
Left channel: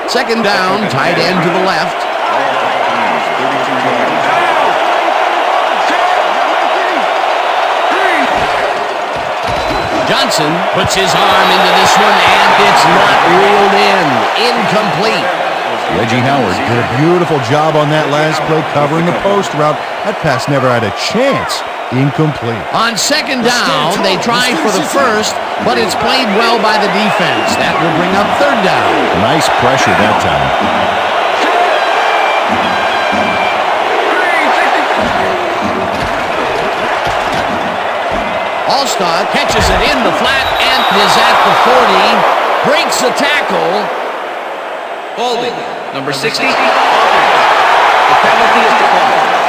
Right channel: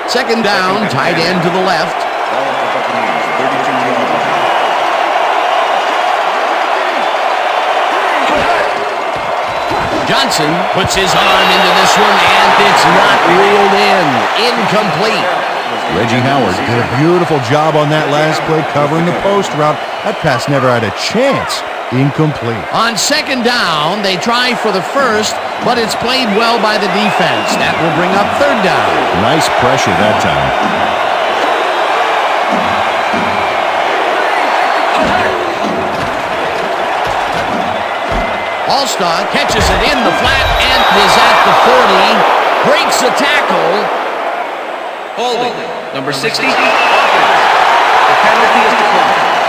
Second down, tight end to the left. Ball at the Buccaneers, 32-yard line. Johnson puts his arm into this one, and it's not reeled in. Incomplete. Reggie Howard did a beautiful job on that last play covering the post route. That pass never had a chance. Incomplete. On 2nd down, they try for the first, but it's played well by the defense. That will bring up 3rd down. Nice pressure that time. Allstott catches it in the flat and is at the 40. Breaks a tackle. Holding, number 60, offense. The penalty is declined.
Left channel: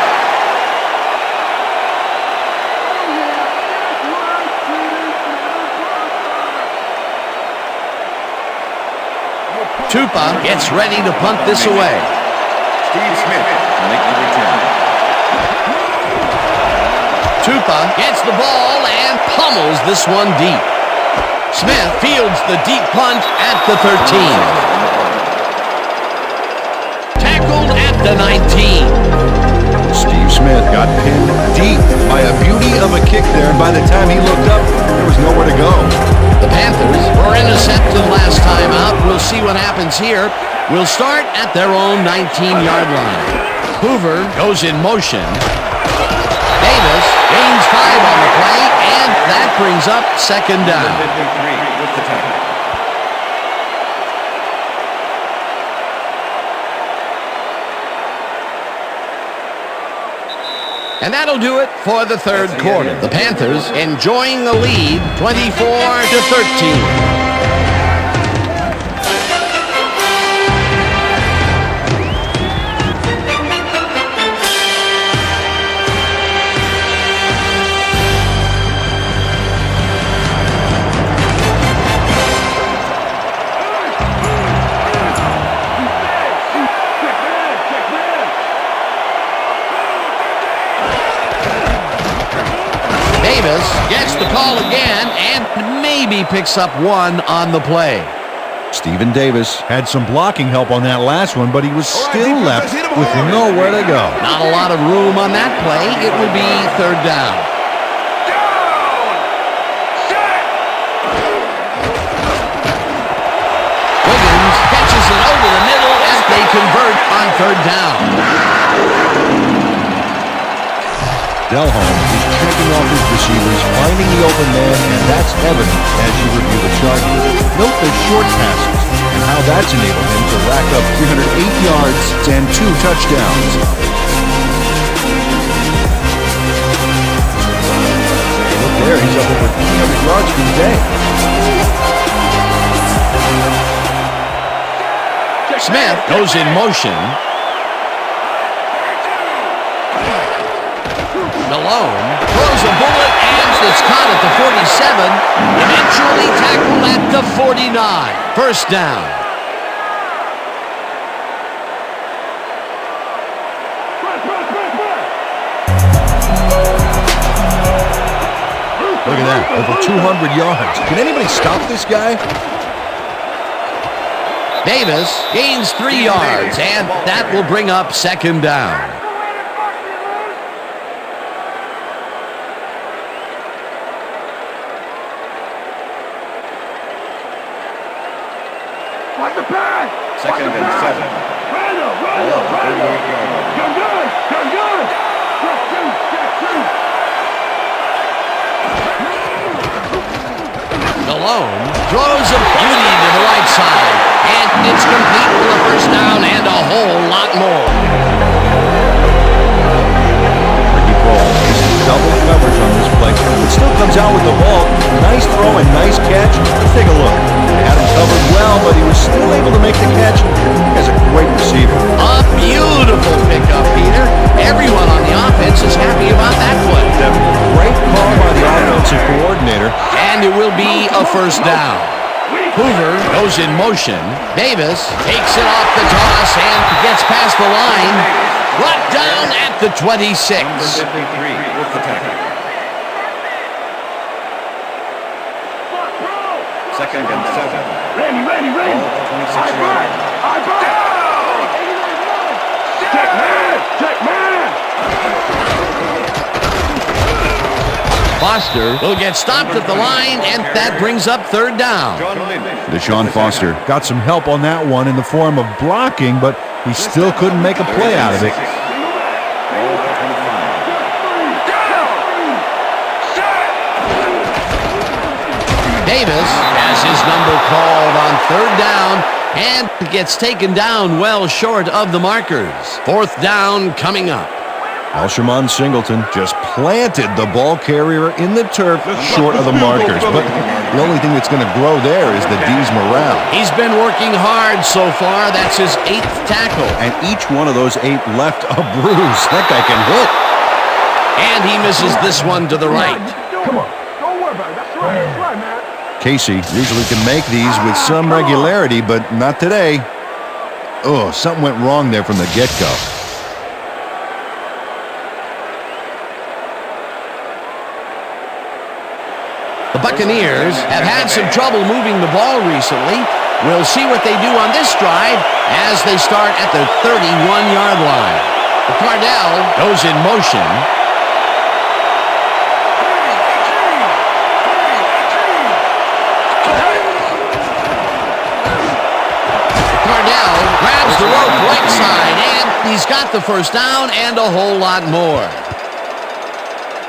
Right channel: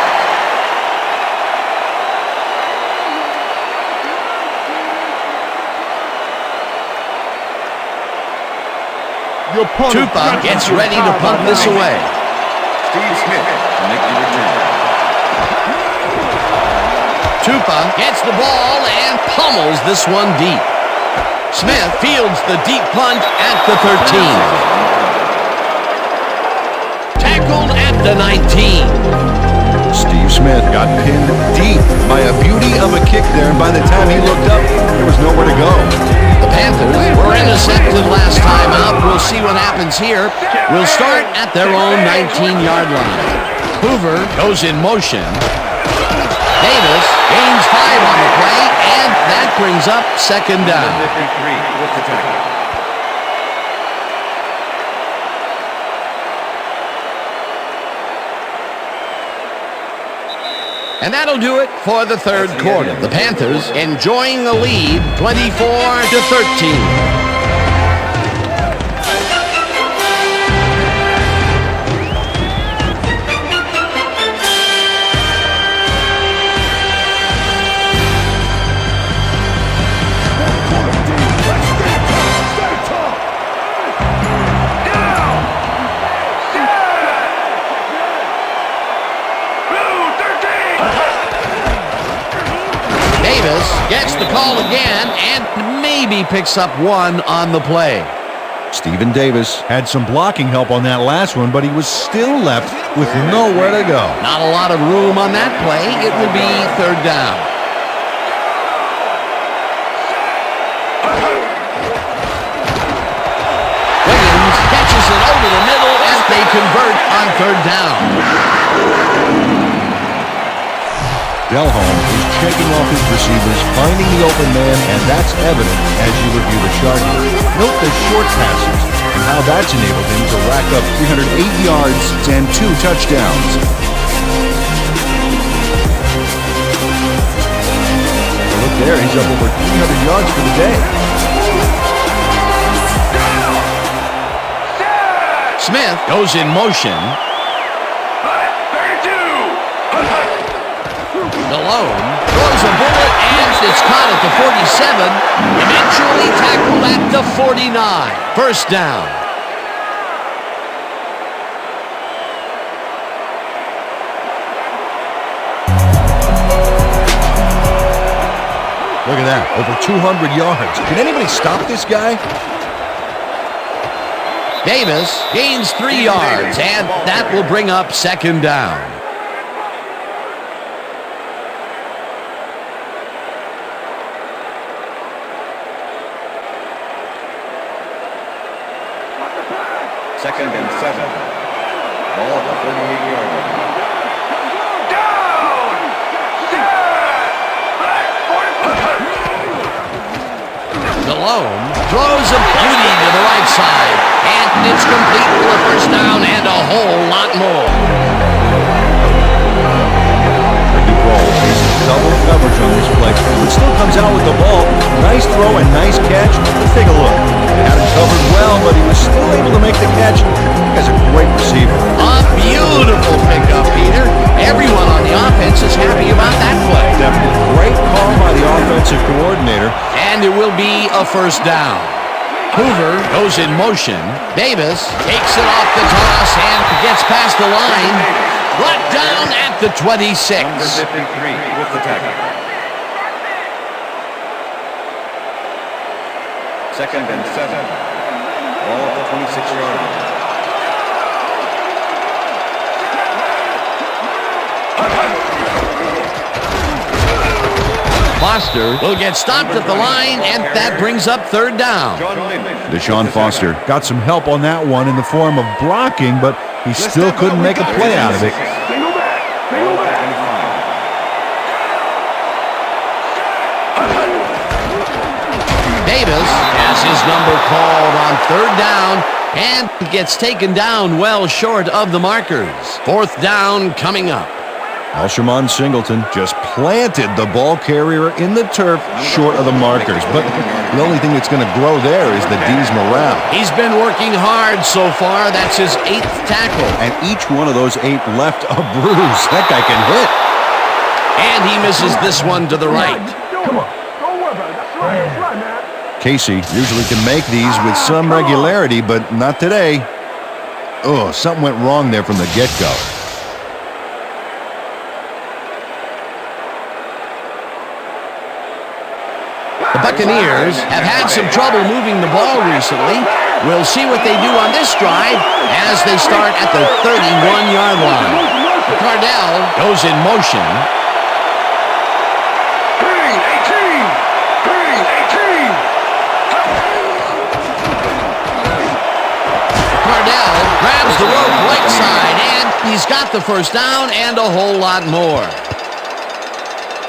Tupa gets ready to punt this away. Steve Smith to make the return. Tupa gets the ball and pummels this one deep. Smith fields the deep punt at the 13. Tackled at the 19. Steve Smith got pinned deep by a beauty of a kick there, and by the time he looked up, there was nowhere to go. The Panthers were intercepted last time out. We'll see what happens here. We'll start at their own 19-yard line. Hoover goes in motion. Davis gains 5 on the play, and that brings up second down. 53 with the tackle. And that'll do it for the third quarter. The Panthers enjoying the lead 24-13. Davis gets the call again and maybe picks up 1 on the play. Stephen Davis had some blocking help on that last one, but he was still left with nowhere to go. Not a lot of room on that play. It will be third down. Wiggins catches it over the middle and they convert on third down. Delhomme is checking off his receivers, finding the open man, and that's evident as you review the chart here. Note the short passes and how that's enabled him to rack up 308 yards and 2 touchdowns. Look there, he's up over 300 yards for the day. Smith goes in motion. Delhomme throws a bullet and it's caught at the 47. Eventually tackled at the 49. First down. Look at that, over 200 yards. Can anybody stop this guy? Davis gains 3 yards, and that will bring up second down. Second and 7. Ball at the 38-yard line. Delhomme throws a beauty to the right side, and it's complete for a first down and a whole lot more. Ricky Prohl faces double coverage on this play, but still comes out with the ball. Nice throw and nice catch. Let's take a look. They had him covered well, but he was still able to make the catch. He's a great receiver. A beautiful pickup, Peter. Everyone on the offense is happy about that play. Definitely. Great call by the offensive coordinator. And it will be a first down. Hoover goes in motion. Davis takes it off the toss and gets past the line. Brought down at the 26. Number 53 with the tackle. Second and 7. Ball at the 26-yard line. Foster will get stopped at the line, and that brings up third down. Deshaun Foster got some help on that one in the form of blocking, but he still couldn't make a play out of it. Davis has his number called on third down and gets taken down well short of the markers. Fourth down coming up. Alshimon Singleton just planted the ball carrier in the turf short of the markers. But the only thing that's going to grow there is the D's morale. He's been working hard so far. That's his 8th tackle. And each one of those 8 left a bruise. That guy can hit. And he misses this one to the right. Come on. Don't worry about it. That's right, man. Casey usually can make these with some regularity, but not today. Oh, something went wrong there from the get-go. The Buccaneers have had some trouble moving the ball recently. We'll see what they do on this drive as they start at the 31-yard line. Cardell goes in motion. Cardell grabs the rope right side, and he's got the first down and a whole lot more.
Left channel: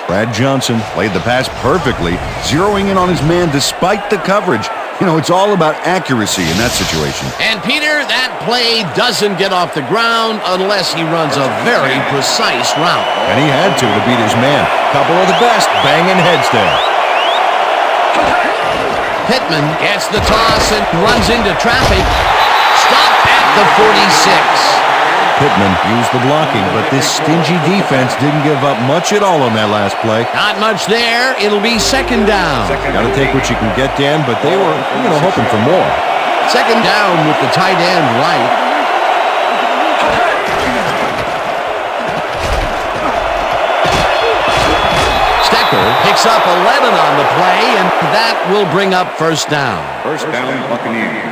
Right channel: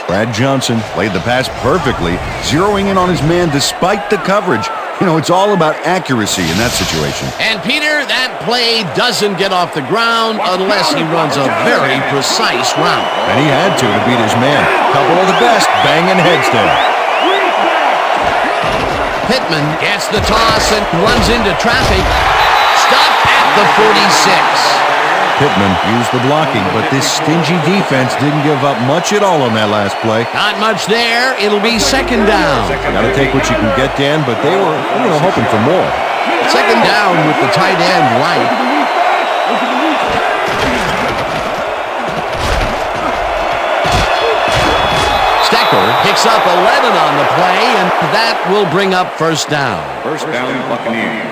Brad Johnson played the pass perfectly, zeroing in on his man despite the coverage. You know, it's all about accuracy in that situation. And Peter, that play doesn't get off the ground unless he runs a very precise route. And he had to beat his man. Couple of the best banging heads there. Pittman gets the toss and runs into traffic. Stopped at the 46. Pittman used the blocking, but this stingy defense didn't give up much at all on that last play. Not much there. It'll be second down. Got to take what you can get, Dan, but they were, hoping for more. Second down with the tight end right. Stecker picks up 11 on the play, and that will bring up first down. First down, Buccaneers.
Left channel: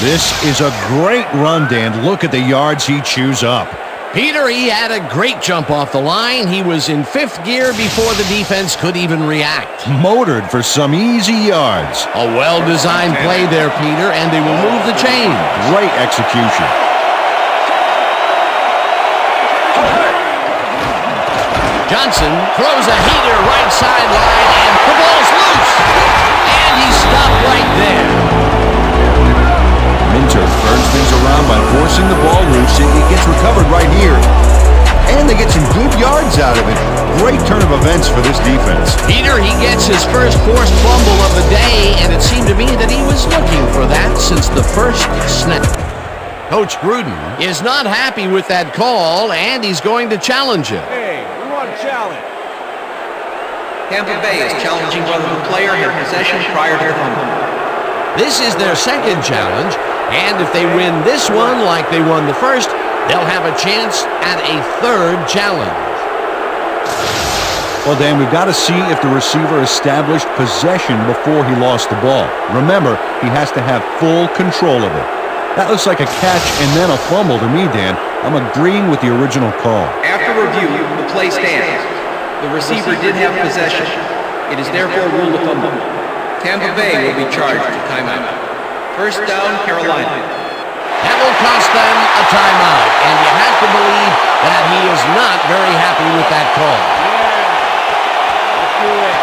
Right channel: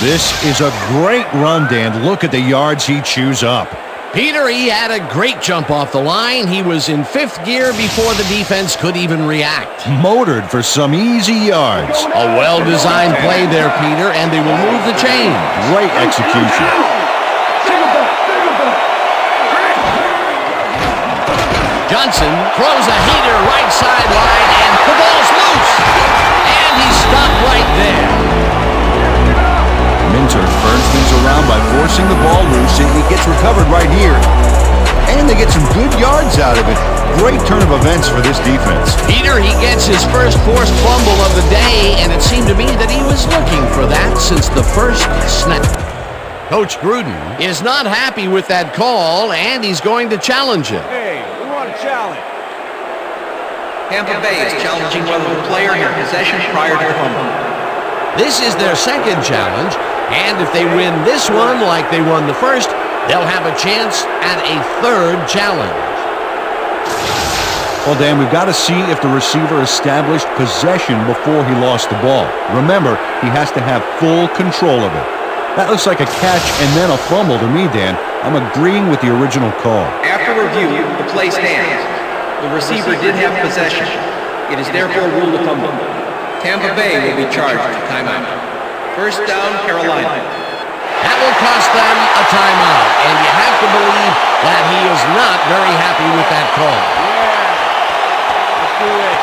This is a great run, Dan. Look at the yards he chews up. Peter, he had a great jump off the line. He was in fifth gear before the defense could even react. Motored for some easy yards. A well-designed play there, Peter, and they will move the chains. Great execution. Johnson throws a heater right sideline, and the ball's loose. And he stopped right there. Minter turns things around by forcing the ball loose. It gets recovered right here. And they get some good yards out of it. Great turn of events for this defense. Peter, he gets his first forced fumble of the day, and it seemed to me that he was looking for that since the first snap. Coach Gruden is not happy with that call, and he's going to challenge it. Hey, we want a challenge. Tampa Bay is challenging whether the player had possession prior to the fumble. This is their second challenge, and if they win this one like they won the first, they'll have a chance at a third challenge. Well, Dan, we've got to see if the receiver established possession before he lost the ball. Remember, he has to have full control of it. That looks like a catch and then a fumble to me, Dan. I'm agreeing with the original call. After review, the play stands. The receiver did have possession. It is therefore ruled a fumble. Tampa Bay will be charged a timeout. First down, Carolina. That will cost them a timeout, and you have to believe that he is not very happy with that call. Yeah, let's do it.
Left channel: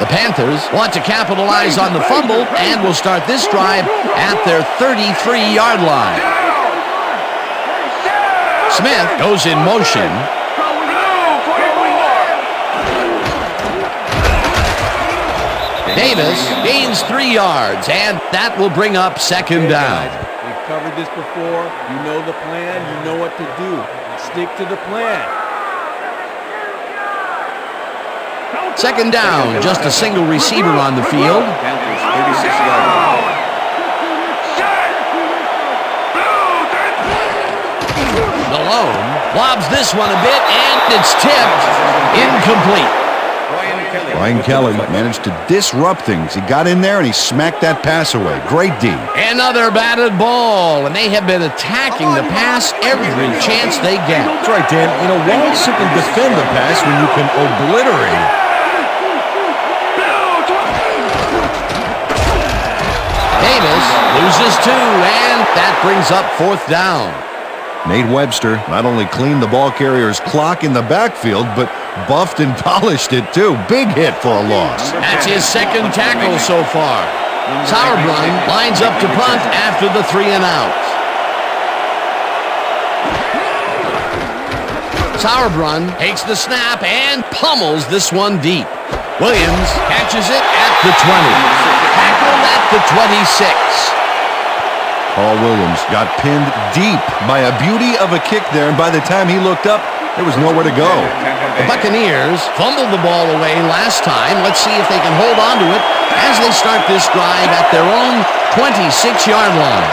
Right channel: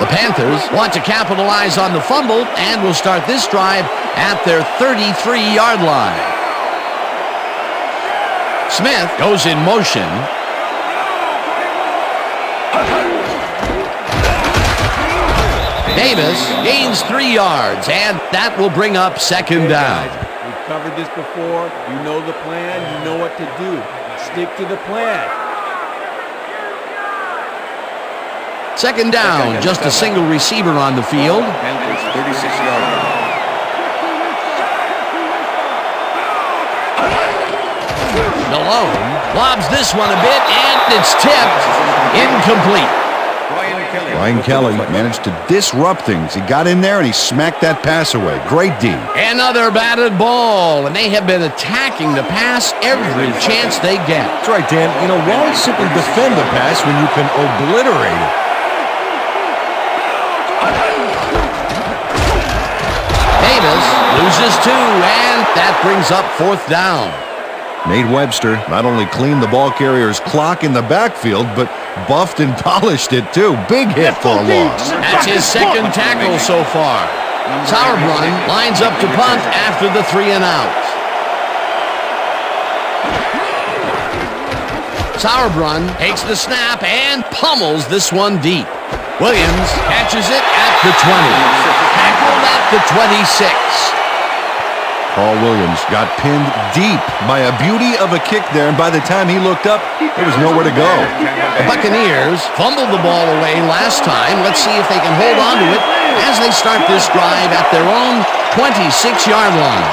The Nice. Panthers want to capitalize on the fumble and will start this drive at their 33-yard line. Smith goes in motion. Davis gains 3 yards, and that will bring up second down. We've covered this before. You know the plan. You know what to do. Stick to the plan. Second down, just a single receiver on the field. Panthers 36-yard line. Malone lobs this one a bit, and it's tipped. Incomplete. Brian Kelly managed to disrupt things. He got in there and he smacked that pass away. Great D. Another batted ball, and they have been attacking the pass every chance they get. That's right, Dan. You know, why simply defend the pass when you can obliterate it? Davis loses 2, and that brings up fourth down. Nate Webster not only cleaned the ball carrier's clock in the backfield, but buffed and polished it too. Big hit for a loss. That's his second tackle so far. Sauerbrunn lines up to punt after the 3 and out. Sauerbrunn takes the snap and pummels this one deep. Williams catches it at the 20. Tackled at the 26. Paul Williams got pinned deep by a beauty of a kick there, and by the time he looked up, there was nowhere to go. The Buccaneers fumbled the ball away last time. Let's see if they can hold on to it as they start this drive at their own 26-yard line.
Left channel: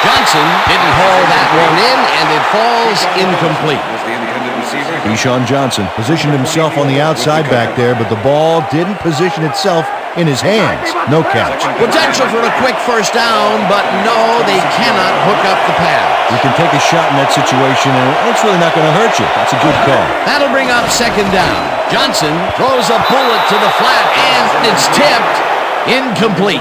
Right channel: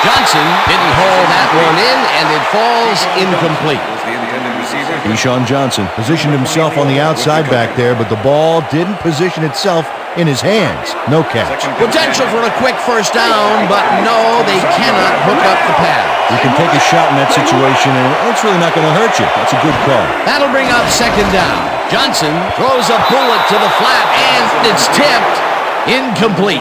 Johnson didn't haul that one in, and it falls incomplete. Was the intended receiver. Keyshawn Johnson positioned himself on the outside back there, but the ball didn't position itself in his hands. No catch. Potential for a quick first down, but no, they cannot hook up the pass. You can take a shot in that situation, and it's really not going to hurt you. That's a good call. That'll bring up second down. Johnson throws a bullet to the flat, and it's tipped. Incomplete.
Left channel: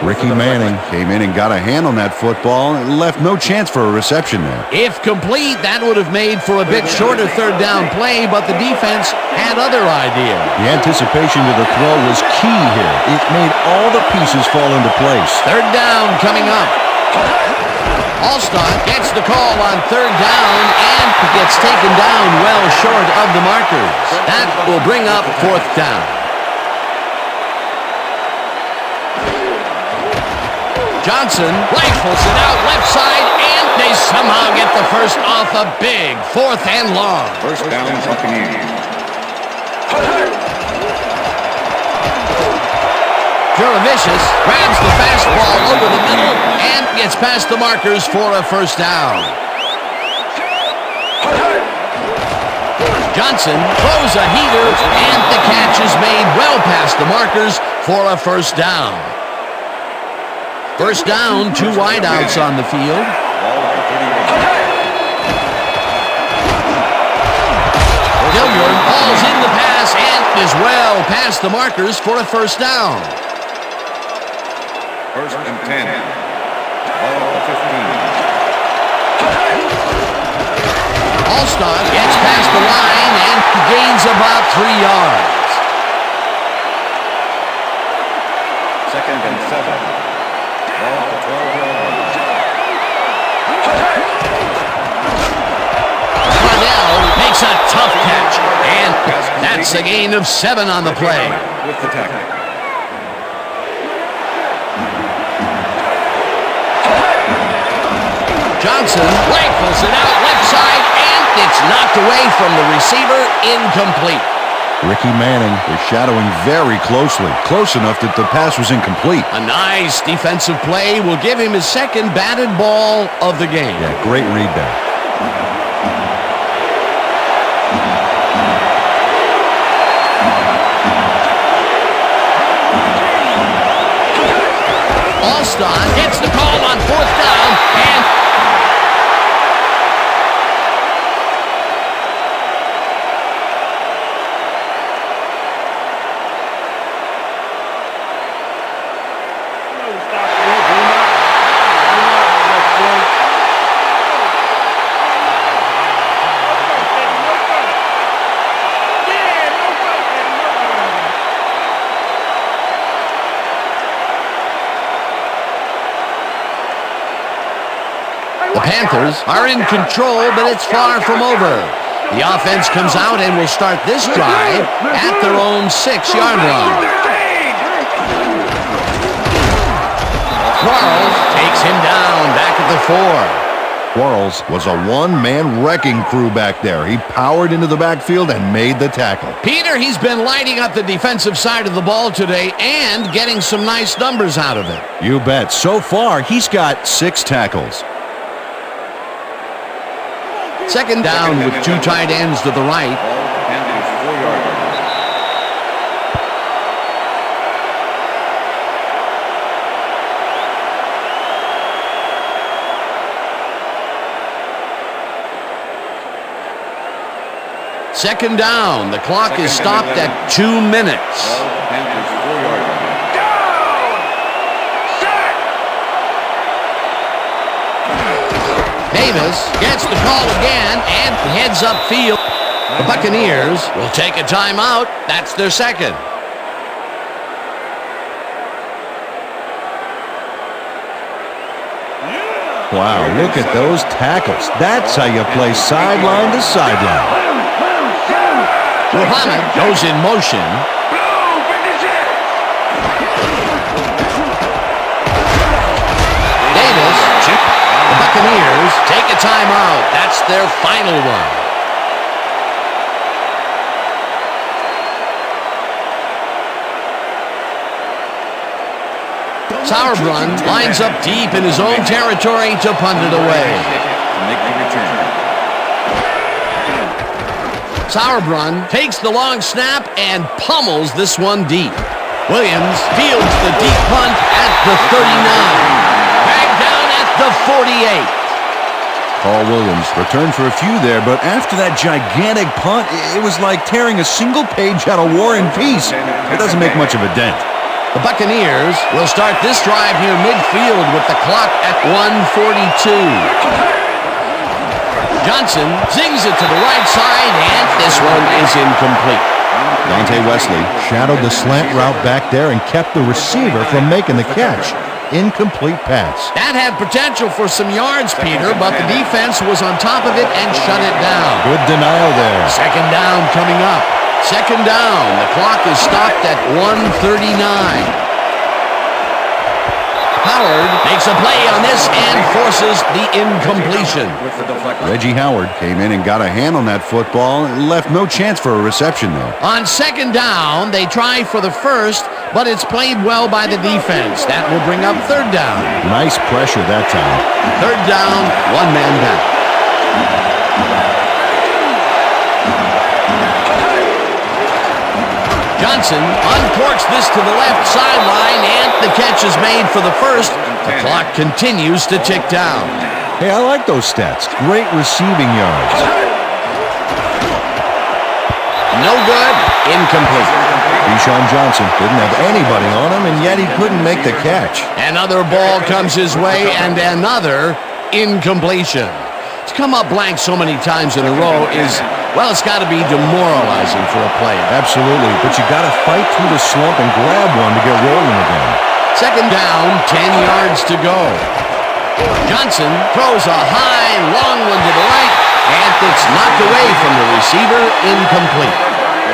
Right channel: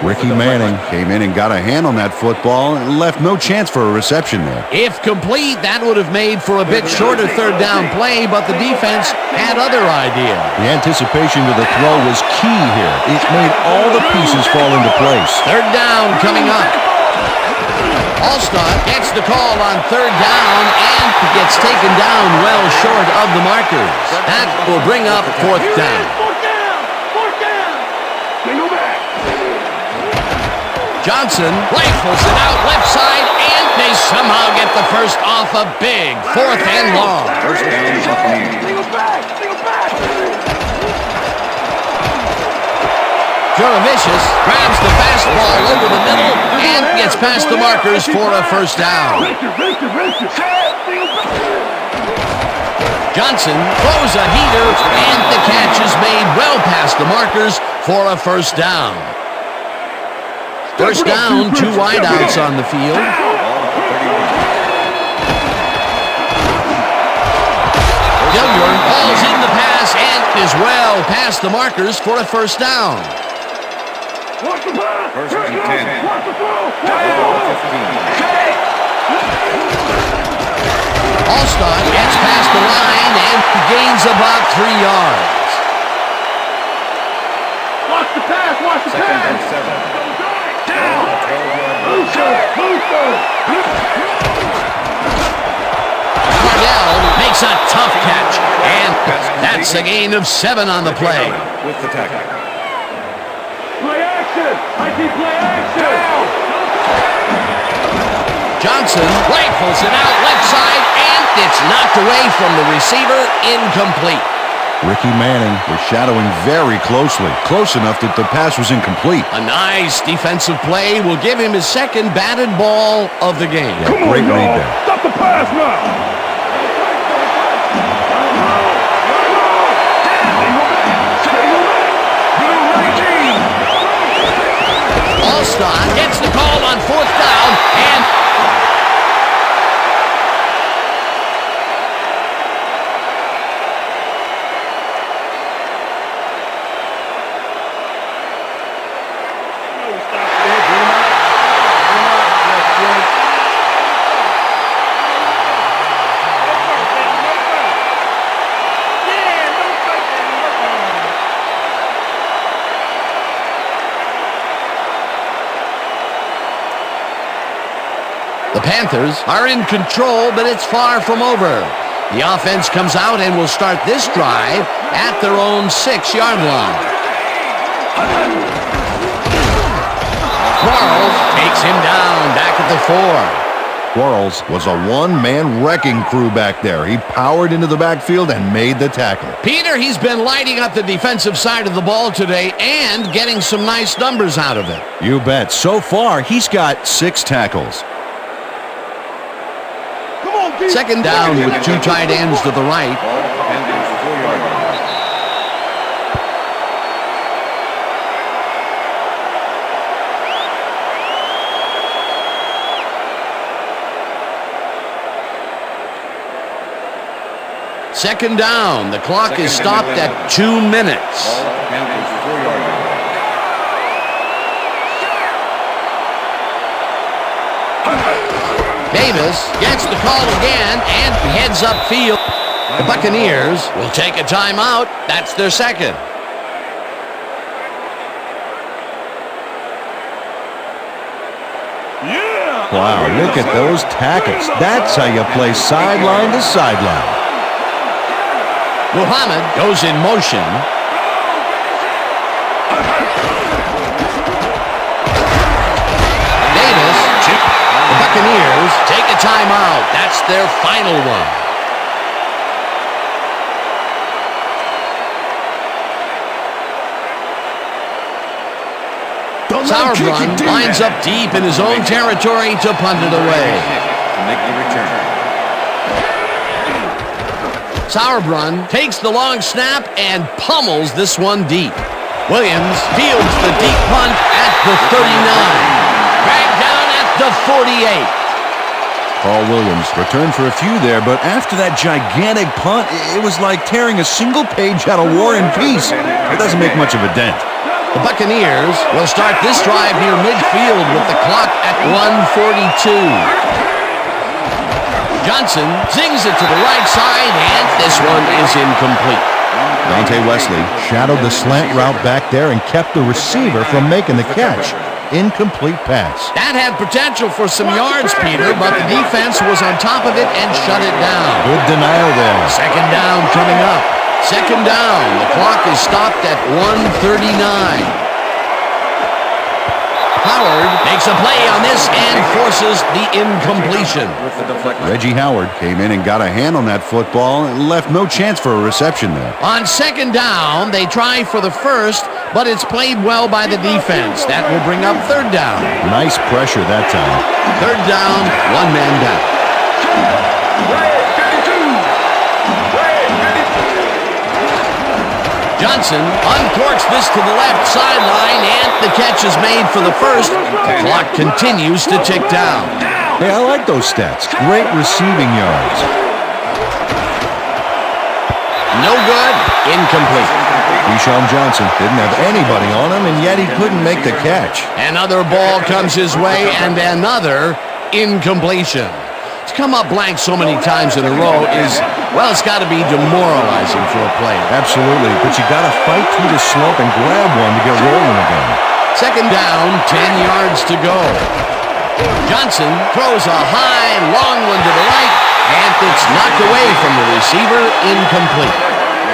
Ricky Manning came in and got a hand on that football and left no chance for a reception there. If complete, that would have made for a bit shorter third down play, but the defense had other ideas. The anticipation to the throw was key here. It made all the pieces fall into place. Third down coming up. Allstott gets the call on third down and gets taken down well short of the markers. That will bring up fourth down. Johnson rifles it out left side, and they somehow get the first off a big fourth and long. First down, Buccaneers. Juravicius grabs the fastball over the middle and gets past the markers for a first down. Johnson throws a heater, and the catch is made well past the markers for a first down. First down, two wideouts on the field. Ball at the 31. Dilliard hauls in the pass and is well past the markers for a first down. First and 10. Ball at the 15. Allstott gets past the line and gains about 3 yards. Second and 7. Ball at the 12-yard line. Cardell makes a tough catch, and that's a gain of 7 on the play. With the tackle. Play action! I see play action! Johnson rifles it out left side, and it's knocked away from the receiver, incomplete. Ricky Manning was shadowing very closely, close enough that the pass was incomplete. A nice defensive play will give him his second batted ball of the game. Yeah, great read there. Stop the pass now! Allstott gets the call on fourth down, and the Panthers are in control, but it's far from over. The offense comes out and will start this drive at their own 6-yard line. Quarles takes him down back at the 4. Quarles was a one-man wrecking crew back there. He powered into the backfield and made the tackle. Peter, he's been lighting up the defensive side of the ball today and getting some nice numbers out of it. You bet. So far, he's got 6 tackles. Second down with 2 tight ends to the right. Ball at the Panthers' 4-yard line. Second down. The clock is stopped at 2 minutes. Ball at the Panthers' 4-yard line. Davis gets the call again and heads upfield. The Buccaneers will take a timeout. That's their second. Wow, look at those tackles. That's how you play sideline to sideline. Muhammad goes in motion. Buccaneers take a timeout. That's their final one. Sauerbrunn lines up deep in his own territory to punt it away. To make the return. Sauerbrunn takes the long snap and pummels this one deep. Williams fields the deep punt at the 39. Dragged down at the 48. Carl Williams returned for a few there, but after that gigantic punt, it was like tearing a single page out of War and Peace. It doesn't make much of a dent. The Buccaneers will start this drive near midfield with the clock at 1:42. Johnson zings it to the right side, and this one is incomplete. Dante Wesley shadowed the slant route back there and kept the receiver from making the catch. Incomplete pass. That had potential for some yards, Peter, but the defense was on top of it and shut it down. Good denial there. Second down coming up. Second down. The clock is stopped at 1:39. Howard makes a play on this and forces the incompletion. Reggie Howard came in and got a hand on that football and left no chance for a reception there. On second down, they try for the first, but it's played well by the defense. That will bring up third down. Nice pressure that time. Third down, one man back. Johnson uncorks this to the left sideline, and the catch is made for the first. The clock continues to tick down. Hey, I like those stats. Great receiving yards. No good. Incomplete. Deshaun Johnson didn't have anybody on him, and yet he couldn't make the catch. Another ball comes his way, and another incompletion. To come up blank so many times in a row is, well, it's got to be demoralizing for a player. Absolutely, but you got to fight through the slump and grab one to get rolling again. Second down, 10 yards to go. Johnson throws a high and long one to the right, and it's knocked away from the receiver, incomplete.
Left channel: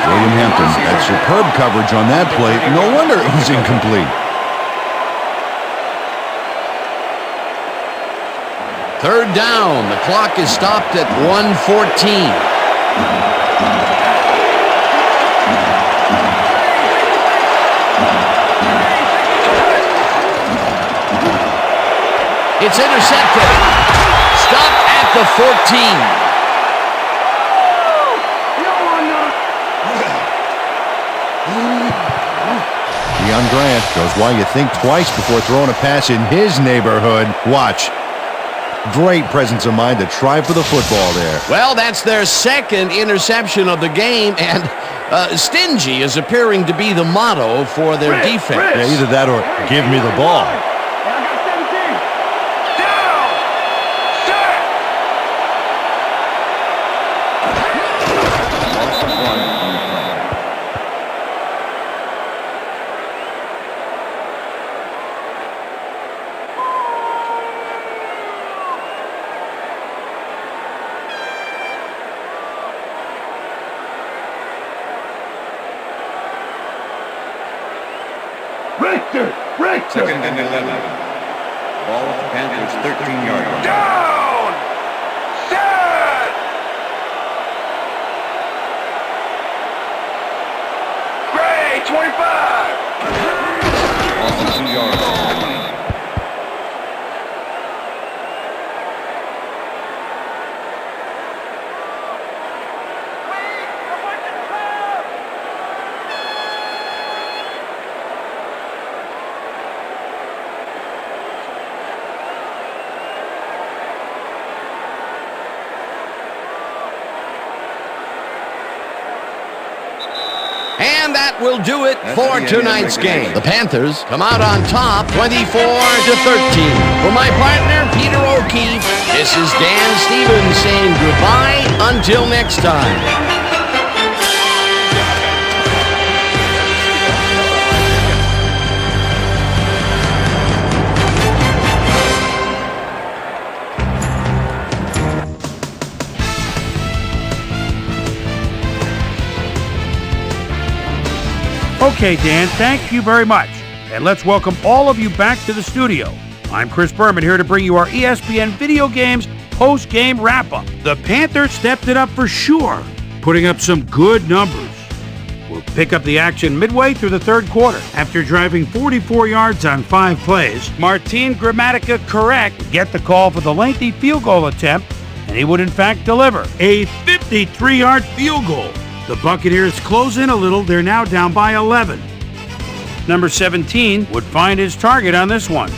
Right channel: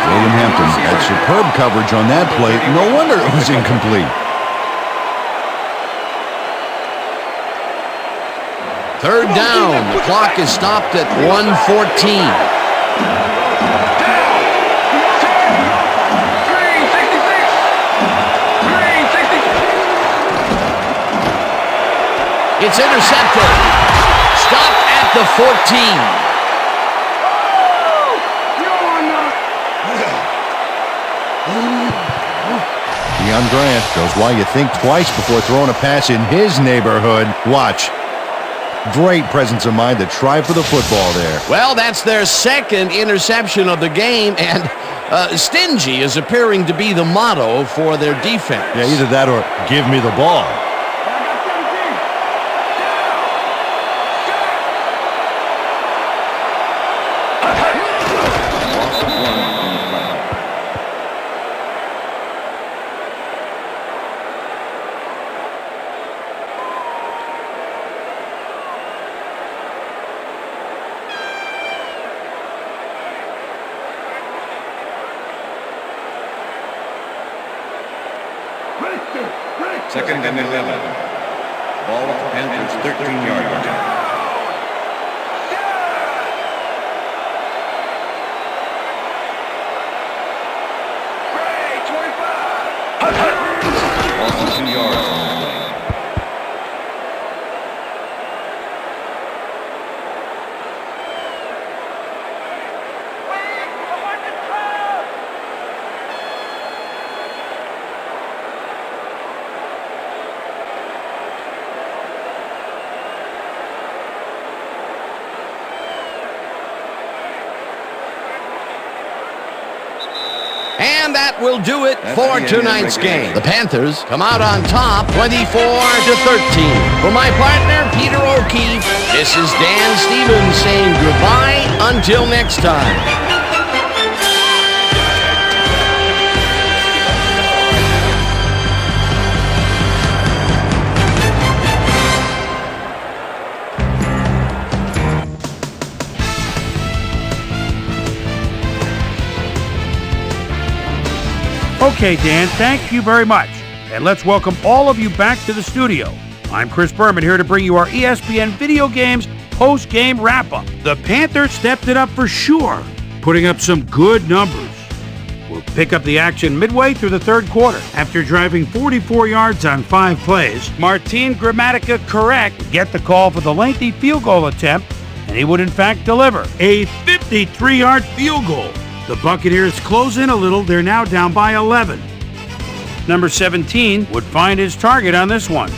William Hampton had superb coverage on that play. No wonder it was incomplete. Third down. The clock is stopped at 1:14. It's intercepted. Stopped at the 14. Deion Grant shows why you think twice before throwing a pass in his neighborhood. Watch. Great presence of mind to try for the football there. Well, that's their second interception of the game, and stingy is appearing to be the motto for their defense. Yeah, either that or give me the ball. I got 17. Loss of one on the play. Second and 11. Ball at the Panthers' 13-yard line. Loss of 2 yards on the play. And that will do it for tonight's game. The Panthers come out on top 24-13. For my partner, Peter O'Keefe, this is Dan Stevens saying goodbye until next time. Okay, Dan, thank you very much. And let's welcome all of you back to the studio. I'm Chris Berman here to bring you our ESPN Video Games post-game wrap-up. The Panthers stepped it up for sure, putting up some good numbers. We'll pick up the action midway through the third quarter. After driving 44 yards on 5 plays, Martin Gramatica Correct would get the call for the lengthy field goal attempt, and he would in fact deliver a 53-yard field goal. The Buccaneers close in a little. They're now down by 11. Number 17 would find his target on this one.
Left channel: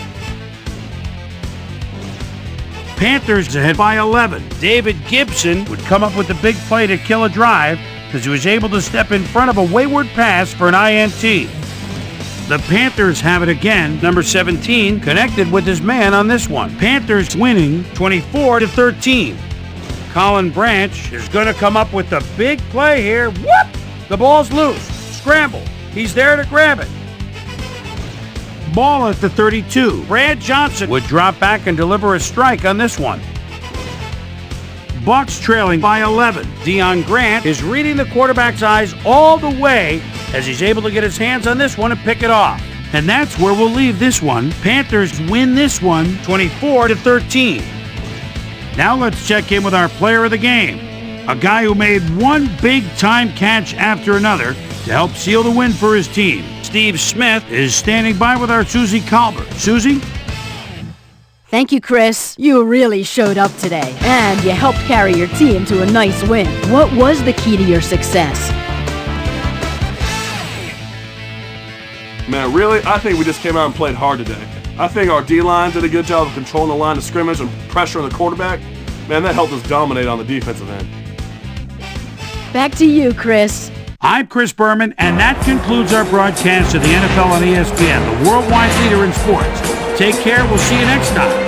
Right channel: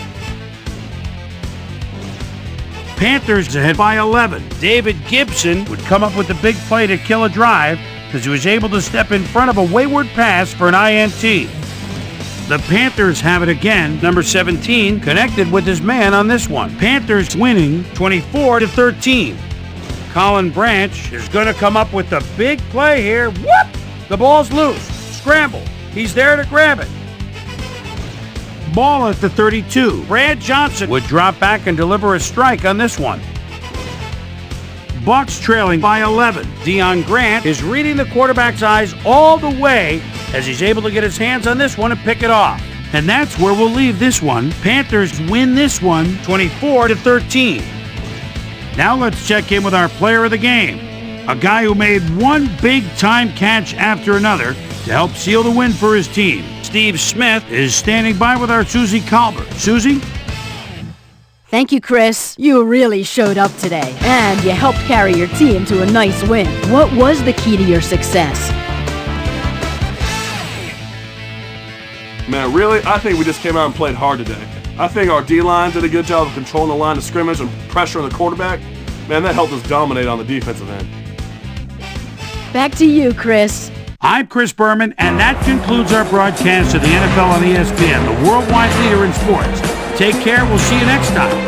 Panthers ahead by 11. David Gibson would come up with the big play to kill a drive because he was able to step in front of a wayward pass for an INT. The Panthers have it again. Number 17 connected with his man on this one. Panthers winning 24-13. Colin Branch is going to come up with the big play here. Whoop! The ball's loose. Scramble. He's there to grab it. Ball at the 32. Brad Johnson would drop back and deliver a strike on this one. Bucs trailing by 11. Deion Grant is reading the quarterback's eyes all the way as he's able to get his hands on this one and pick it off. And that's where we'll leave this one. Panthers win this one 24-13. Now let's check in with our player of the game, a guy who made one big-time catch after another to help seal the win for his team. Steve Smith is standing by with our Susie Colbert. Susie? Thank you, Chris. You really showed up today, and you helped carry your team to a nice win. What was the key to your success? Man, really, I think we just came out and played hard today. I think our D-line did a good job of controlling the line of scrimmage and pressuring the quarterback. Man, that helped us dominate on the defensive end. Back to you, Chris. I'm Chris Berman, and that concludes our broadcast of the NFL on ESPN, the worldwide leader in sports. Take care. We'll see you next time.